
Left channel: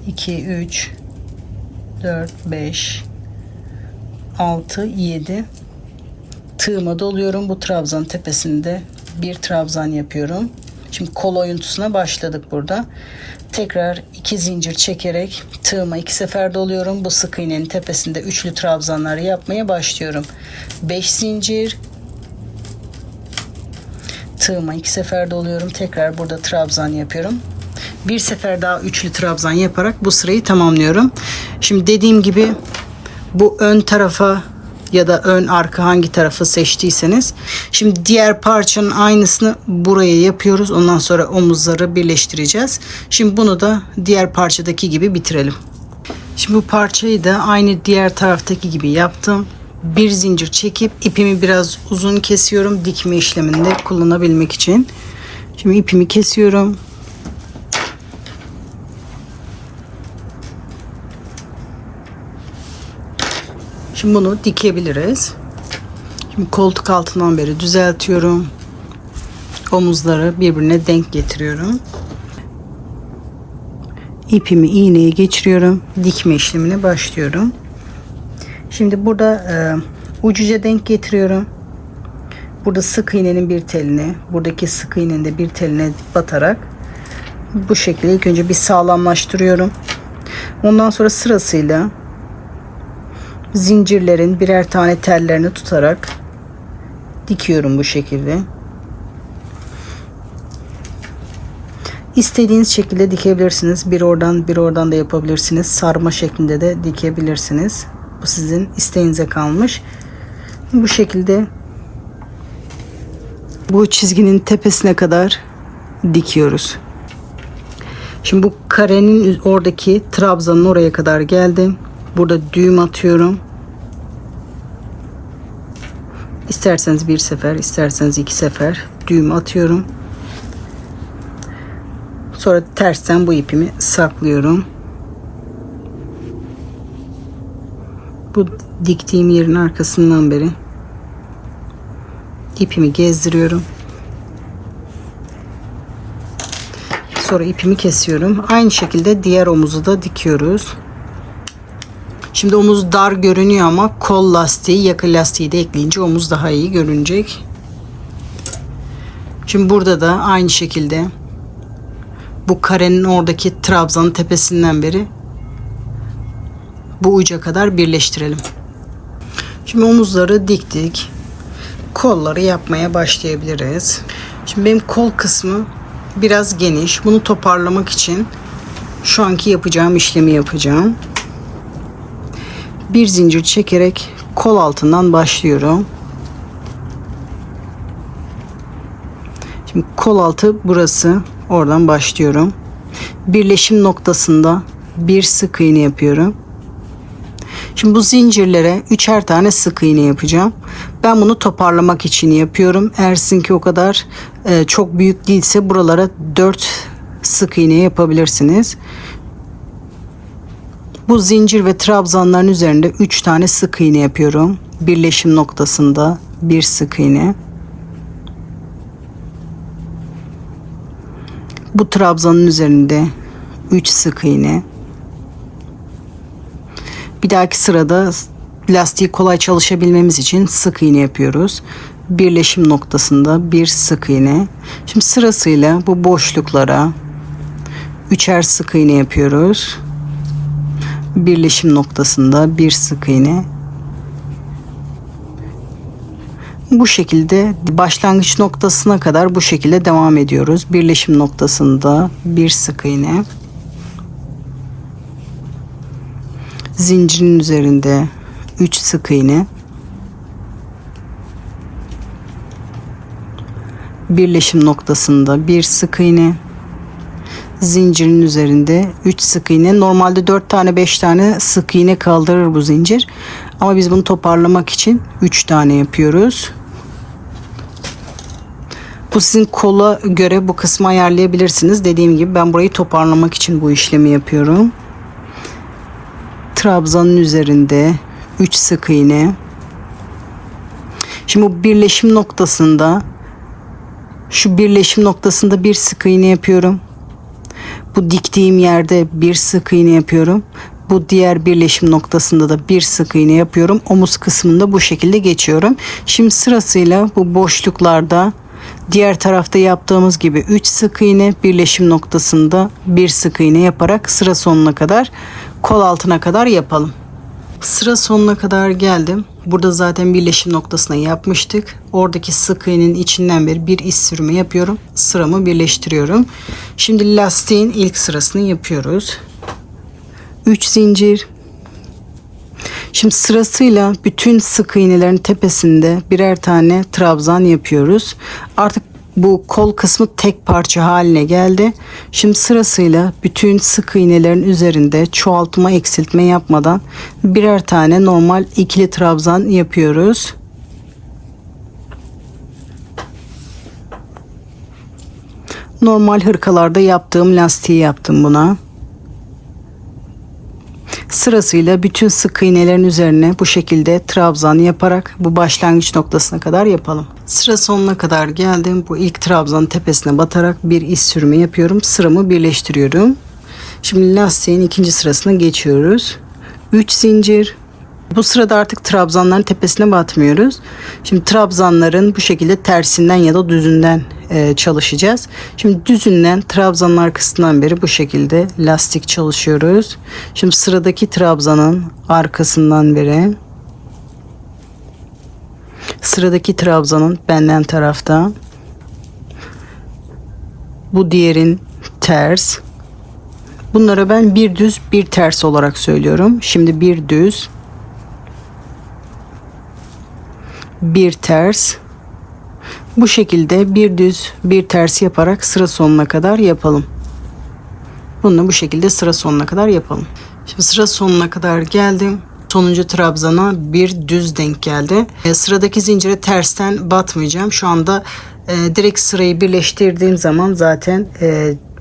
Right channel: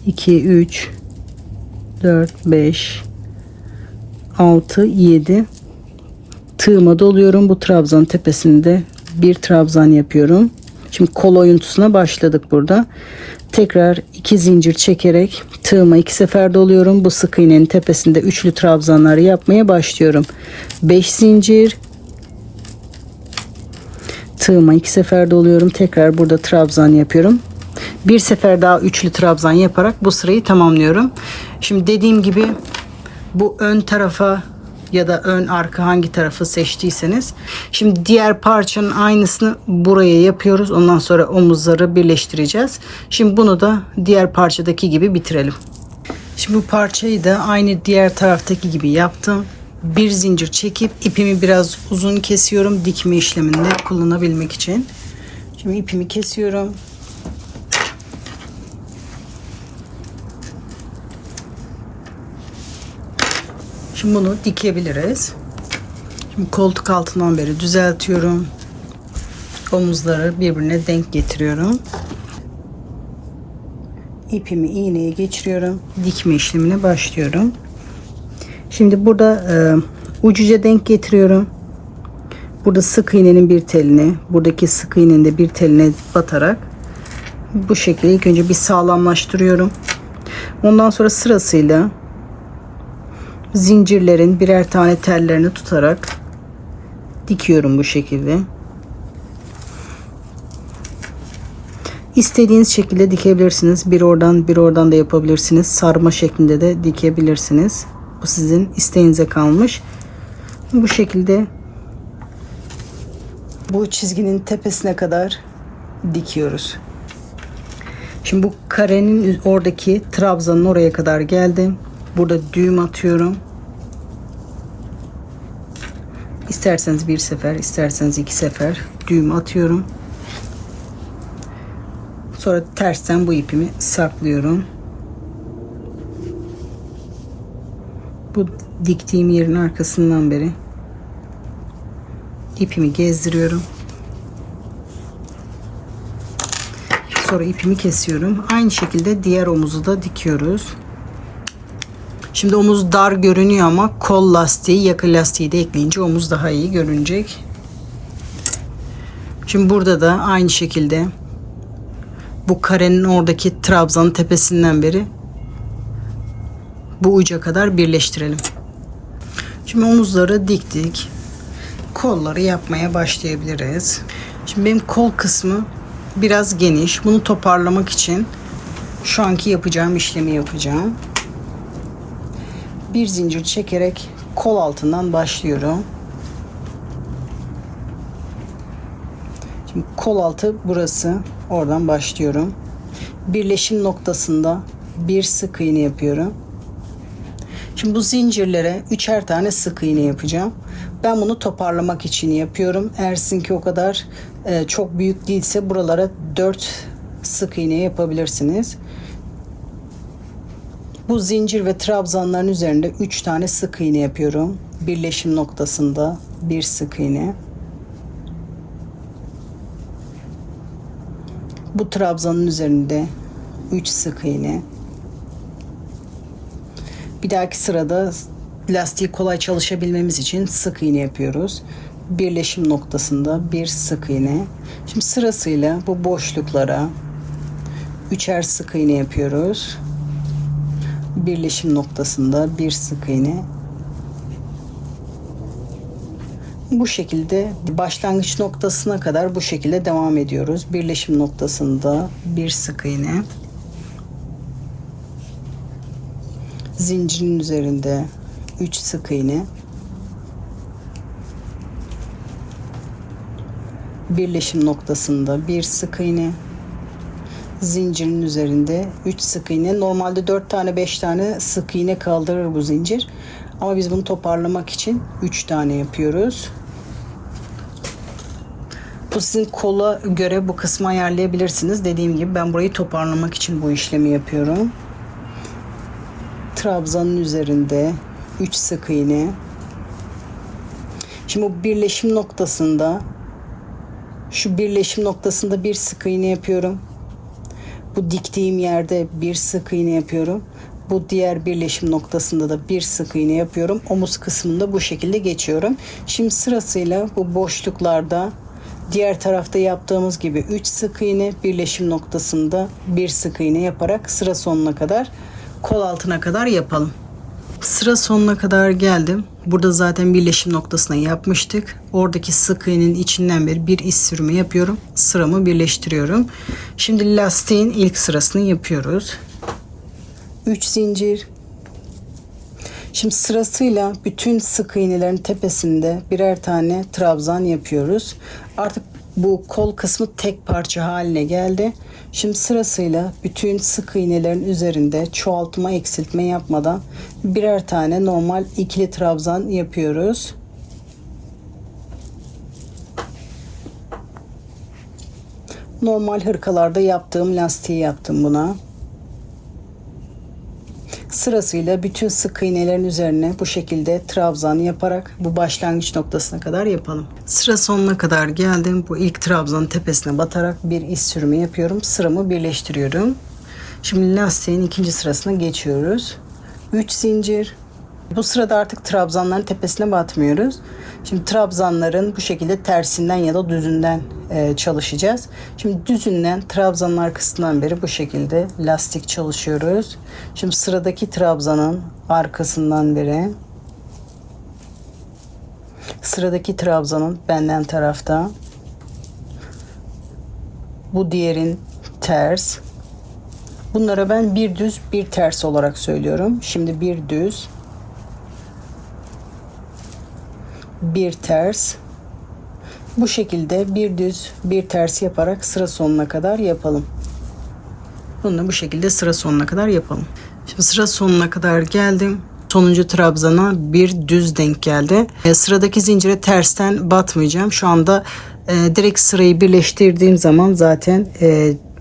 2 3 4 5 6 7. Tığıma doluyorum. Bu trabzan tepesinde bir trabzan yapıyorum. Şimdi kol oyuntusuna başladık burada. Tekrar 2 zincir çekerek tığıma 2 sefer doluyorum. Bu sık iğnenin tepesinde üçlü trabzanları yapmaya başlıyorum. 5 zincir, tığıma 2 sefer doluyorum. Tekrar burada trabzan yapıyorum. Bir sefer daha üçlü trabzan yaparak bu sırayı tamamlıyorum. Şimdi dediğim gibi bu ön tarafa ya da ön arka hangi tarafı seçtiyseniz. Şimdi diğer parçanın aynısını buraya yapıyoruz. Ondan sonra omuzları birleştireceğiz. Şimdi bunu da diğer parçadaki gibi bitirelim. Şimdi bu parçayı da aynı diğer taraftaki gibi yaptım. Bir zincir çekip ipimi biraz uzun kesiyorum. Dikme işleminde kullanabilmek için. Şimdi ipimi kesiyorum. Şimdi bunu dikebiliriz. Şimdi koltuk altından beri düzeltiyorum. Omuzları birbirine denk getiriyorum. İpimi iğneye geçiriyorum. Dikme işlemine başlıyorum. Şimdi burada ucuca denk getiriyorum. Burada sık iğnenin bir teline, buradaki sık iğnenin de bir teline batarak Bu şekilde ilk önce bir sağlamlaştırıyorum. Ondan sonra sırasıyla zincirlerin birer tane tellerini tutarak dikiyorum bu şekilde. İstediğiniz şekilde dikebilirsiniz. Bir oradan bir oradan da yapabilirsiniz. Sarma şeklinde de dikebilirsiniz. Bu sizin isteğinize kalmış. Bu şekilde bu çizginin tepesine kadar dikiyoruz. Şimdi bu karenin oradaki trabzanın oraya kadar geldim. Burada düğüm atıyorum. İsterseniz bir sefer, isterseniz iki sefer düğüm atıyorum. Sonra tersten bu ipimi saklıyorum. Bu diktiğim yerin arkasından beri ipimi gezdiriyorum. Sonra ipimi kesiyorum. Aynı şekilde diğer omuzu da dikiyoruz. Şimdi omuz dar görünüyor ama kol lastiği, yaka lastiği de ekleyince omuz daha iyi görünecek. Şimdi burada da aynı şekilde bu karenin oradaki trabzanın tepesinden beri bu uca kadar birleştirelim. Şimdi omuzları diktik. Kolları yapmaya başlayabiliriz. Şimdi benim kol kısmı biraz geniş. Bunu toparlamak için şu anki yapacağım işlemi yapacağım. Bir zincir çekerek kol altından başlıyorum. Şimdi kol altı burası. Oradan başlıyorum. Birleşim noktasında bir sık iğne yapıyorum. Şimdi bu zincirlere üçer tane sık iğne yapacağım. Ben bunu toparlamak için yapıyorum. Eğer sizinki o kadar çok büyük değilse buralara 4 sık iğne yapabilirsiniz. Bu zincir ve trabzanların üzerinde 3 tane sık iğne yapıyorum. Birleşim noktasında bir sık iğne. Bu trabzanın üzerinde 3 sık iğne. Bir dahaki sırada lastiği kolay çalışabilmemiz için sık iğne yapıyoruz. Birleşim noktasında bir sık iğne. Şimdi sırasıyla bu boşluklara üçer sık iğne yapıyoruz. Birleşim noktasında bir sık iğne. Bu şekilde başlangıç noktasına kadar bu şekilde devam ediyoruz. Birleşim noktasında bir sık iğne. Zincirin üzerinde 3 sık iğne. Birleşim noktasında bir sık iğne. Zincirin üzerinde 3 sık iğne. Normalde 4 tane 5 tane sık iğne kaldırır bu zincir. Ama biz bunu toparlamak için 3 tane yapıyoruz. Bu sizin kola göre bu kısmı ayarlayabilirsiniz. Dediğim gibi ben burayı toparlamak için bu işlemi yapıyorum. Trabzanın üzerinde 3 sık iğne. Şimdi bu birleşim noktasında şu birleşim noktasında bir sık iğne yapıyorum. Bu diktiğim yerde bir sık iğne yapıyorum. Bu diğer birleşim noktasında da bir sık iğne yapıyorum. Omuz kısmında bu şekilde geçiyorum. Şimdi sırasıyla bu boşluklarda diğer tarafta yaptığımız gibi 3 sık iğne, birleşim noktasında bir sık iğne yaparak sıra sonuna kadar, kol altına kadar yapalım. Sıra sonuna kadar geldim. Burada zaten birleşim noktasına yapmıştık. Oradaki sık iğnenin içinden beri bir iz sürme yapıyorum. Sıramı birleştiriyorum. Şimdi lastiğin ilk sırasını yapıyoruz. 3 zincir. Şimdi sırasıyla bütün sık iğnelerin tepesinde birer tane trabzan yapıyoruz. Artık bu kol kısmı tek parça haline geldi. Şimdi sırasıyla bütün sık iğnelerin üzerinde çoğaltma eksiltme yapmadan birer tane normal ikili trabzan yapıyoruz. Normal hırkalarda yaptığım lastiği yaptım buna. Sırasıyla bütün sık iğnelerin üzerine bu şekilde trabzan yaparak bu başlangıç noktasına kadar yapalım. Sıra sonuna kadar geldim. Bu ilk trabzanın tepesine batarak bir iz sürümü yapıyorum. Sıramı birleştiriyorum. Şimdi lastiğin ikinci sırasına geçiyoruz. 3 zincir. Bu sırada artık trabzanların tepesine batmıyoruz. Şimdi trabzanların bu şekilde tersinden ya da düzünden çalışacağız. Şimdi düzünden trabzanın arkasından beri bu şekilde lastik çalışıyoruz. Şimdi sıradaki trabzanın arkasından beri, sıradaki trabzanın benden tarafta, bu diğerin ters. Bunlara ben bir düz bir ters olarak söylüyorum. Şimdi bir düz bir ters, bu şekilde bir düz bir ters yaparak sıra sonuna kadar yapalım. Bunu bu şekilde sıra sonuna kadar yapalım. Şimdi sıra sonuna kadar geldim. Sonuncu trabzana bir düz denk geldi. Sıradaki zincire tersten batmayacağım. Şu anda direkt sırayı birleştirdiğim zaman zaten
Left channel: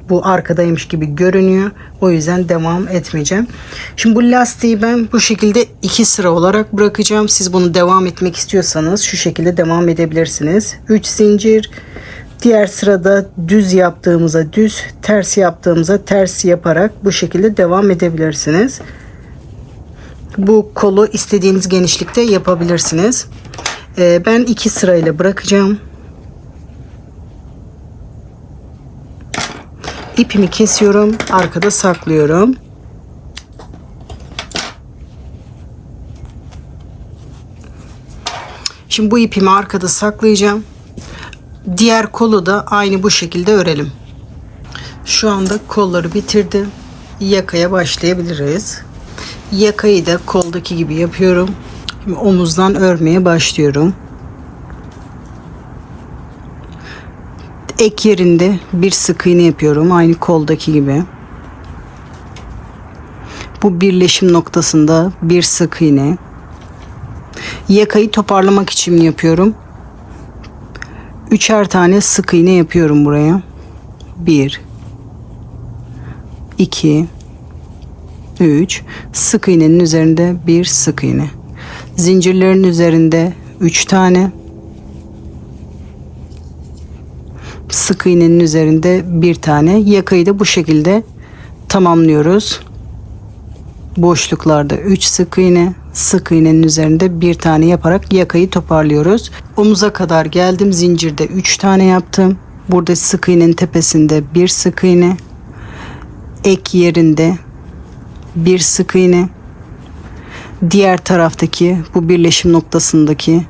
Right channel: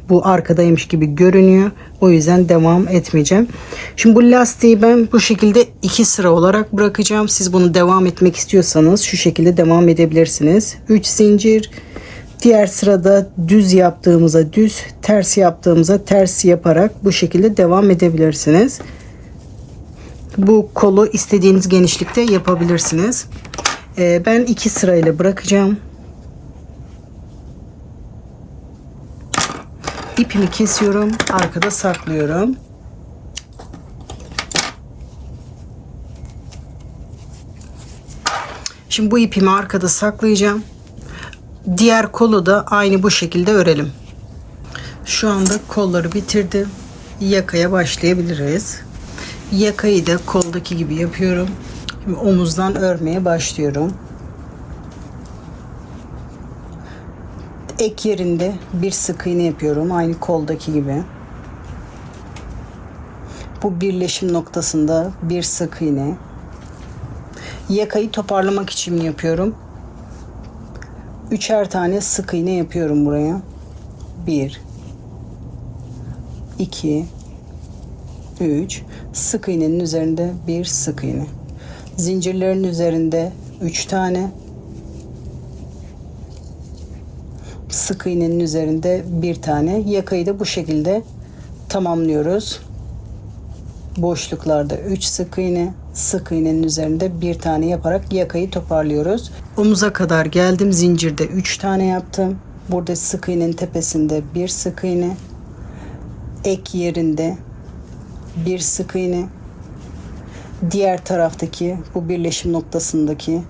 bu arkadaymış gibi görünüyor. O yüzden devam etmeyeceğim. Şimdi bu lastiği ben bu şekilde 2 sıra olarak bırakacağım. Siz bunu devam etmek istiyorsanız şu şekilde devam edebilirsiniz. 3 zincir. Diğer sırada düz yaptığımıza düz, ters yaptığımıza ters yaparak bu şekilde devam edebilirsiniz. Bu kolu istediğiniz genişlikte yapabilirsiniz. Ben 2 sırayla bırakacağım. İpimi kesiyorum, arkada saklıyorum. Şimdi bu ipimi arkada saklayacağım. Diğer kolu da aynı bu şekilde örelim. Şu anda kolları bitirdim. Yakaya başlayabiliriz. Yakayı da koldaki gibi yapıyorum. Şimdi omuzdan örmeye başlıyorum. Ek yerinde bir sık iğne yapıyorum. Aynı koldaki gibi. Bu birleşim noktasında bir sık iğne. Yakayı toparlamak için yapıyorum. 3'er tane sık iğne yapıyorum buraya. 1 2 3 sık iğnenin üzerinde bir sık iğne. Zincirlerin üzerinde 3 tane. Sık iğnenin üzerinde bir tane. Yakayı da bu şekilde tamamlıyoruz. Boşluklarda 3 sık iğne, sık iğnenin üzerinde bir tane yaparak yakayı toparlıyoruz. Omuza kadar geldim. Zincirde 3 tane yaptım. Burada sık iğnenin tepesinde bir sık iğne. Ek yerinde bir sık iğne. Diğer taraftaki bu birleşim noktasındaki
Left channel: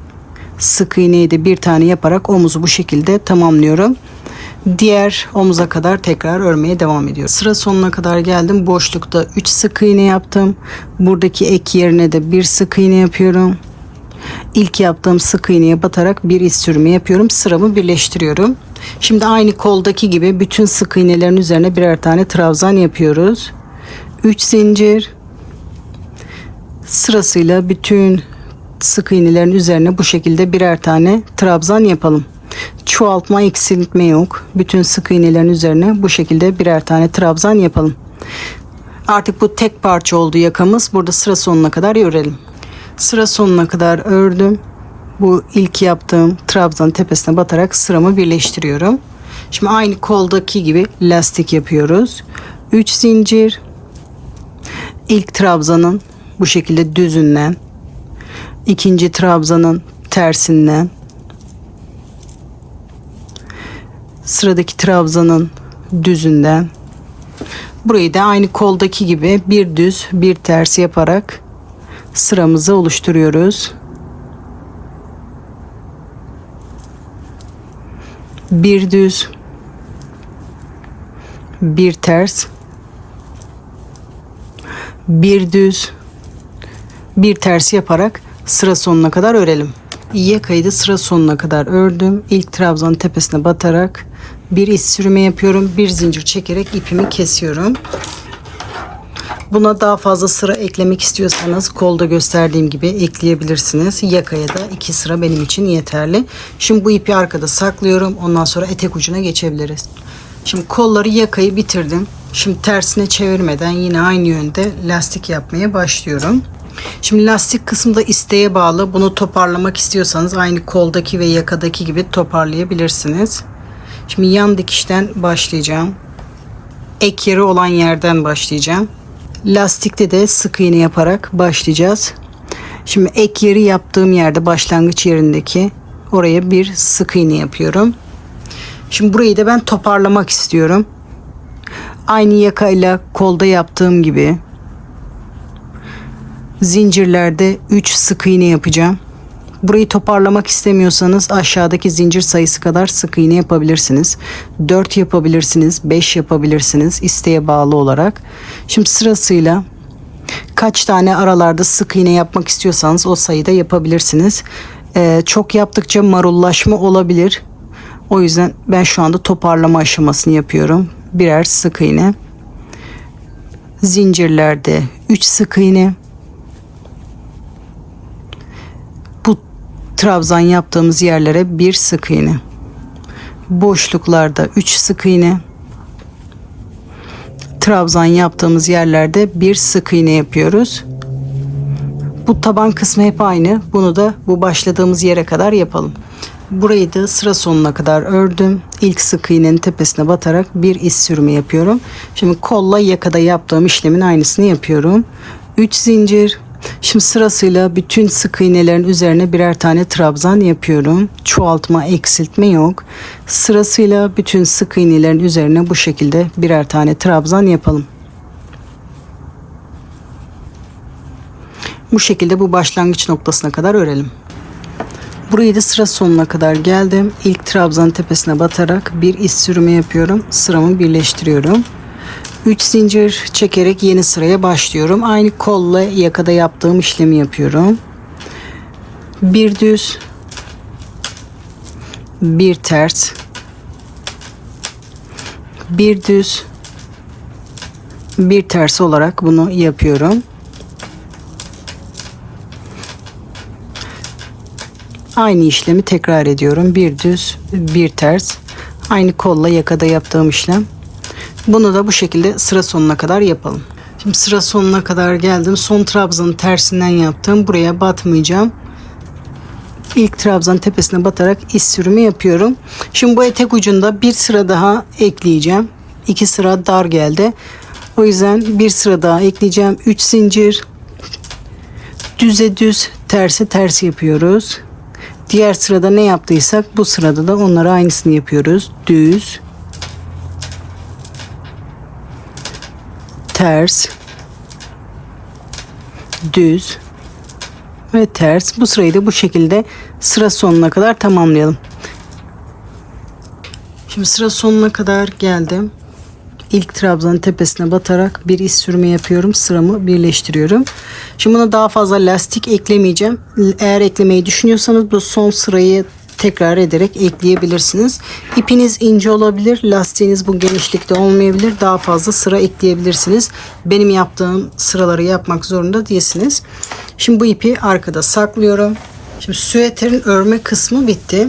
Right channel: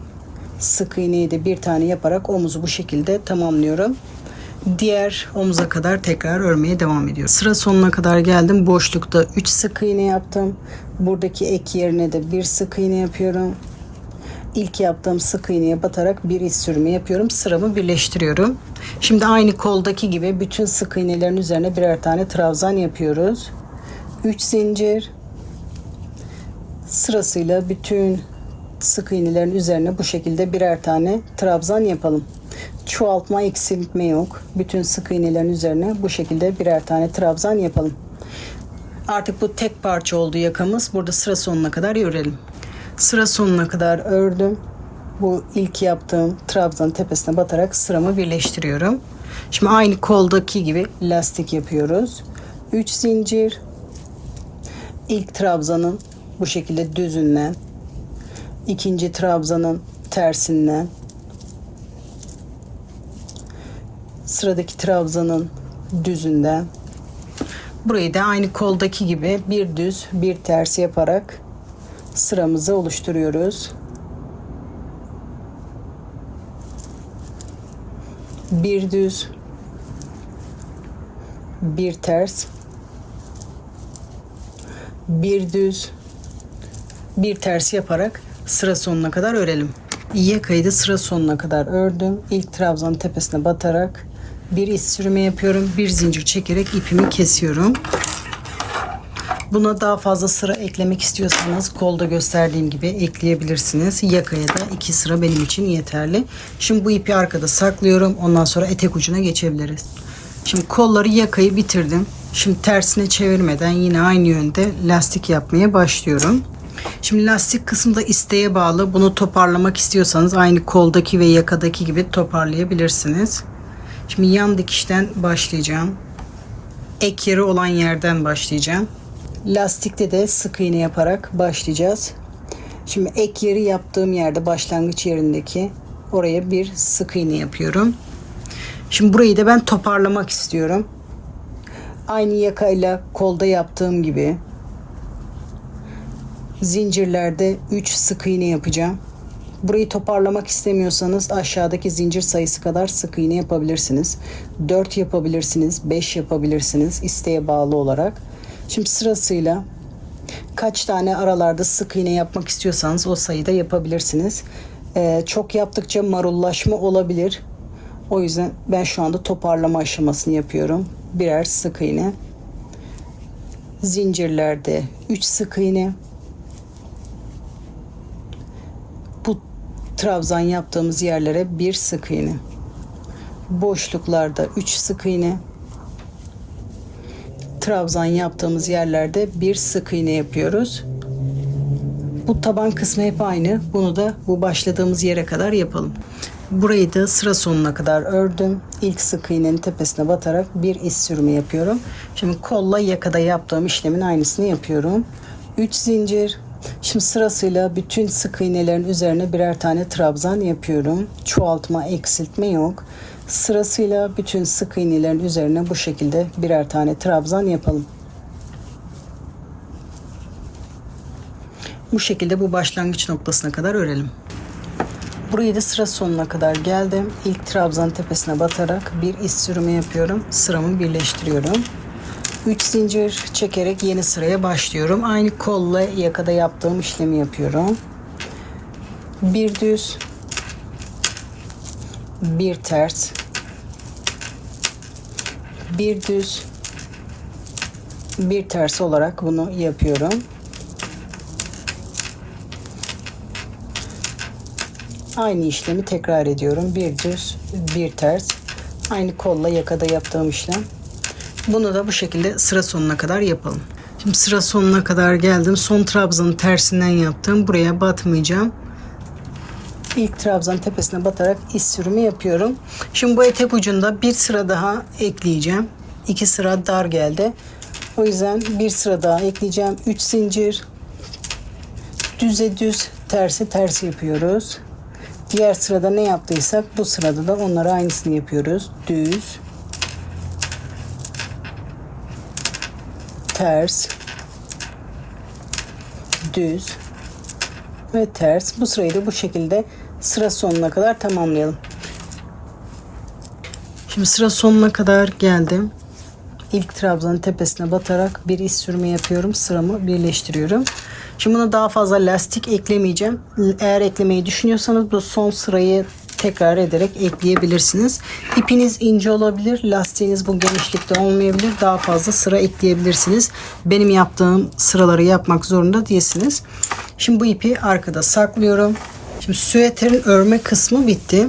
sık iğneyi de bir tane yaparak omuzu bu şekilde tamamlıyorum. Diğer omuza kadar tekrar örmeye devam ediyorum. Sıra sonuna kadar geldim. Boşlukta 3 sık iğne yaptım. Buradaki ek yerine de bir sık iğne yapıyorum. İlk yaptığım sık iğneye batarak bir iz sürümü yapıyorum. Sıramı birleştiriyorum. Şimdi aynı koldaki gibi bütün sık iğnelerin üzerine birer tane trabzan yapıyoruz. 3 zincir. Sırasıyla bütün sık iğnelerin üzerine bu şekilde birer tane trabzan yapalım. Çoğaltma, eksiltme yok. Bütün sık iğnelerin üzerine bu şekilde birer tane trabzan yapalım. Artık bu tek parça oldu yakamız. Burada sıra sonuna kadar örelim. Sıra sonuna kadar ördüm. Bu ilk yaptığım trabzanın tepesine batarak sıramı birleştiriyorum. Şimdi aynı koldaki gibi lastik yapıyoruz. 3 zincir. İlk trabzanın bu şekilde düzünden, ikinci trabzanın tersinden, sıradaki trabzanın düzünden, burayı da aynı koldaki gibi bir düz bir ters yaparak sıramızı oluşturuyoruz. Bir düz bir ters, bir düz bir ters yaparak sıra sonuna kadar örelim. Yakayı da sıra sonuna kadar ördüm. İlk trabzanın tepesine batarak bir iz sürümü yapıyorum. Bir zincir çekerek ipimi kesiyorum. Buna daha fazla sıra eklemek istiyorsanız kolda gösterdiğim gibi ekleyebilirsiniz. Yakaya da 2 sıra benim için yeterli. Şimdi bu ipi arkada saklıyorum. Ondan sonra etek ucuna geçebiliriz. Şimdi kolları yakayı bitirdim. Şimdi tersine çevirmeden yine aynı yönde lastik yapmaya başlıyorum. Şimdi lastik kısmı da isteğe bağlı. Bunu toparlamak istiyorsanız aynı koldaki ve yakadaki gibi toparlayabilirsiniz. Şimdi yan dikişten başlayacağım. Ek yeri olan yerden başlayacağım. Lastikte de sık iğne yaparak başlayacağız. Şimdi ek yeri yaptığım yerde, başlangıç yerindeki oraya bir sık iğne yapıyorum. Şimdi burayı da ben toparlamak istiyorum. Aynı yakayla kolda yaptığım gibi zincirlerde 3 sık iğne yapacağım. Burayı toparlamak istemiyorsanız aşağıdaki zincir sayısı kadar sık iğne yapabilirsiniz. 4 yapabilirsiniz, 5 yapabilirsiniz, isteğe bağlı olarak. Şimdi sırasıyla kaç tane aralarda sık iğne yapmak istiyorsanız o sayıda yapabilirsiniz. Çok yaptıkça marullaşma olabilir. O yüzden ben şu anda toparlama aşamasını yapıyorum. Birer sık iğne. Zincirlerde 3 sık iğne. Bu trabzan yaptığımız yerlere 1 sık iğne. Boşluklarda 3 sık iğne. Trabzan yaptığımız yerlerde 1 sık iğne yapıyoruz. Bu taban kısmı hep aynı. Bunu da bu başladığımız yere kadar yapalım. Burayı da sıra sonuna kadar ördüm. İlk sık iğnenin tepesine batarak bir iz sürümü yapıyorum. Şimdi kolla yakada yaptığım işlemin aynısını yapıyorum. 3 zincir. Şimdi sırasıyla bütün sık iğnelerin üzerine birer tane trabzan yapıyorum. Çoğaltma, eksiltme yok. Sırasıyla bütün sık iğnelerin üzerine bu şekilde birer tane trabzan yapalım. Bu şekilde bu başlangıç noktasına kadar örelim. Burayı da sıra sonuna kadar geldim. İlk trabzanın tepesine batarak bir iz sürümü yapıyorum. Sıramı birleştiriyorum. 3 zincir çekerek yeni sıraya başlıyorum. Aynı kolla yakada yaptığım işlemi yapıyorum. Bir düz, bir ters, bir düz, bir ters olarak bunu yapıyorum. Aynı işlemi tekrar ediyorum. Bir düz, bir ters. Aynı kolla yakada yaptığım işlem. Bunu da bu şekilde sıra sonuna kadar yapalım. Şimdi sıra sonuna kadar geldim. Son trabzanın tersinden yaptım. Buraya batmayacağım. İlk trabzanın tepesine batarak iz sürümü yapıyorum. Şimdi bu etek ucunda bir sıra daha ekleyeceğim. 2 sıra dar geldi. O yüzden bir sıra daha ekleyeceğim. 3 zincir. Düze düz, tersi ters yapıyoruz. Diğer sırada ne yaptıysak bu sırada da onlara aynısını yapıyoruz. Düz, ters, düz ve ters. Bu sırayı da bu şekilde sıra sonuna kadar tamamlayalım. Şimdi sıra sonuna kadar geldim. İlk trabzanın tepesine batarak bir iz sürümü yapıyorum. Sıramı birleştiriyorum. Şimdi buna daha fazla lastik eklemeyeceğim. Eğer eklemeyi düşünüyorsanız bu son sırayı tekrar ederek ekleyebilirsiniz. İpiniz ince olabilir. Lastiğiniz bu genişlikte olmayabilir. Daha fazla sıra ekleyebilirsiniz. Benim yaptığım sıraları yapmak zorunda değilsiniz. Şimdi bu ipi arkada saklıyorum. Şimdi süveterin örme kısmı bitti.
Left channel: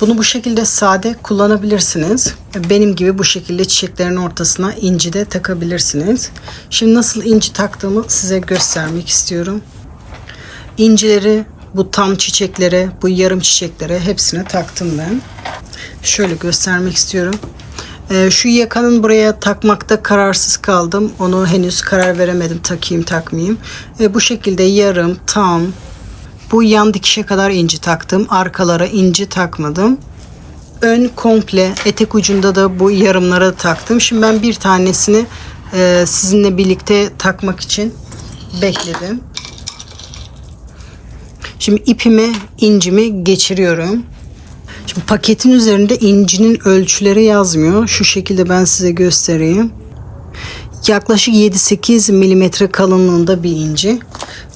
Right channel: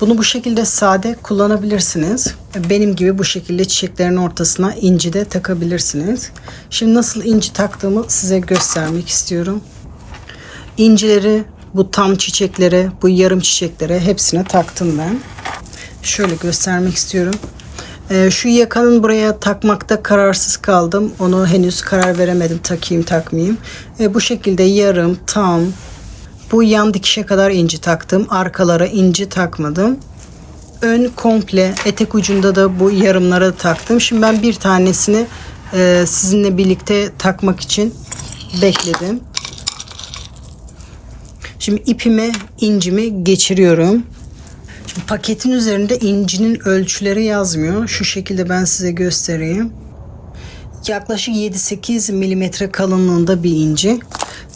Bunu bu şekilde sade kullanabilirsiniz. Benim gibi bu şekilde çiçeklerin ortasına inci de takabilirsiniz. Şimdi nasıl inci taktığımı size göstermek istiyorum. İncileri bu tam çiçeklere, bu yarım çiçeklere hepsine taktım ben. Şöyle göstermek istiyorum. Şu yakanın buraya takmakta kararsız kaldım. Onu henüz karar veremedim, takayım takmayayım. Bu şekilde yarım, tam, bu yan dikişe kadar inci taktım. Arkalara inci takmadım. Ön komple, etek ucunda da bu yarımlara taktım. Şimdi ben bir tanesini sizinle birlikte takmak için bekledim. Şimdi ipime incimi geçiriyorum. Şimdi paketin üzerinde incinin ölçüleri yazmıyor. Şu şekilde ben size göstereyim. Yaklaşık 7-8 milimetre kalınlığında bir inci.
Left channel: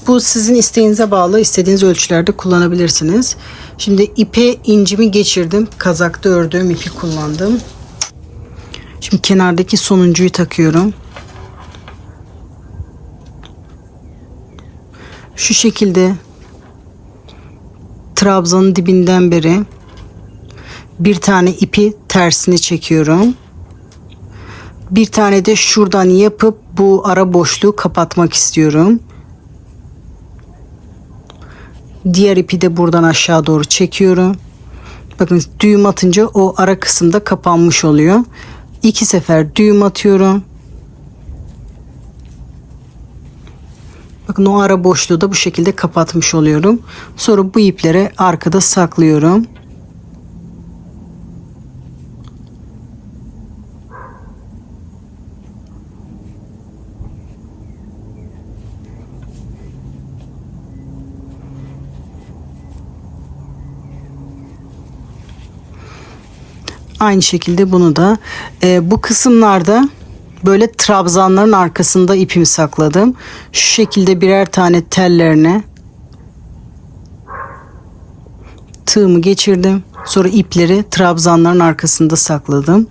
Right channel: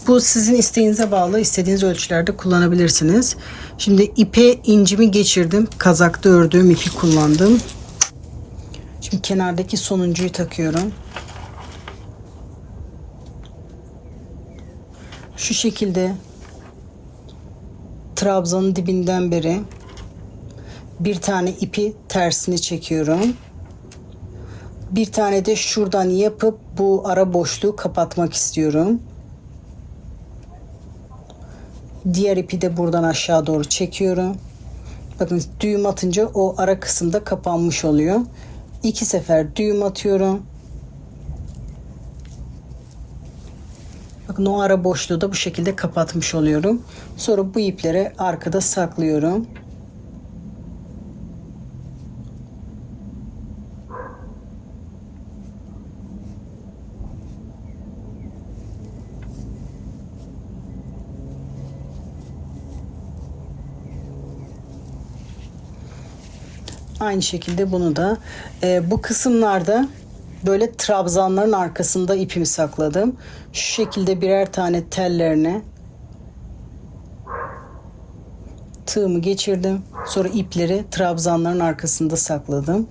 Bu sizin isteğinize bağlı. İstediğiniz ölçülerde kullanabilirsiniz. Şimdi ipe incimi geçirdim. Kazakta ördüğüm ipi kullandım. Şimdi kenardaki sonuncuyu takıyorum. Şu şekilde trabzanın dibinden beri bir tane ipi tersini çekiyorum. Bir tane de şuradan yapıp bu ara boşluğu kapatmak istiyorum. Diğer ipi de buradan aşağı doğru çekiyorum. Bakın düğüm atınca o ara kısımda kapanmış oluyor. 2 sefer düğüm atıyorum. Bakın o ara boşluğu da bu şekilde kapatmış oluyorum. Sonra bu ipleri arkada saklıyorum. Aynı şekilde bunu da bu kısımlarda böyle trabzanların arkasında ipimi sakladım. Şu şekilde birer tane tellerine tığımı geçirdim. Sonra ipleri trabzanların arkasında sakladım.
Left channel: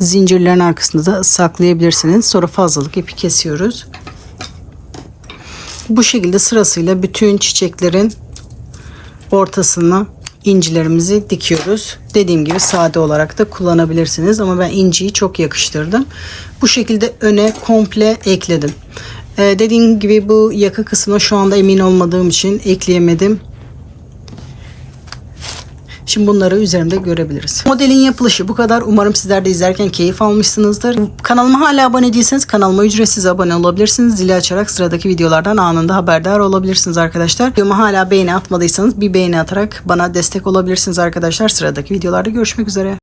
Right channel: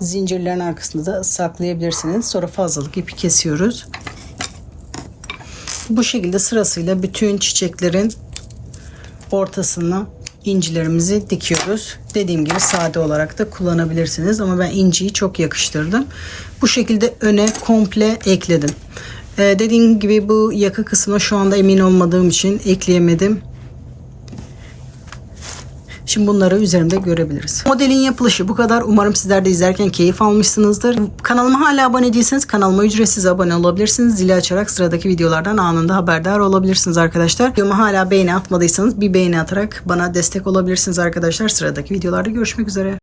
Zincirlerin arkasında da saklayabilirsiniz. Sonra fazlalık ipi kesiyoruz. Bu şekilde sırasıyla bütün çiçeklerin ortasına incilerimizi dikiyoruz. Dediğim gibi sade olarak da kullanabilirsiniz ama ben inciyi çok yakıştırdım. Bu şekilde öne komple ekledim. Dediğim gibi bu yaka kısmına şu anda emin olmadığım için ekleyemedim. Şimdi bunları üzerimde görebiliriz. Modelin yapılışı bu kadar. Umarım sizler de izlerken keyif almışsınızdır. Kanalıma hala abone değilseniz kanalıma ücretsiz abone olabilirsiniz. Zili açarak sıradaki videolardan anında haberdar olabilirsiniz arkadaşlar. Videoma hala beğeni atmadıysanız bir beğeni atarak bana destek olabilirsiniz arkadaşlar. Sıradaki videolarda görüşmek üzere.